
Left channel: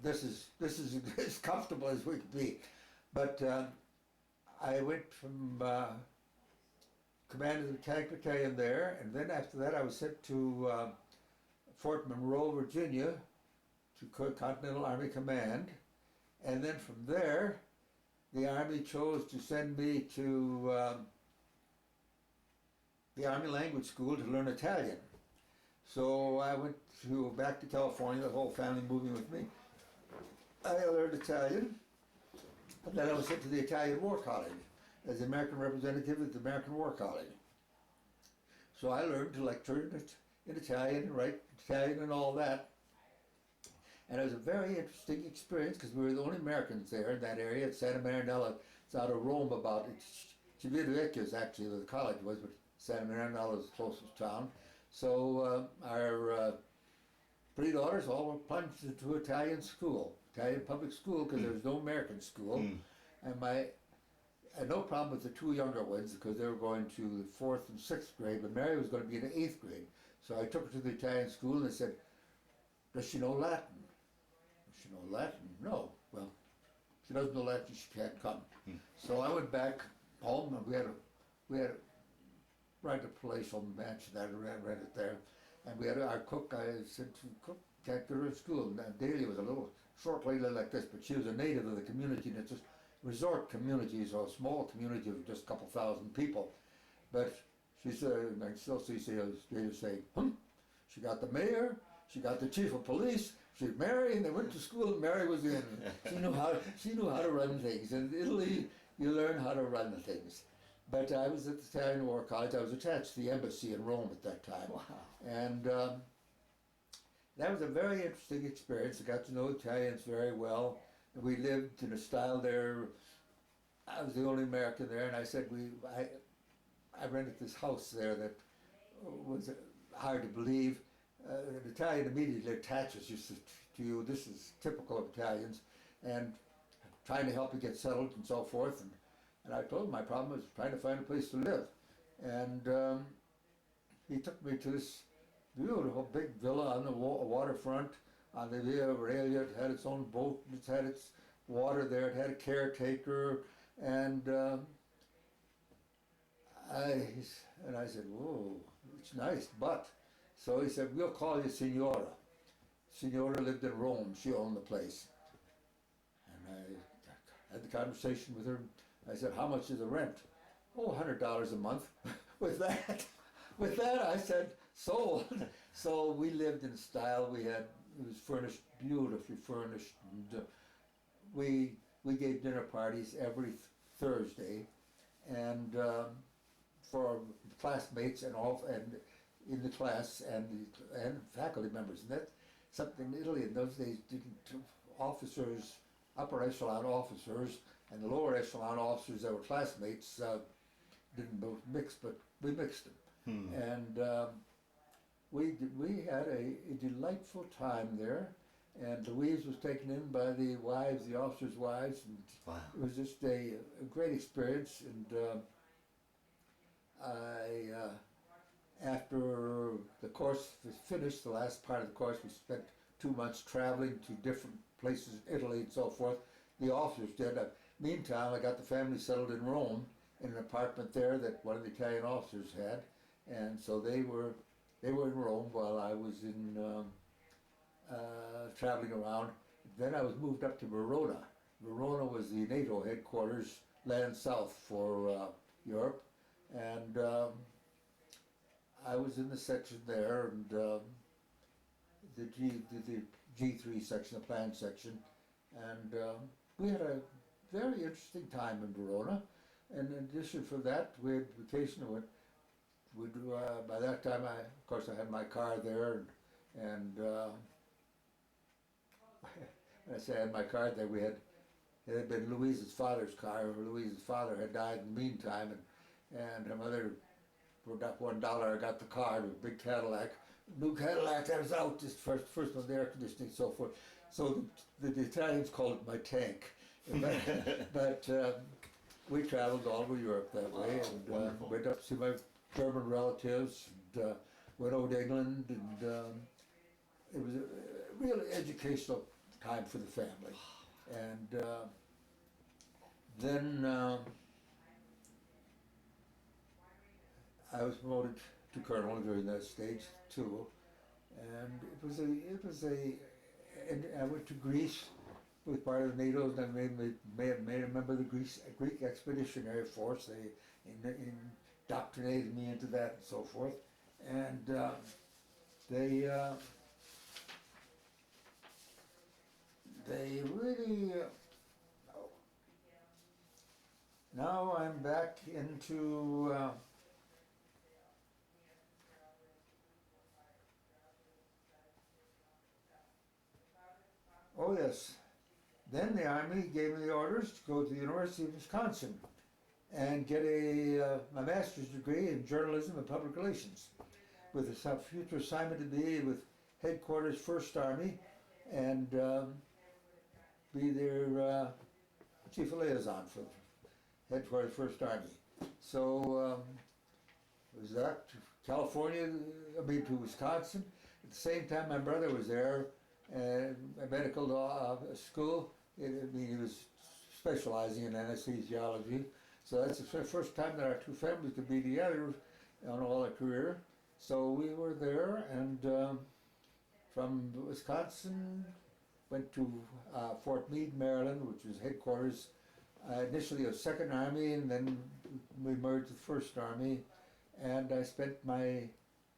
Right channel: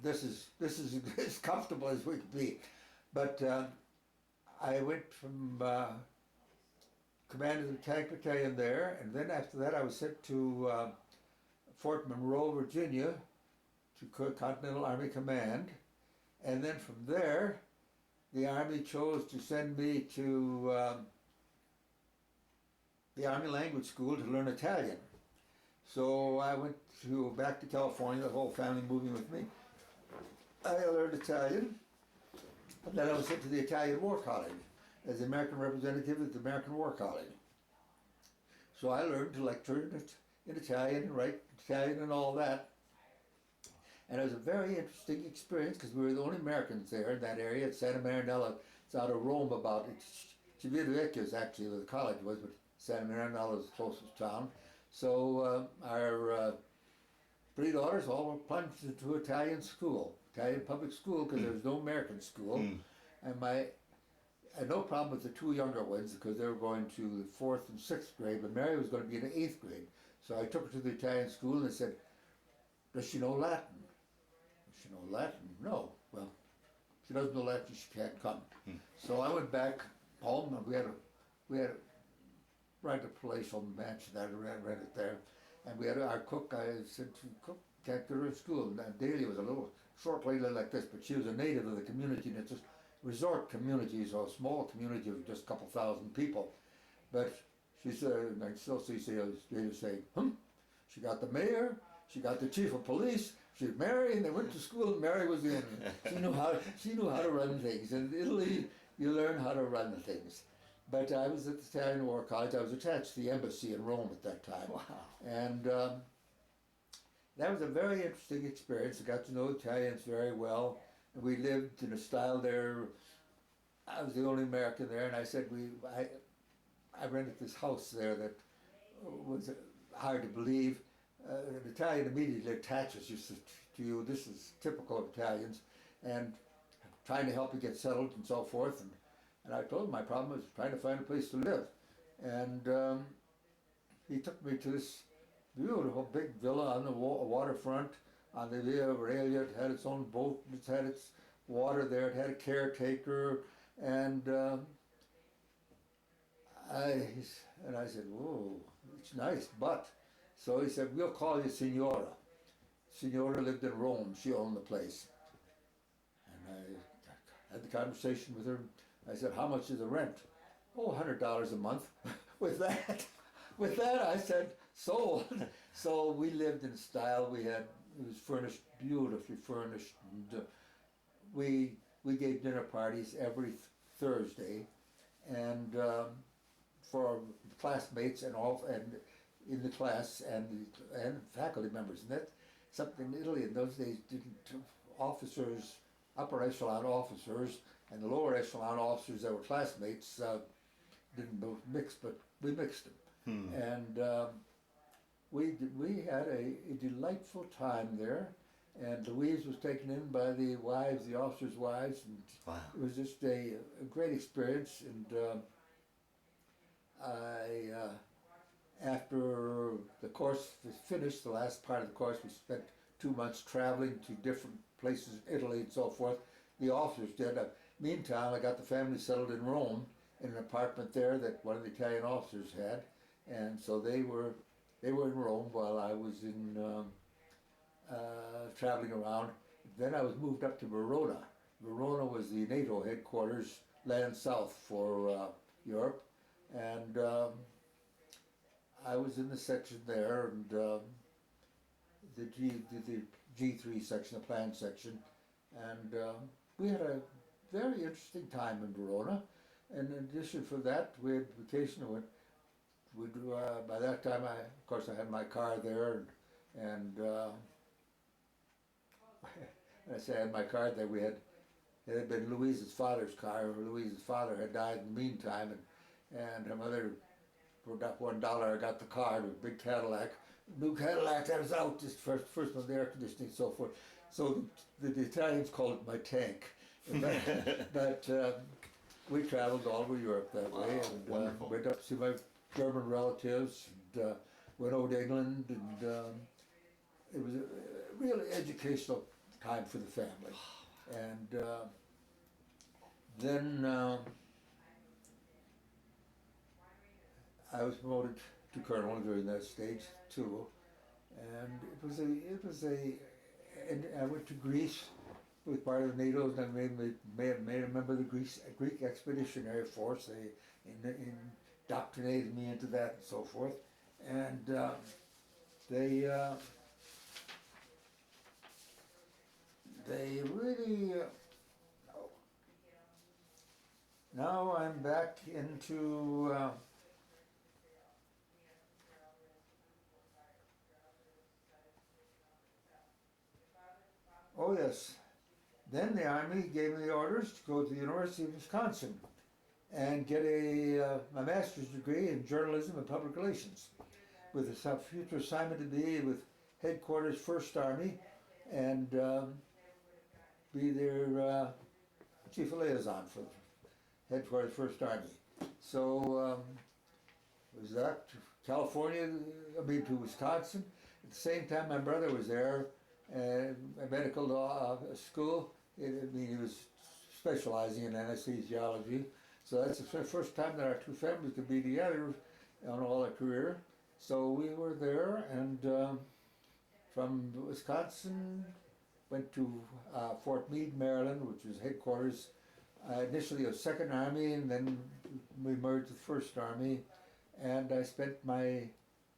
this is as comfortable as we could be. But I went from commanded the Tank Battalion there, and then after that I was sent to Fort Monroe, Virginia, to Continental Army Command. And then from there, the Army chose to send me to the Army Language School to learn Italian. So I went back to California, the whole family moving with me. I learned Italian, and then I was sent to the Italian War College as the American representative at the American War College. So I learned to lecture in Italian and write Italian and all that. And it was a very interesting experience because we were the only Americans there in that area at Santa Marinella. It's out of Rome about, Civitavecchia is actually where the college was, but Santa Marinella is the closest town. So our three daughters all were plunged into Italian school, Italian public school, because there was no American school. And I had no problem with the two younger ones because they were going to the 4th and 6th grade, but Mary was going to be in the 8th grade. So I took her to the Italian school and I said, does she know Latin? Does she know Latin? No. Well, if she doesn't know Latin, she can't come. So I went back home, and we had a rented a palatial mansion that I rented there. And we had our cook. I said to cook, can't get her to school. And Daly was a little short lady like this, but she was a native of the community, and it's a resort community, so a small community of just a couple thousand people. But she said, I still see Daly say, she got the mayor, she got the chief of police, she's Mary, and they went to school, and Mary was in. She knew how to run things. In Italy, you learn how to run things. But I was at the Italian War College. I was attached to the embassy in Rome at that time. Wow. And that was a very interesting experience. I got to know Italians very well. And we lived in a style there. I was the only American there, and I said I rented this house there that was hard to believe. An Italian immediately attaches to you. This is typical of Italians, and trying to help you get settled and so forth. And I told him my problem was trying to find a place to live. And he took me to this beautiful big villa on the waterfront on the Via Aurelia. It had its own boat, it had its water there, it had a caretaker, and I said, whoa, it's nice, but, so he said, we'll call you Signora. Signora lived in Rome, she owned the place. And I had the conversation with her. I said, how much is the rent? Oh, $100 a month. With that, I said, sold. So we lived in style. It was furnished, beautifully furnished. And we gave dinner parties every Thursday, and for classmates and in the class and faculty members. And that's something Italy in those days didn't. Officers, upper echelon officers, and the lower echelon officers that were classmates didn't both mix, but we mixed them. And we had a delightful time there, and Louise was taken in by the officers' wives, and wow. It was just a great experience. And after the course was finished, the last part of the course, we spent 2 months traveling to different places in Italy and so forth. The officers did. Meantime, I got the family settled in Rome in an apartment there that one of the Italian officers had, and so they were in Rome while I was in traveling around. Then I was moved up to Verona. Verona was the NATO headquarters, land south for Europe, and I was in the section there, and the G3 section, the planned section, and we had a very interesting time in Verona. And in addition for that, we had vacation. by that time, of course, I had my car there, and when I say I had my car there, it had been Louise's father's car. Louise's father had died in the meantime, and her mother, for that $1, I got the car, a big Cadillac, new Cadillac that was out, just first one, the air conditioning, so forth. So the Italians called it my tank. But we traveled all over Europe that way, and went up to see my German relatives, and went over to England, and it was a really educational time for the family. And then I was promoted to colonel during that stage too, and and I went to Greece with part of the NATO, and I made a member of the Greek Expeditionary Force. They indoctrinated me into that and so forth, and they really. Now I'm back into. Oh yes. Then the Army gave me the orders to go to the University of Wisconsin and get my master's degree in journalism and public relations, with a future assignment to be with Headquarters 1st Army and be their chief of liaison for Headquarters 1st Army. So was that to California, to Wisconsin. At the same time, my brother was there, a medical school. He was specializing in anesthesiology. So that's the first time that our two families could be together on all our career. So we were there, and from Wisconsin went to Fort Meade, Maryland, which was headquarters initially of 2nd Army, and then we merged with 1st Army. And I spent my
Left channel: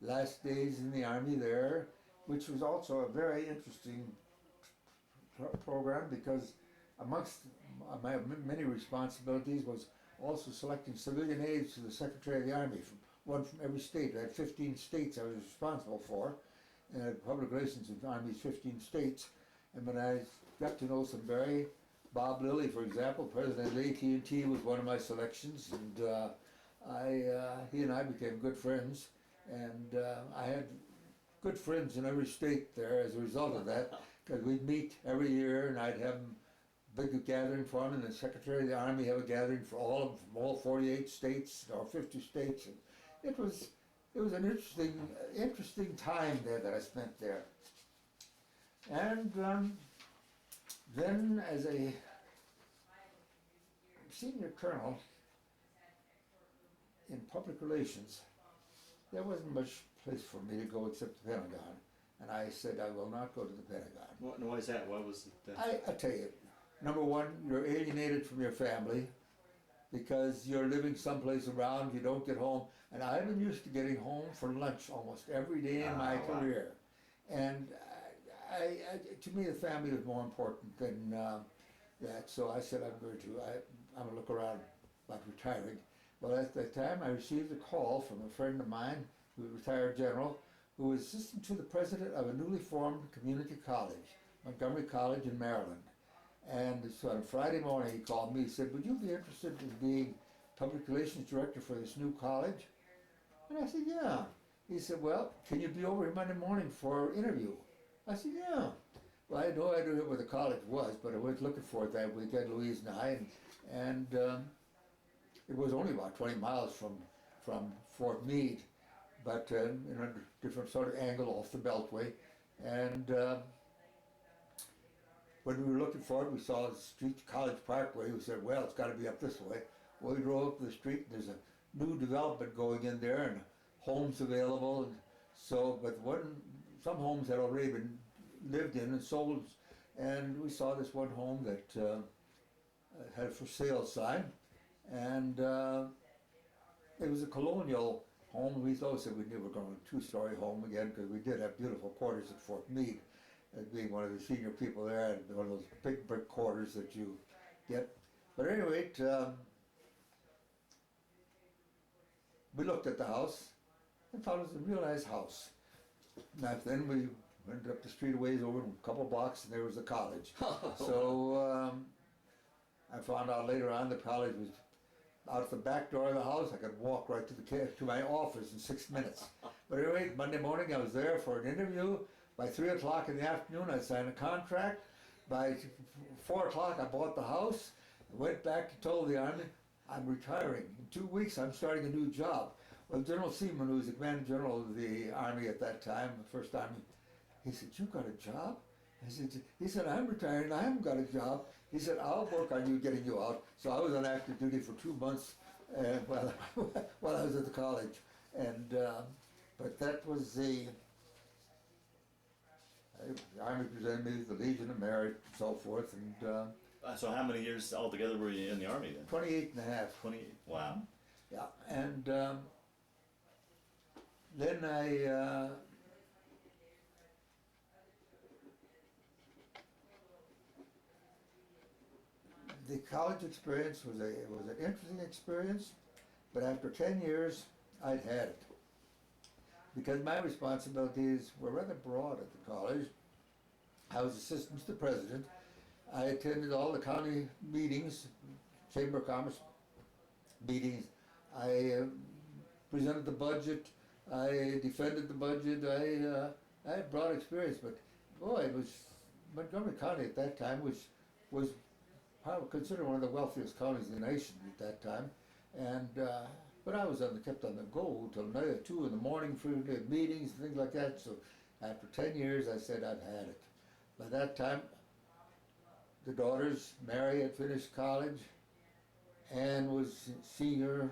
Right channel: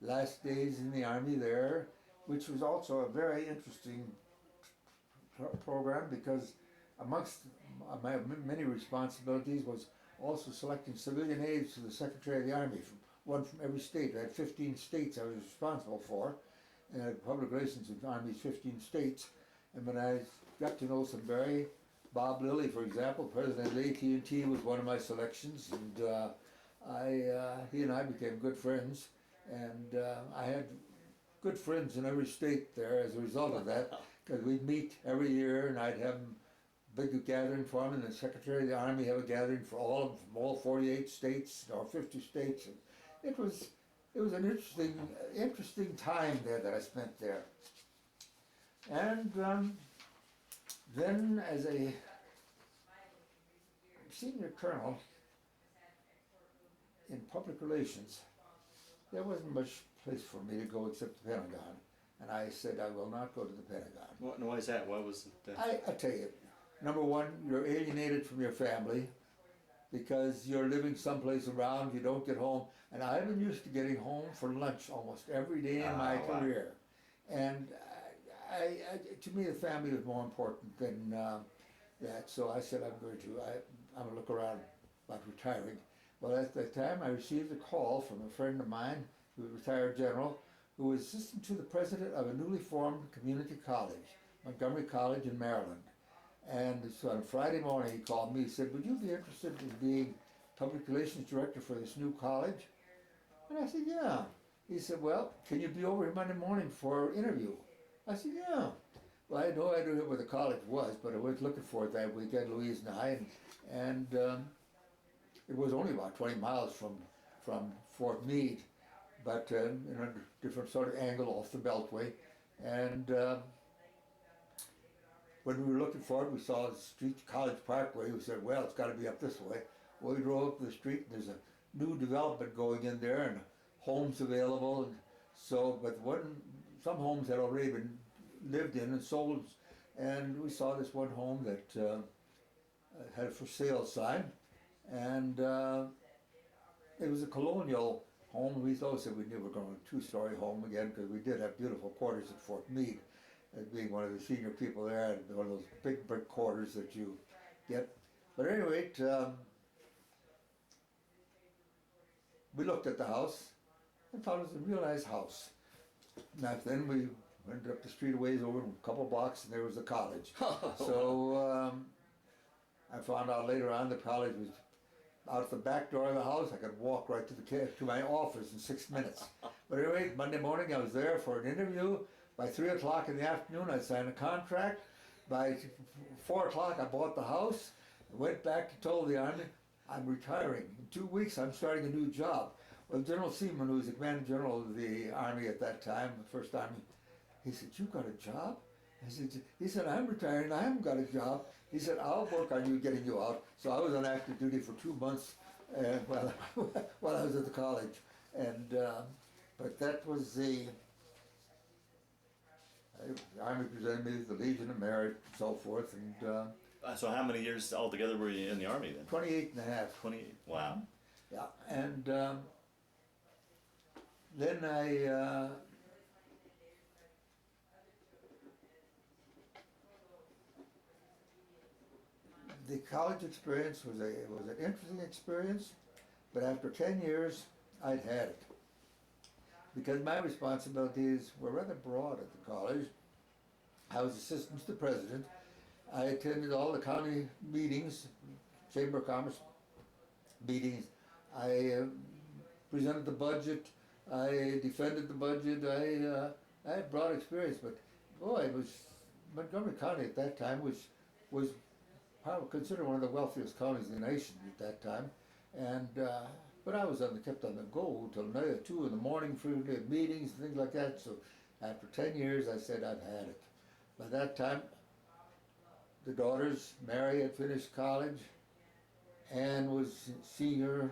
last days in the Army there, which was also a very interesting program, because amongst my many responsibilities was also selecting civilian aides to the Secretary of the Army, one from every state. I had 15 states I was responsible for, and I had public relations with the Army's 15 states. And when I got to know some Bob Lilly, for example, president of AT&T, was one of my selections, and he and I became good friends, and I had good friends in every state there as a result of that, because we'd meet every year, and I'd have a big gathering for him, and the Secretary of the Army have a gathering for from all 48 states or 50 states, and it was an interesting time there that I spent there. And then as a senior colonel in public relations, there wasn't much place for me to go except the Pentagon. And I said, I will not go to the Pentagon. Why is that? What was it? I tell you, number one, you're alienated from your family because you're living someplace around, you don't get home. And I've been used to getting home for lunch almost every day in my career. And to me, the family was more important than that. So I said, I'm going to look around about retiring. Well, at that time, I received a call from a friend of mine, who was a retired general, who was assistant to the president of a newly formed community college, Montgomery College in Maryland. And so on Friday morning, he called me. He said, would you be interested in being public relations director for this new college? And I said, yeah. He said, well, can you be over here Monday morning for an interview? I said, yeah. Well, I had no idea where the college was, but I was looking for it that weekend, Louise and I, and it was only about 20 miles from Fort Meade, but in a different sort of angle off the Beltway. And when we were looking for it, we saw the street, College Parkway. We said, well, it's got to be up this way. Well, we drove up the street, and there's a new development going in there, and homes available. And so, but some homes had already been lived in and sold, and we saw this one home that had a for sale sign, and it was a colonial home. We thought that we knew we were going to a two-story home again, because we did have beautiful quarters at Fort Meade, as being one of the senior people there, and one of those big brick quarters that you get. But anyway, we looked at the house, and found it was a real nice house. Now then we went up the street a ways over, a couple blocks, and there was the college. So I found out later on the college was out the back door of the house. I could walk right to my office in 6 minutes. But anyway, Monday morning I was there for an interview. By 3 o'clock in the afternoon I signed a contract. By 4 o'clock I bought the house. I went back and told the Army, I'm retiring. In 2 weeks I'm starting a new job. Well, General Seaman, who was the commanding general of the Army at that time, the First Army, he said, you got a job? He said, I'm retiring, I haven't got a job. He said, I'll work on you, getting you out. So I was on active duty for 2 months while I was at the college. And, but that was the Army presented me with the Legion of Merit and so forth. And So how many years altogether were you in the Army then? 28 and a half. 28, wow. Yeah, and then I the college experience was an interesting experience, but after 10 years, I'd had it. Because my responsibilities were rather broad at the college. I was assistant to the president. I attended all the county meetings, Chamber of Commerce meetings. I presented the budget. I defended the budget. I had broad experience, but boy, it was Montgomery County at that time was probably considered one of the wealthiest counties in the nation at that time, and but I was kept on the go till 2 in the morning for the meetings and things like that. So after 10 years, I said I've had it. By that time, the daughters, Mary had finished college, Anne was senior,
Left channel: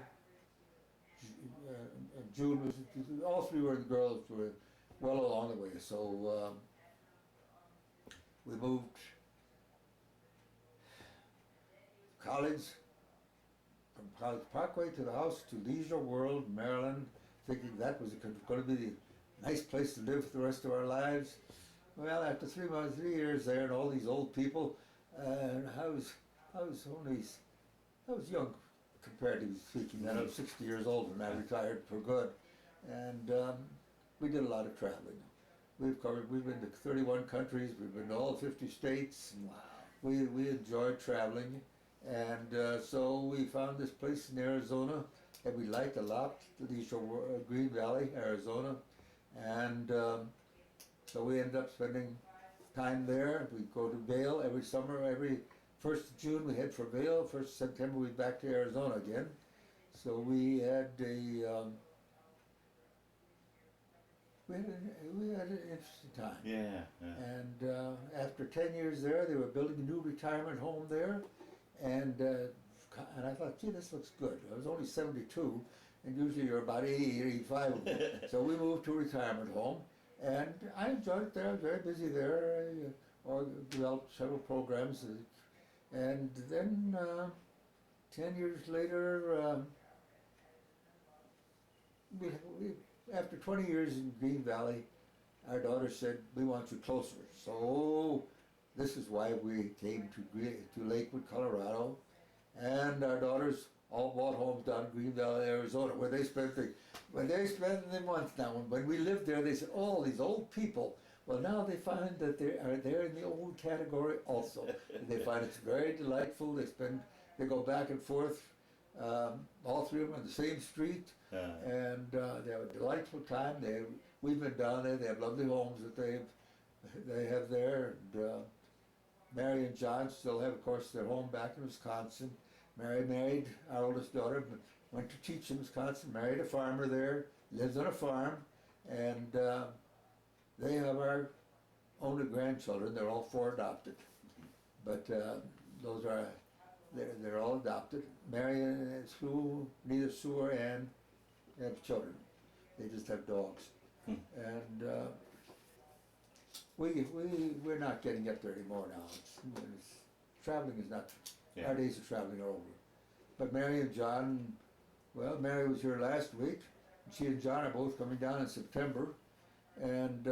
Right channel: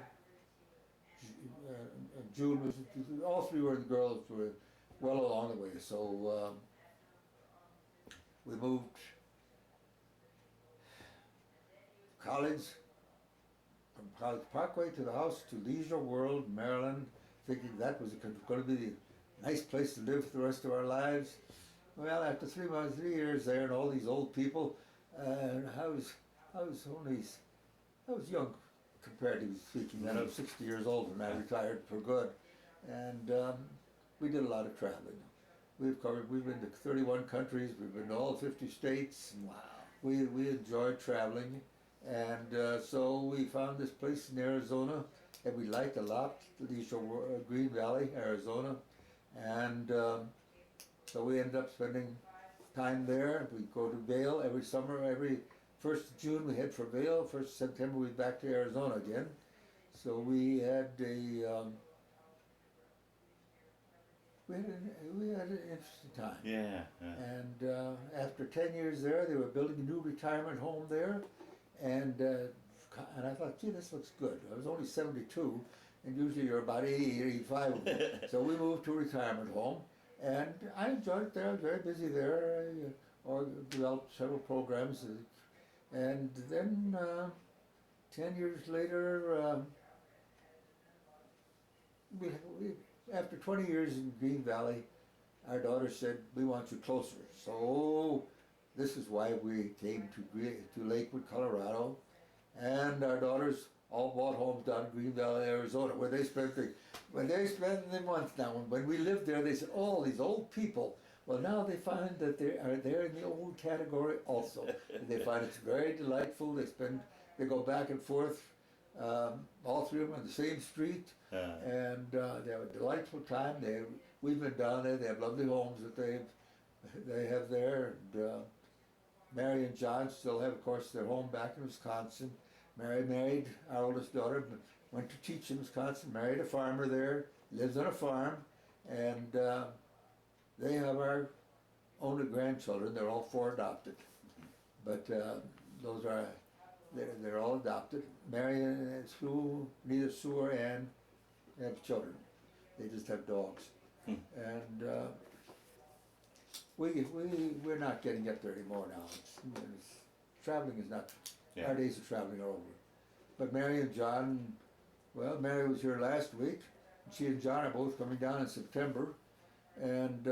June was, all three were the girls were well along the way. So we moved college, from College Parkway to the house to Leisure World, Maryland, thinking that was going to be the nice place to live for the rest of our lives. Well, after 3 years there and all these old people, I was young comparatively speaking. Then I was 60 years old and I retired for good. And we did a lot of traveling. We've been to 31 countries, we've been to all 50 states. And Wow. we enjoyed traveling. And so we found this place in Arizona that we liked a lot, Green Valley, Arizona. And so we ended up spending time there. We'd go to Vail every summer. Every 1st of June we head for Vail. 1st of September we'd back to Arizona again. So we had we had an interesting time. Yeah. And after 10 years there, they were building a new retirement home there. And I thought, gee, this looks good. I was only 72, and usually you're about 80, 85. So we moved to a retirement home, and I enjoyed it there. I was very busy there. I developed several programs. And then 10 years later, after 20 years in Green Valley, our daughter said, we want you closer. So this is why we came to Lakewood, Colorado, and our daughters all bought homes down in Green Valley, Arizona, where they spent the month now. When we lived there, they said, oh, these old people. Well, now they find that they're in the old category also. They find it's very delightful. They go back and forth, all three of them on the same street, and they have a delightful time. We've been down there. They have lovely homes that they have there. And, Mary and John still have, of course, their home back in Wisconsin. Mary married our oldest daughter, went to teach in Wisconsin, married a farmer there, lives on a farm, and they have our only grandchildren. They're all 4 adopted, but they're all adopted. Mary and Sue, neither Sue or Ann have children. They just have dogs. And we're not getting up there anymore now. Traveling is not, our days of traveling are over. But Mary and John, well, Mary was here last week. And she and John are both coming down in September. And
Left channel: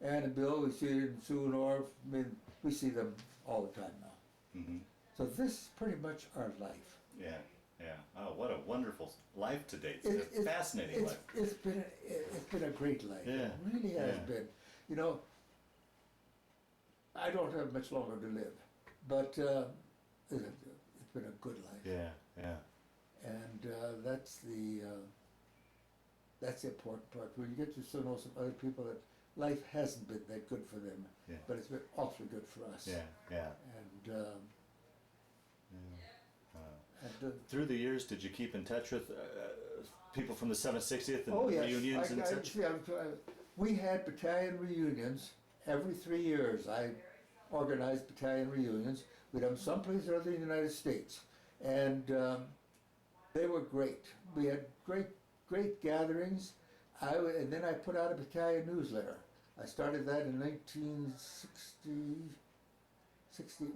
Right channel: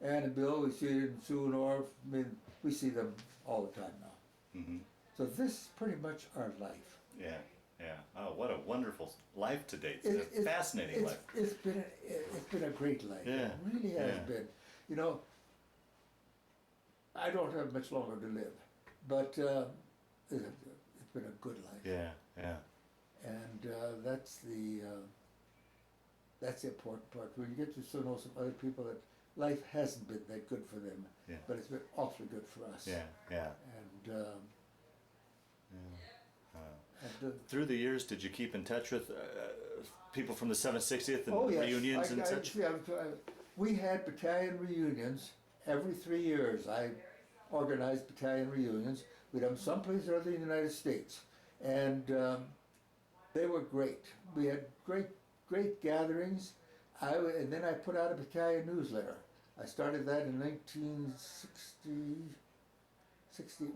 Ann and Bill, we see in Sue and Orv, we see them all the time now. Mm-hmm. So this is pretty much our life. Yeah. yeah. Oh, what a wonderful life to date. It- Fascinating life. It's been a great life. Yeah, It really has yeah. been. You know, I don't have much longer to live, but it's been a good life. Yeah, yeah. And that's the important part. When you get to know some other people that life hasn't been that good for them, Yeah. but it's been awfully good for us. Yeah, yeah. And Yeah. and Through the years, did you keep in touch with people from the 760th and oh yes, reunions and such? we had battalion reunions every 3 years. I organized battalion reunions. We'd have them someplace or other in the United States, and they were great. We had great gatherings. And then I put out a battalion newsletter. I started that in 1960,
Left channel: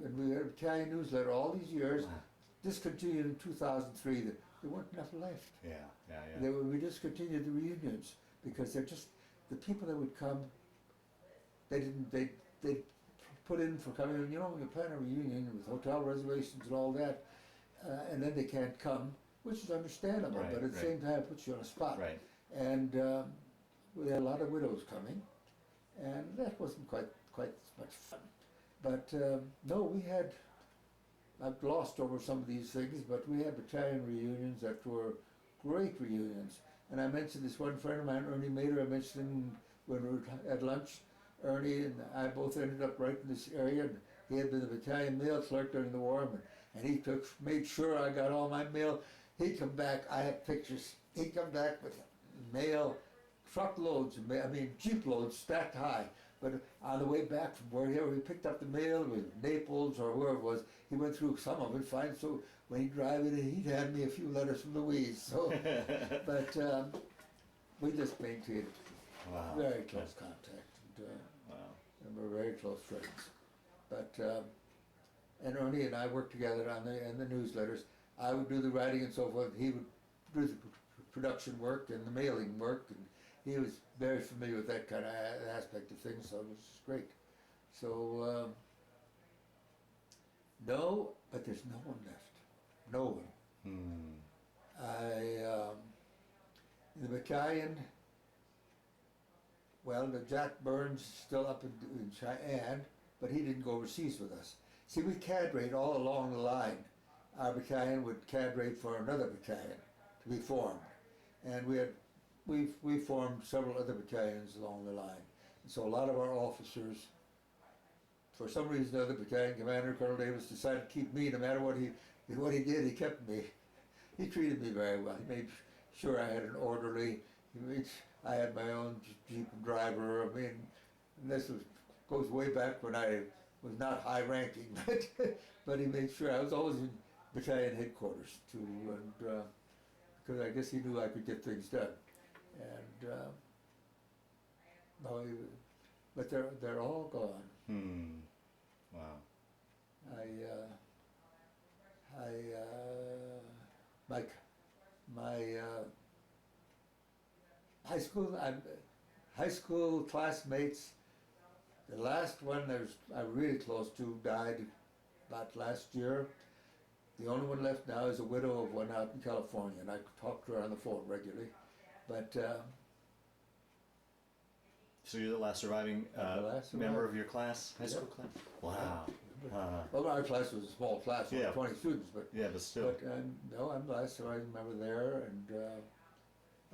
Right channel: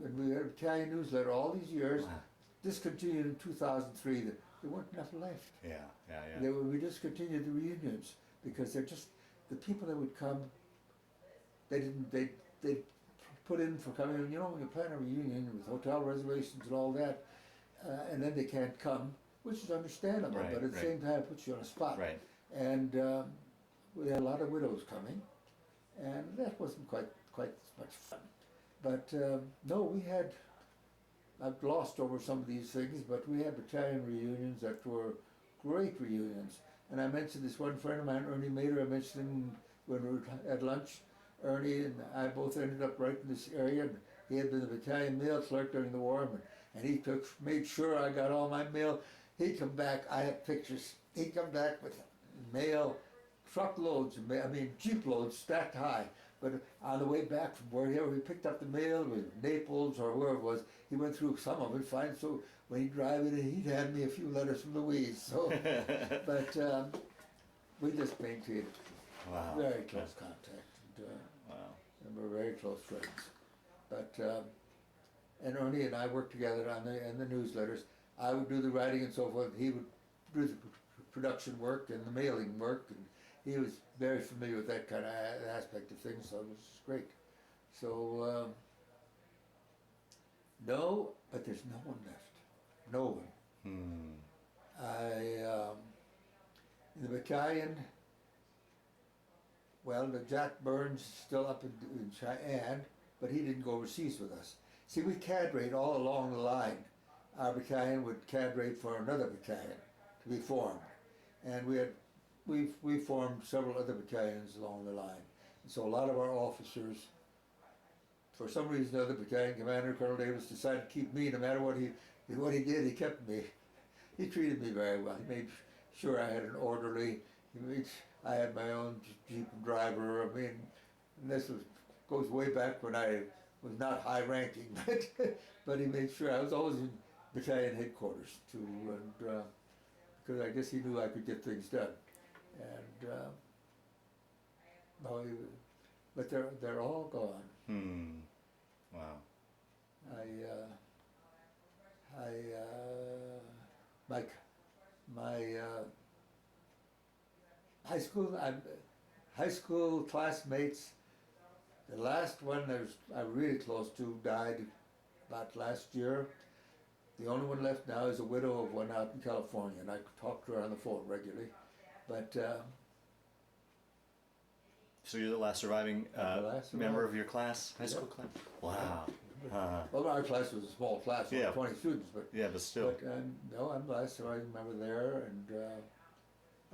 and we had a battalion newsletter all these years. Wow. Discontinued in 2003. There weren't enough left. Yeah, yeah, yeah. We discontinued the reunions because they're just the people that would come. They put in for coming. You know, when you plan a reunion with hotel reservations and all that, and then they can't come, which is understandable. Right, but at the right. same time, it puts you on a spot. Right. And we had a lot of widows coming, and that wasn't quite as much fun. But no, we had. I've glossed over some of these things, but we had battalion reunions that were great reunions. And I mentioned this one friend of mine, Ernie Mader. I mentioned him when we were at lunch. Ernie and I both ended up right in this area. And he had been the battalion mail clerk during the war, and he made sure I got all my mail. He'd come back. I have pictures. He'd come back with mail, truckloads, jeep loads stacked high. But on the way back from wherever he picked up the mail, with Naples or wherever it was, he went through some of it fine. So when he'd drive it, he'd hand me a few letters from Louise. So, but we just maintained very close contact, and, and we're very close friends. But and Ernie and I worked together on the newsletters. I would do the writing and so forth. He would do the production work and the mailing work, and he was very familiar with that kind of aspect of things, so it was great. So, no, but there's no one left. No one. In the battalion, well, the Jack Burns still up in Cheyenne, but he didn't go overseas with us. See, we cadrate all along the line. Our battalion would cadrate for another battalion to be formed. And we formed several other battalions along the line. And so a lot of our officers, for some reason or other, battalion commander Colonel Davis decided to keep me. No matter what he did, he kept me. He treated me very well. He made sure I had an orderly. I had my own jeep and driver. And this goes way back when I was not high ranking, but he made sure I was always in battalion headquarters too, and because I guess he knew I could get things done. And but they're all gone. Wow. My high school classmates. The last one I'm really close to died about last year. The only one left now is a widow of one out in California, and I talk to her on the phone regularly. But so you're the last surviving member of your class, high school class? Wow. Well, our class was a small class, Yeah. 20 students, but still. But no, I'm the last surviving member there, and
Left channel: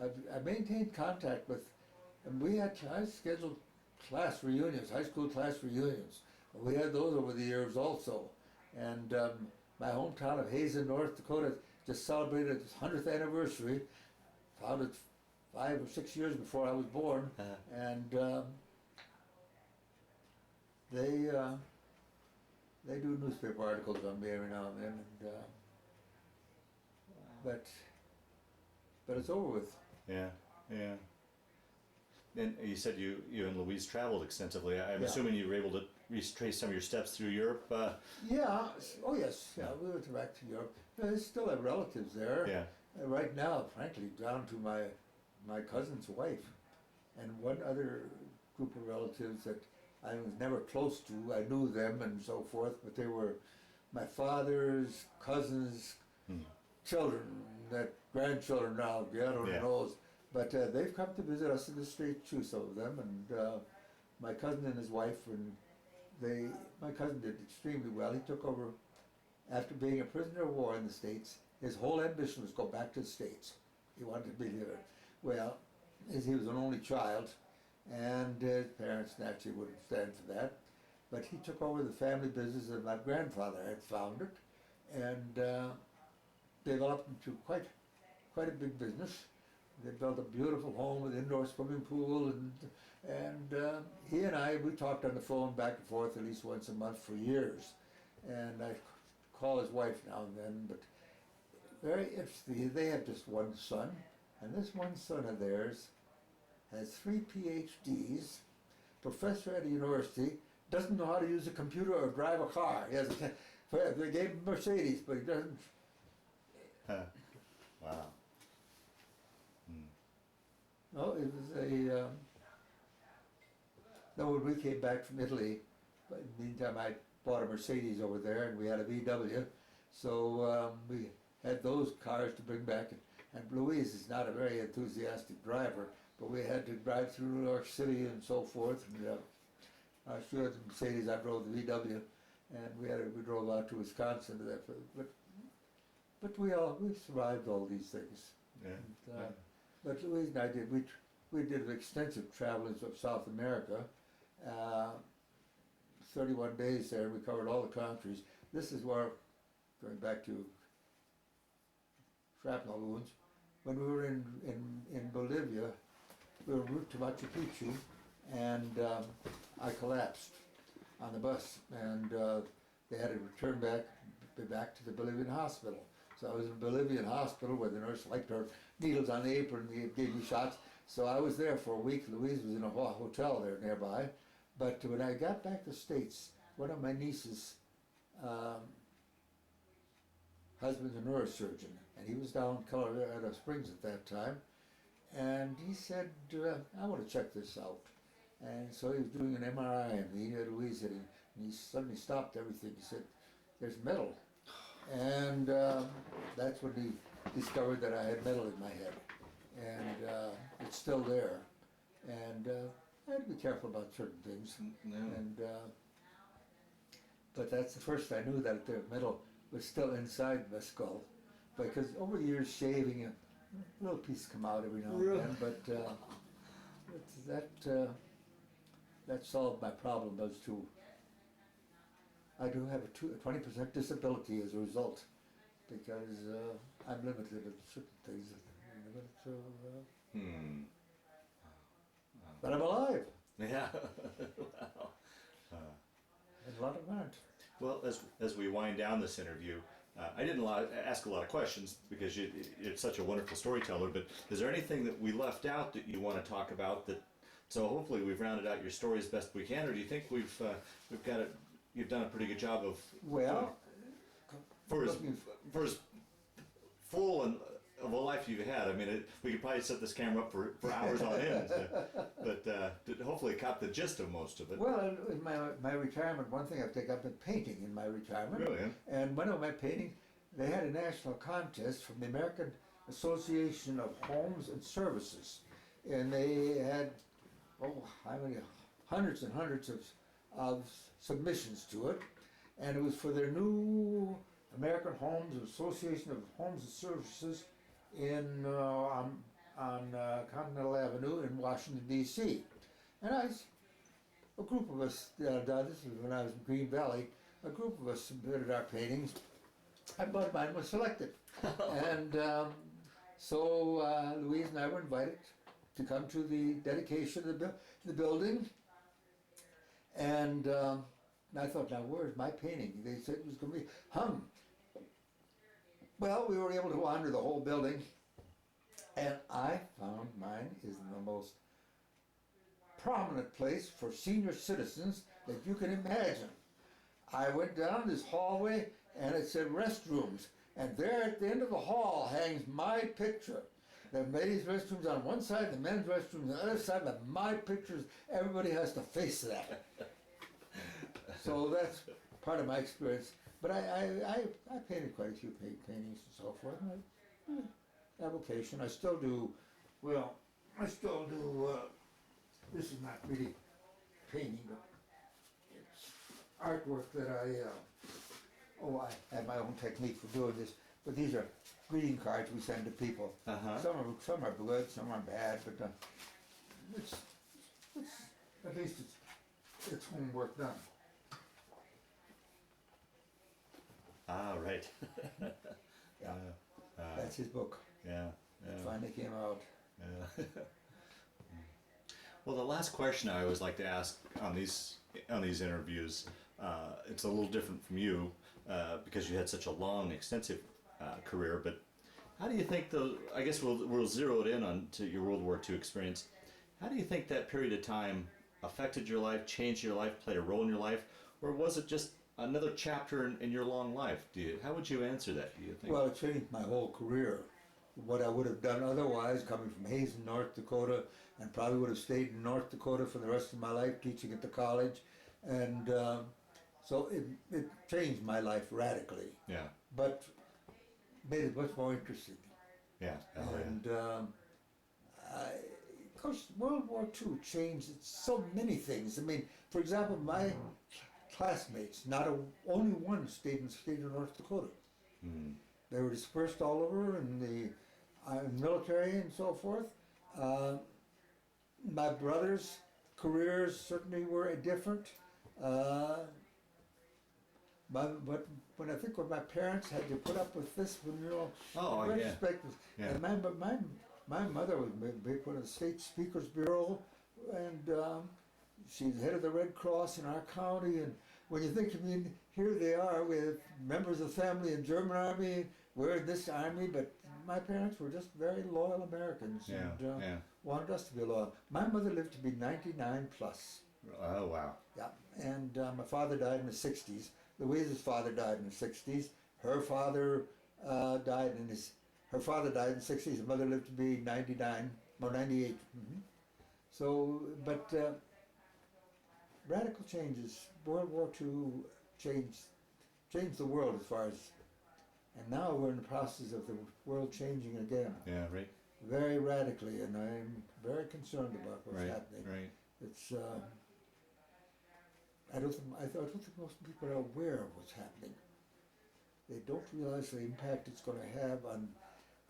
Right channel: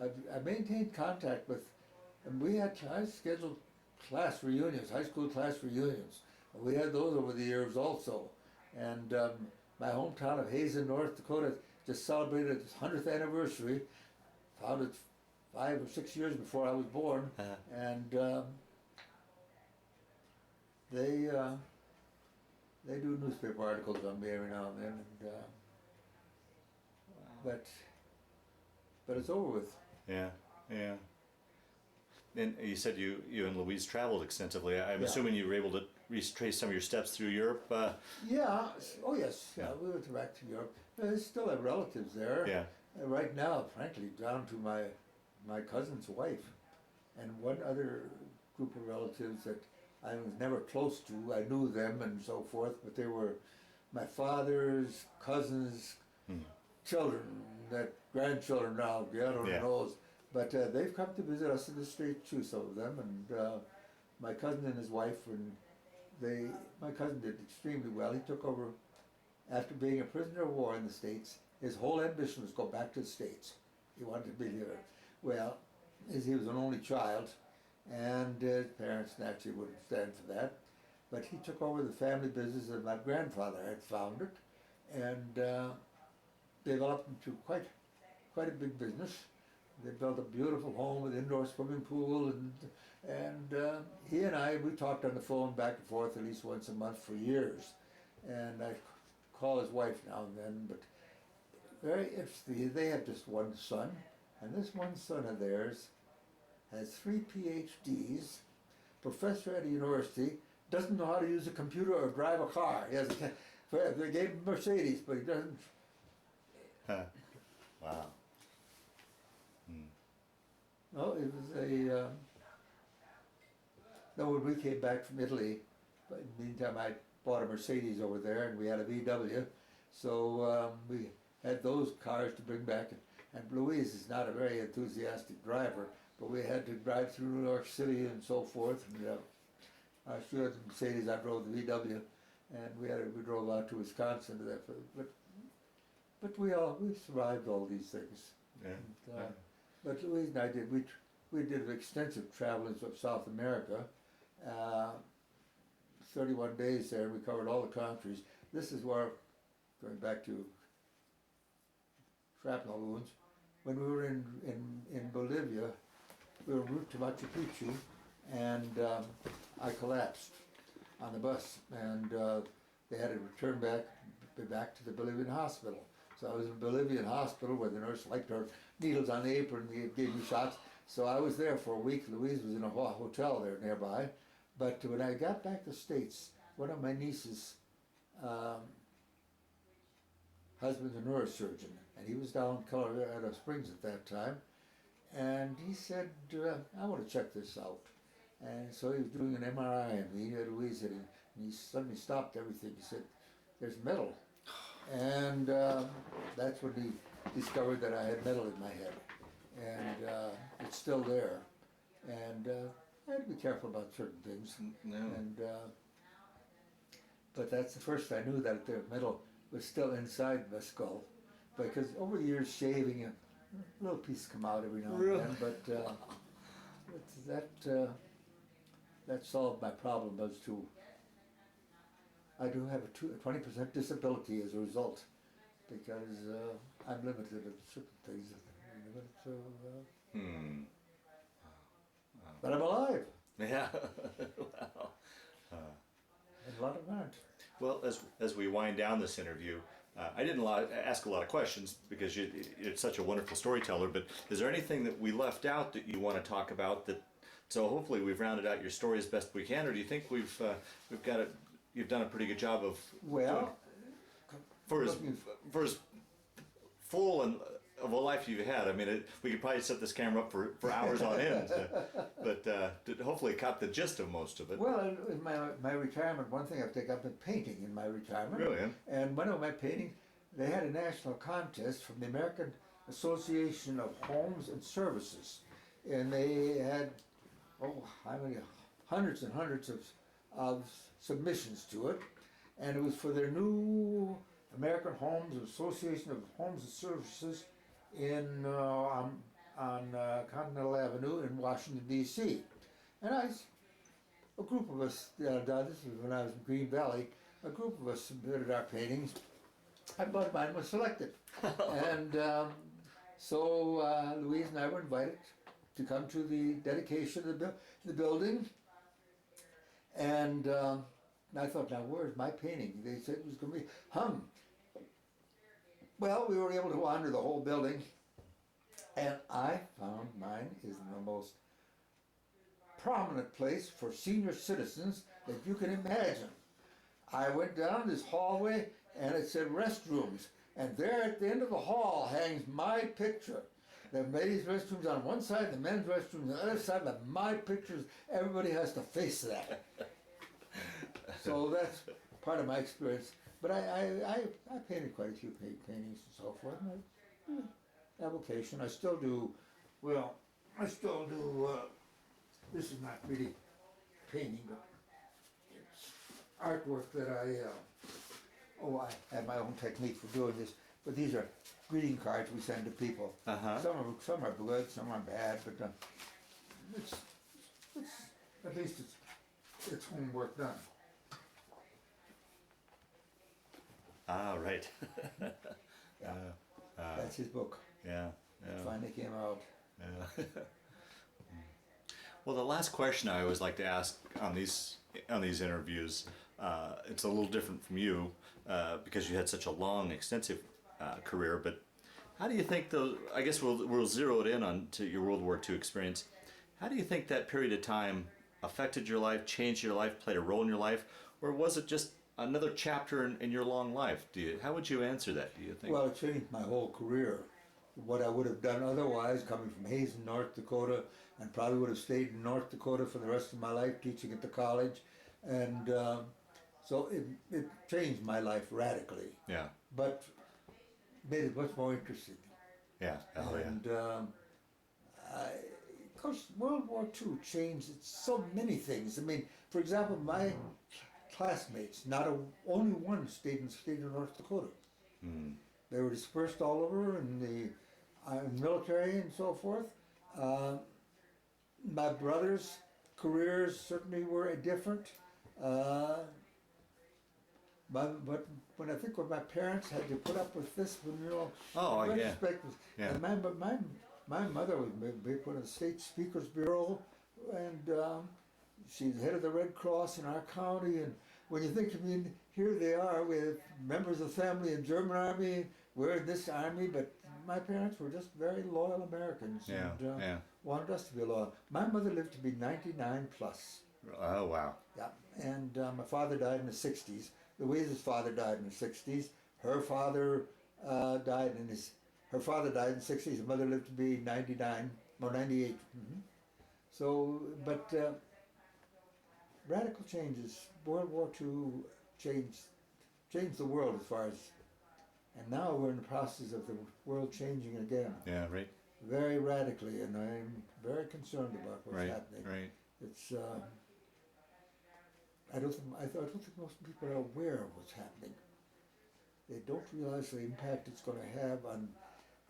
I maintained contact with. And I scheduled class reunions, high school class reunions. We had those over the years also, and my hometown of Hazen, North Dakota, just celebrated its 100th anniversary. Founded 5 or 6 years before I was born, and they do newspaper articles on me every now and then, and but it's over with. Yeah. And you said you and Louise traveled extensively. I'm assuming you were able to retrace some of your steps through Europe. Yeah. Oh yes. Yeah. We went back to Europe. I still have relatives there. Yeah. Right now, frankly, down to my cousin's wife, and one other group of relatives that I was never close to. I knew them and so forth, but they were my father's cousins, children, that grandchildren now, God only Yeah. knows. But they've come to visit us in the States too, some of them, and my cousin and his wife, and my cousin did extremely well. He took over, after being a prisoner of war in the States, his whole ambition was to go back to the States. He wanted to be there. Well, as he was an only child, and his parents naturally wouldn't stand for that, but he took over the family business that my grandfather had founded, and developed into quite a big business. They built a beautiful home with indoor swimming pool, and he and I, we talked on the phone back and forth at least once a month for years. And I call his wife now and then, but very interesting. They have just one son, and this one son of theirs has 3 PhDs, professor at a university, doesn't know how to use a computer or drive a car. He has they gave him a Mercedes, but he doesn't. Wow. No, it was a. No, when we came back from Italy, but in the meantime I bought a Mercedes over there, and we had a VW, so we had those cars to bring back. And Louise is not a very enthusiastic driver, but we had to drive through New York City and so forth. And she had the Mercedes, I drove the VW, and we drove out to Wisconsin. But we survived all these things. Yeah. And, but Louise and I did, we did extensive traveling of South America, 31 days there, we covered all the countries. This is where, going back to shrapnel wounds, when we were in Bolivia, we were en route to Machu Picchu, and I collapsed on the bus, and they had to return back to the Bolivian hospital. So I was in a Bolivian hospital where the nurse liked her needles on the apron and gave me shots. So I was there for a week. Louise was in a hotel there nearby. But when I got back to the States, one of my nieces' husband's a neurosurgeon, and he was down in Colorado Springs at that time. And he said, I want to check this out. And so he was doing an MRI on me, Louise, and he suddenly stopped everything. He said, there's metal. And that's when he discovered that I had metal in my head. And it's still there. And I had to be careful about certain things. No. And but that's the first I knew that the metal was still inside my skull. Because over the years shaving, a little piece come out every now and then. But that solved my problem as to I do have a 20% disability as a result, because I'm limited at certain things. But I'm alive. Yeah. Wow. And a lot of aren't. Well, as we wind down this interview, I didn't ask a lot of questions because you're such a wonderful storyteller, but is there anything that we left out that you want to talk about so hopefully we've rounded out your story as best we can, or do you think we've got it? You've done a pretty good job of for as full of a life you've had. I mean, we could probably set this camera up for hours on end, but hopefully caught the gist of most of it. Well, in my retirement, one thing I've taken up in painting in my retirement. Really? And one of my paintings, they had a national contest from the American Association of Homes and Services, and they had how many hundreds and hundreds of submissions to it, and it was for their new American Homes Association of Homes and Services in on Continental Avenue in Washington D.C. And a group of us, this was when I was in Green Valley, a group of us submitted our paintings, and mine was selected. And so Louise and I were invited to come to the dedication of the building. And I thought, now where's my painting? They said it was going to be hung. Well, we were able to wander the whole building, and I found mine is in the most prominent place for senior citizens that you can imagine. I went down this hallway, and it said restrooms, and there at the end of the hall hangs my picture. The ladies' restrooms on one side, the men's restrooms on the other side, but my pictures, everybody has to face that. So that's part of my experience. But I painted quite a few paintings and so forth. And avocation. I still do, well, I still do, this is not really painting, but it's artwork that I have my own technique for doing this, but these are greeting cards we send to people. Uh-huh. Some are good, some are bad, but it's at least it's homework done. Ah, right. Yeah, that's his book. Yeah. It finally came out. Yeah. Well, the last question I always like to ask on these interviews, it's a little different from you because you had such a long, extensive career. But how do you think those? I guess we'll zero it in on to your World War II experience. How do you think that period of time affected your life, changed your life, played a role in your life, or was it just another chapter in your long life? How would you answer that? Do you think? Well, it changed my whole career. What I would have done otherwise, coming from Hazen, North Dakota, and probably would have stayed in North Dakota for the rest of my life, teaching at the college, and so it changed my life radically. Yeah. But made it much more interesting. Yeah. Oh, And of course, World War II changed so many things. I mean, for example, my classmates, only one stayed in North Dakota. Hmm. They were dispersed all over in the military and so forth. My brothers' careers certainly were different. But when I think when my parents had to put up with this, when Oh, in yeah. retrospect, Yeah. and my mother was put in the State Speaker's Bureau, and she's head of the Red Cross in our county. And when you think, I mean, here they are with members of the family in German army, we're in this army, but my parents were just very loyal Americans Yeah. and Yeah. wanted us to be loyal. My mother lived to be 99 plus. Oh, wow. Yeah, and my father died in the 60s. Louise's father died in the 60s. Her father died in her father died in the 60s. Her mother lived to be 99, or 98. Mm-hmm. So, but radical changes. World War II changed the world as far as, and now we're in the process of the world changing again. Yeah. Right. Very radically, and I'm very concerned about what's Right. happening. Right. It's I don't think most people are aware of what's happening. They don't realize the impact it's going to have on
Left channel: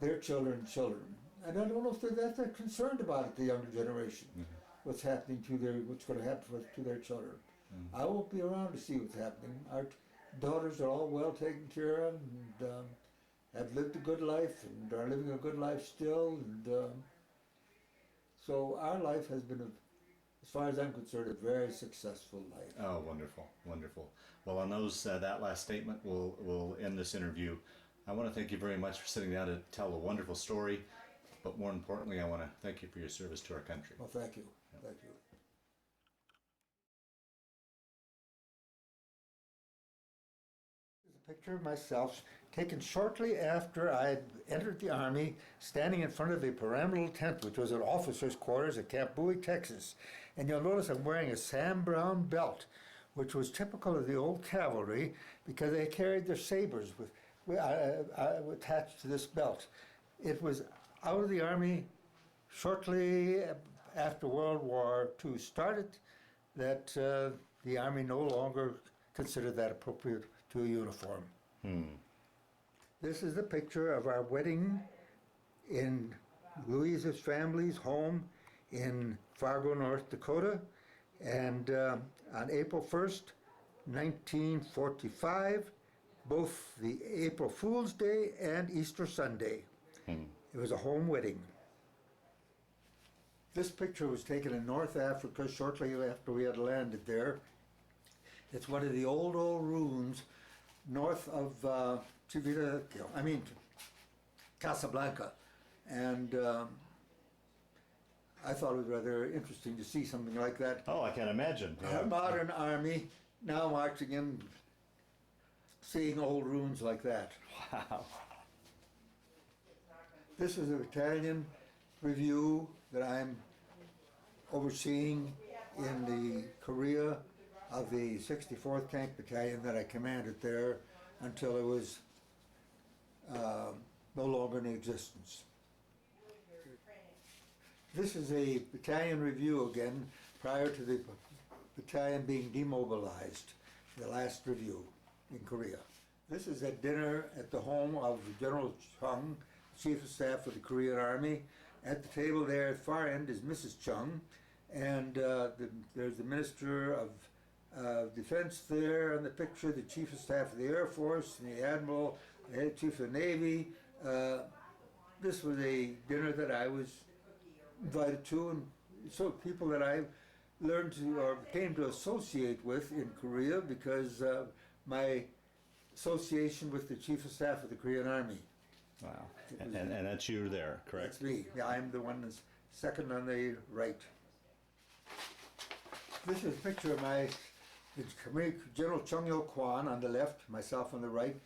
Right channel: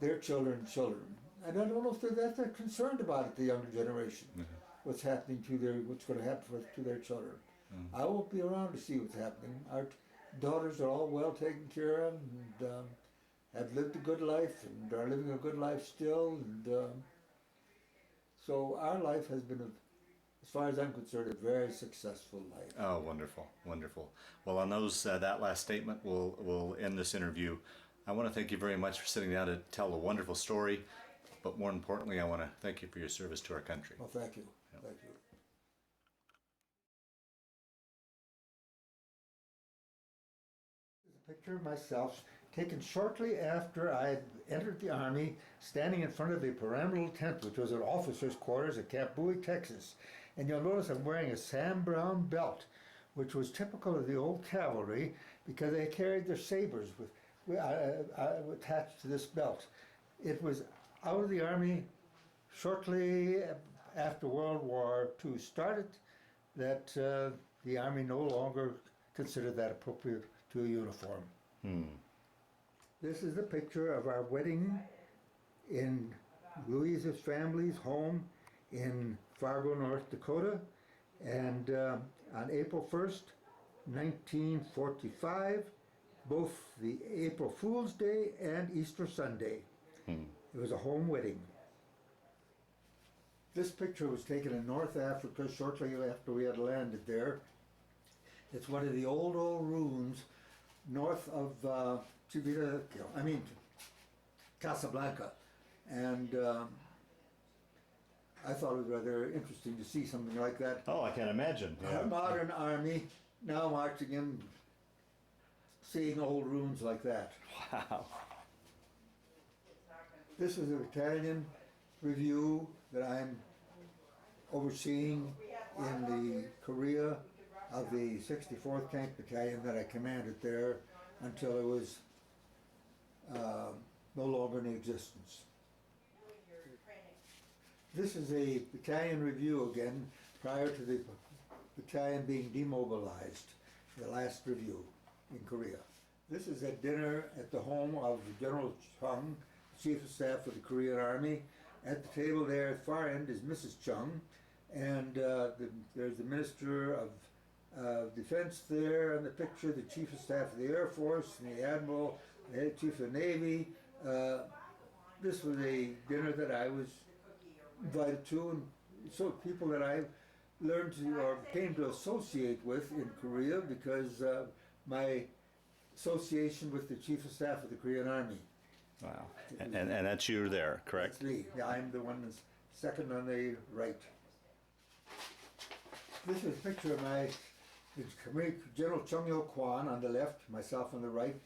their children's children. And I don't know if they're that concerned about it, the younger generation, what's happening what's going to happen to their children. I won't be around to see what's happening. Our daughters are all well taken care of and have lived a good life and are living a good life still. And so our life has been, as far as I'm concerned, a very successful life. Oh, wonderful, wonderful. Well, on that last statement, we'll end this interview. I want to thank you very much for sitting down to tell a wonderful story, but more importantly, I want to thank you for your service to our country. Well, thank you. Yep. Thank you. Here's a picture of myself taken shortly after I had entered the Army, standing in front of a pyramidal tent, which was at officers' quarters at Camp Bowie, Texas. And you'll notice I'm wearing a Sam Brown belt, which was typical of the old cavalry because they carried their sabers attached to this belt. It was out of the Army shortly after World War II started that the Army no longer considered that appropriate to a uniform. This is the picture of our wedding in Louise's family's home in Fargo, North Dakota, and on April 1st, 1945, both the April Fool's Day and Easter Sunday. It was a home wedding. This picture was taken in North Africa shortly after we had landed there. It's one of the old ruins north of Casablanca, and I thought it was rather interesting to see something like that. Oh, I can imagine. A modern army now marching in, seeing old ruins like that. Wow. This is a battalion review that I'm overseeing in the Korea of the 64th Tank Battalion that I commanded there. until it was no longer in existence. This is a battalion review again, prior to the battalion being demobilized, the last review in Korea. This is a dinner at the home of General Chung, Chief of Staff of the Korean Army. At the table there at the far end is Mrs. Chung, and there's the Minister of Defense there in the picture, the Chief of Staff of the Air Force, and the Admiral, the Head Chief of the Navy. This was a dinner that I was invited to, and so people that I learned to or came to associate with in Korea because my association with the Chief of Staff of the Korean Army. Wow. And that's you there, correct? That's me. Yeah, I'm the one that's second on the right. This is a picture of General Chung Il-kwon on the left, myself on the right,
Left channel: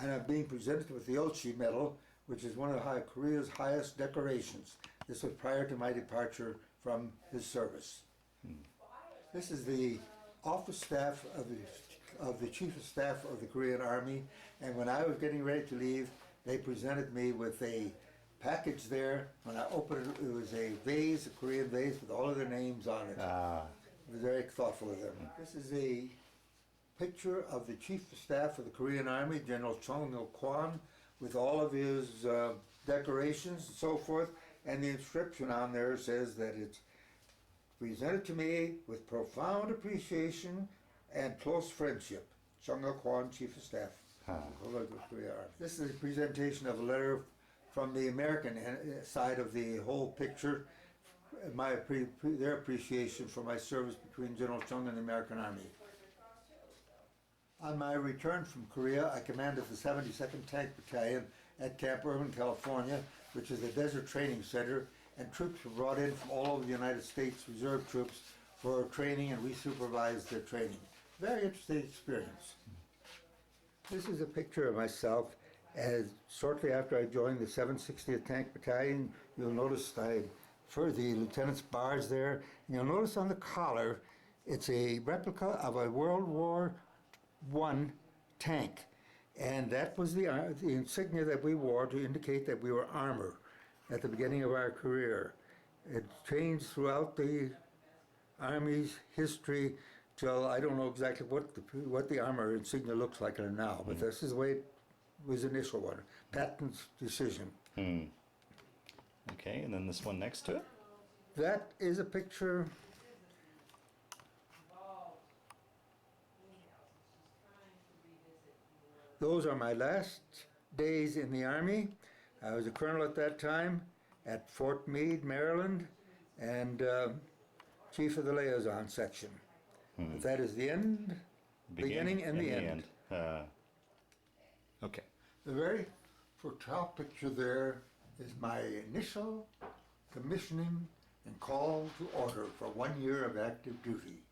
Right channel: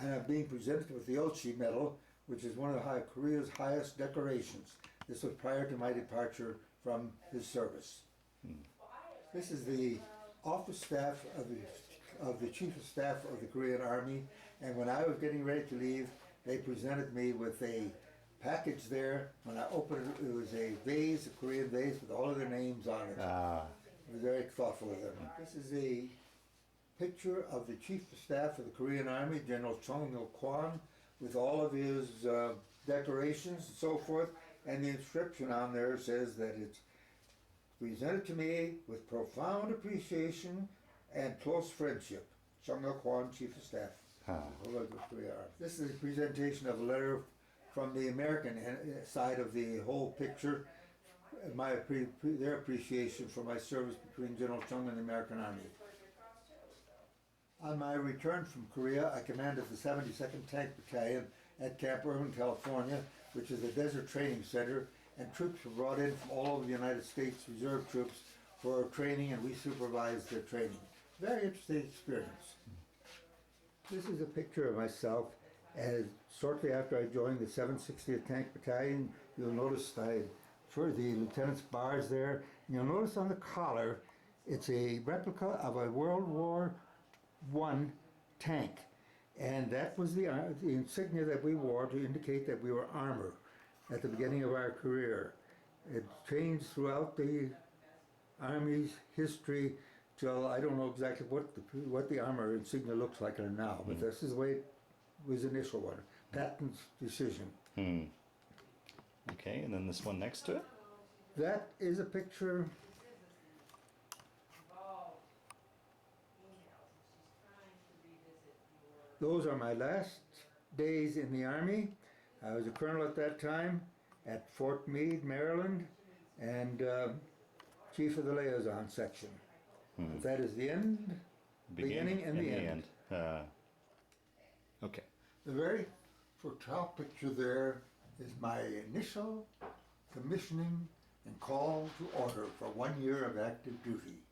and I'm being presented with the Ulchi Medal, which is one of Korea's highest decorations. This was prior to my departure from his service. This is the office staff of the Chief of Staff of the Korean Army, and when I was getting ready to leave, they presented me with a package there. When I opened it, it was a vase, a Korean vase with all of their names on it. It was very thoughtful of them. This is a picture of the Chief of Staff of the Korean Army, General Chung Il-kwon, with all of his decorations and so forth, and the inscription on there says that it's presented to me with profound appreciation and close friendship. Chung Il-kwon, Chief of Staff. This is a presentation of a letter from the American side of the whole picture, their appreciation for my service between General Chung and the American Army. On my return from Korea, I commanded the 72nd Tank Battalion at Camp Irvin, California, which is a desert training center, and troops were brought in from all over the United States, reserve troops, for training, and we supervised their training. Very interesting experience. This is a picture of myself as shortly after I joined the 760th Tank Battalion. You'll notice for the lieutenant's bars there, and you'll notice on the collar, it's a replica of a World War I tank. And that was the insignia that we wore to indicate that we were armor at the beginning of our career. It changed throughout the Army's history till I don't know exactly what the armor insignia looks like now, but this is the way it was the initial one. Patton's decision. Okay, and then this one next to it? That is a picture. Those are my last days in the Army. I was a colonel at that time at Fort Meade, Maryland, and chief of the liaison section. That is the end, beginning and the end. Okay. The very top picture there is my initial commissioning and call to order for 1 year of active duty.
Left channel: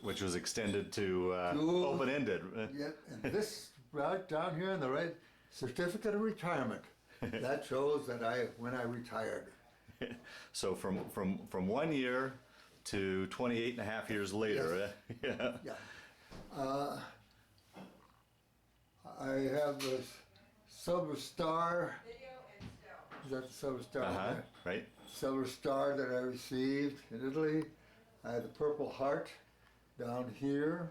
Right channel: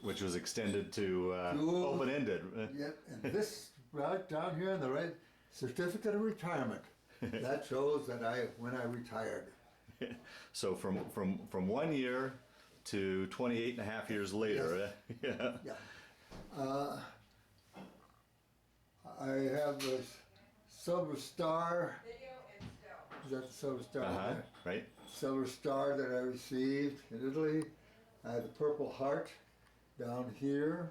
Which was extended to open-ended. Yeah, and this right down here in the red certificate of retirement. That shows that when I retired. So from 1 year to 28 and a half years later. Yes. Yeah. I have this Silver Star. Is that the Silver Star? Right. Silver Star that I received in Italy. I had the Purple Heart down here.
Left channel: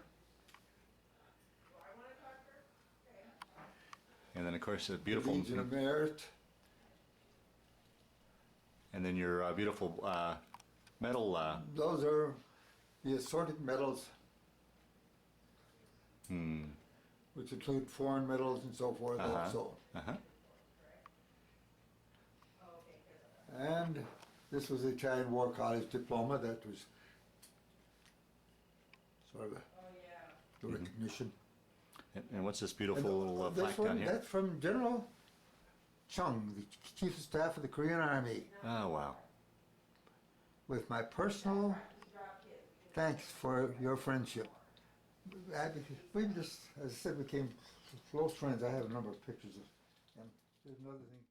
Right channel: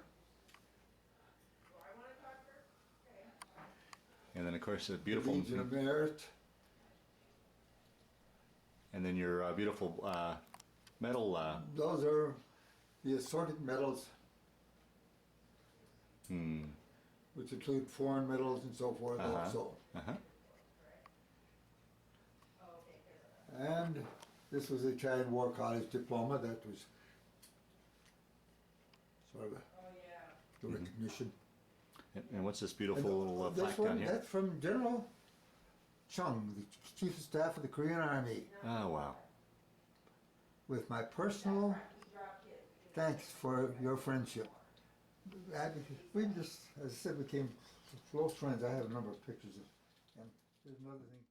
And then, of course, a beautiful Legion of Merit. And then your beautiful medal. Those are the assorted medals, which include foreign medals and so forth also. And this was the Italian War College diploma. That was sort of the recognition. And what's this beautiful little plaque down here? That's from General Chung, the Chief of Staff of the Korean Army. Oh, wow. With my personal thanks for your friendship. We just, as I said, became close friends. I have a number of pictures of him. There's another thing.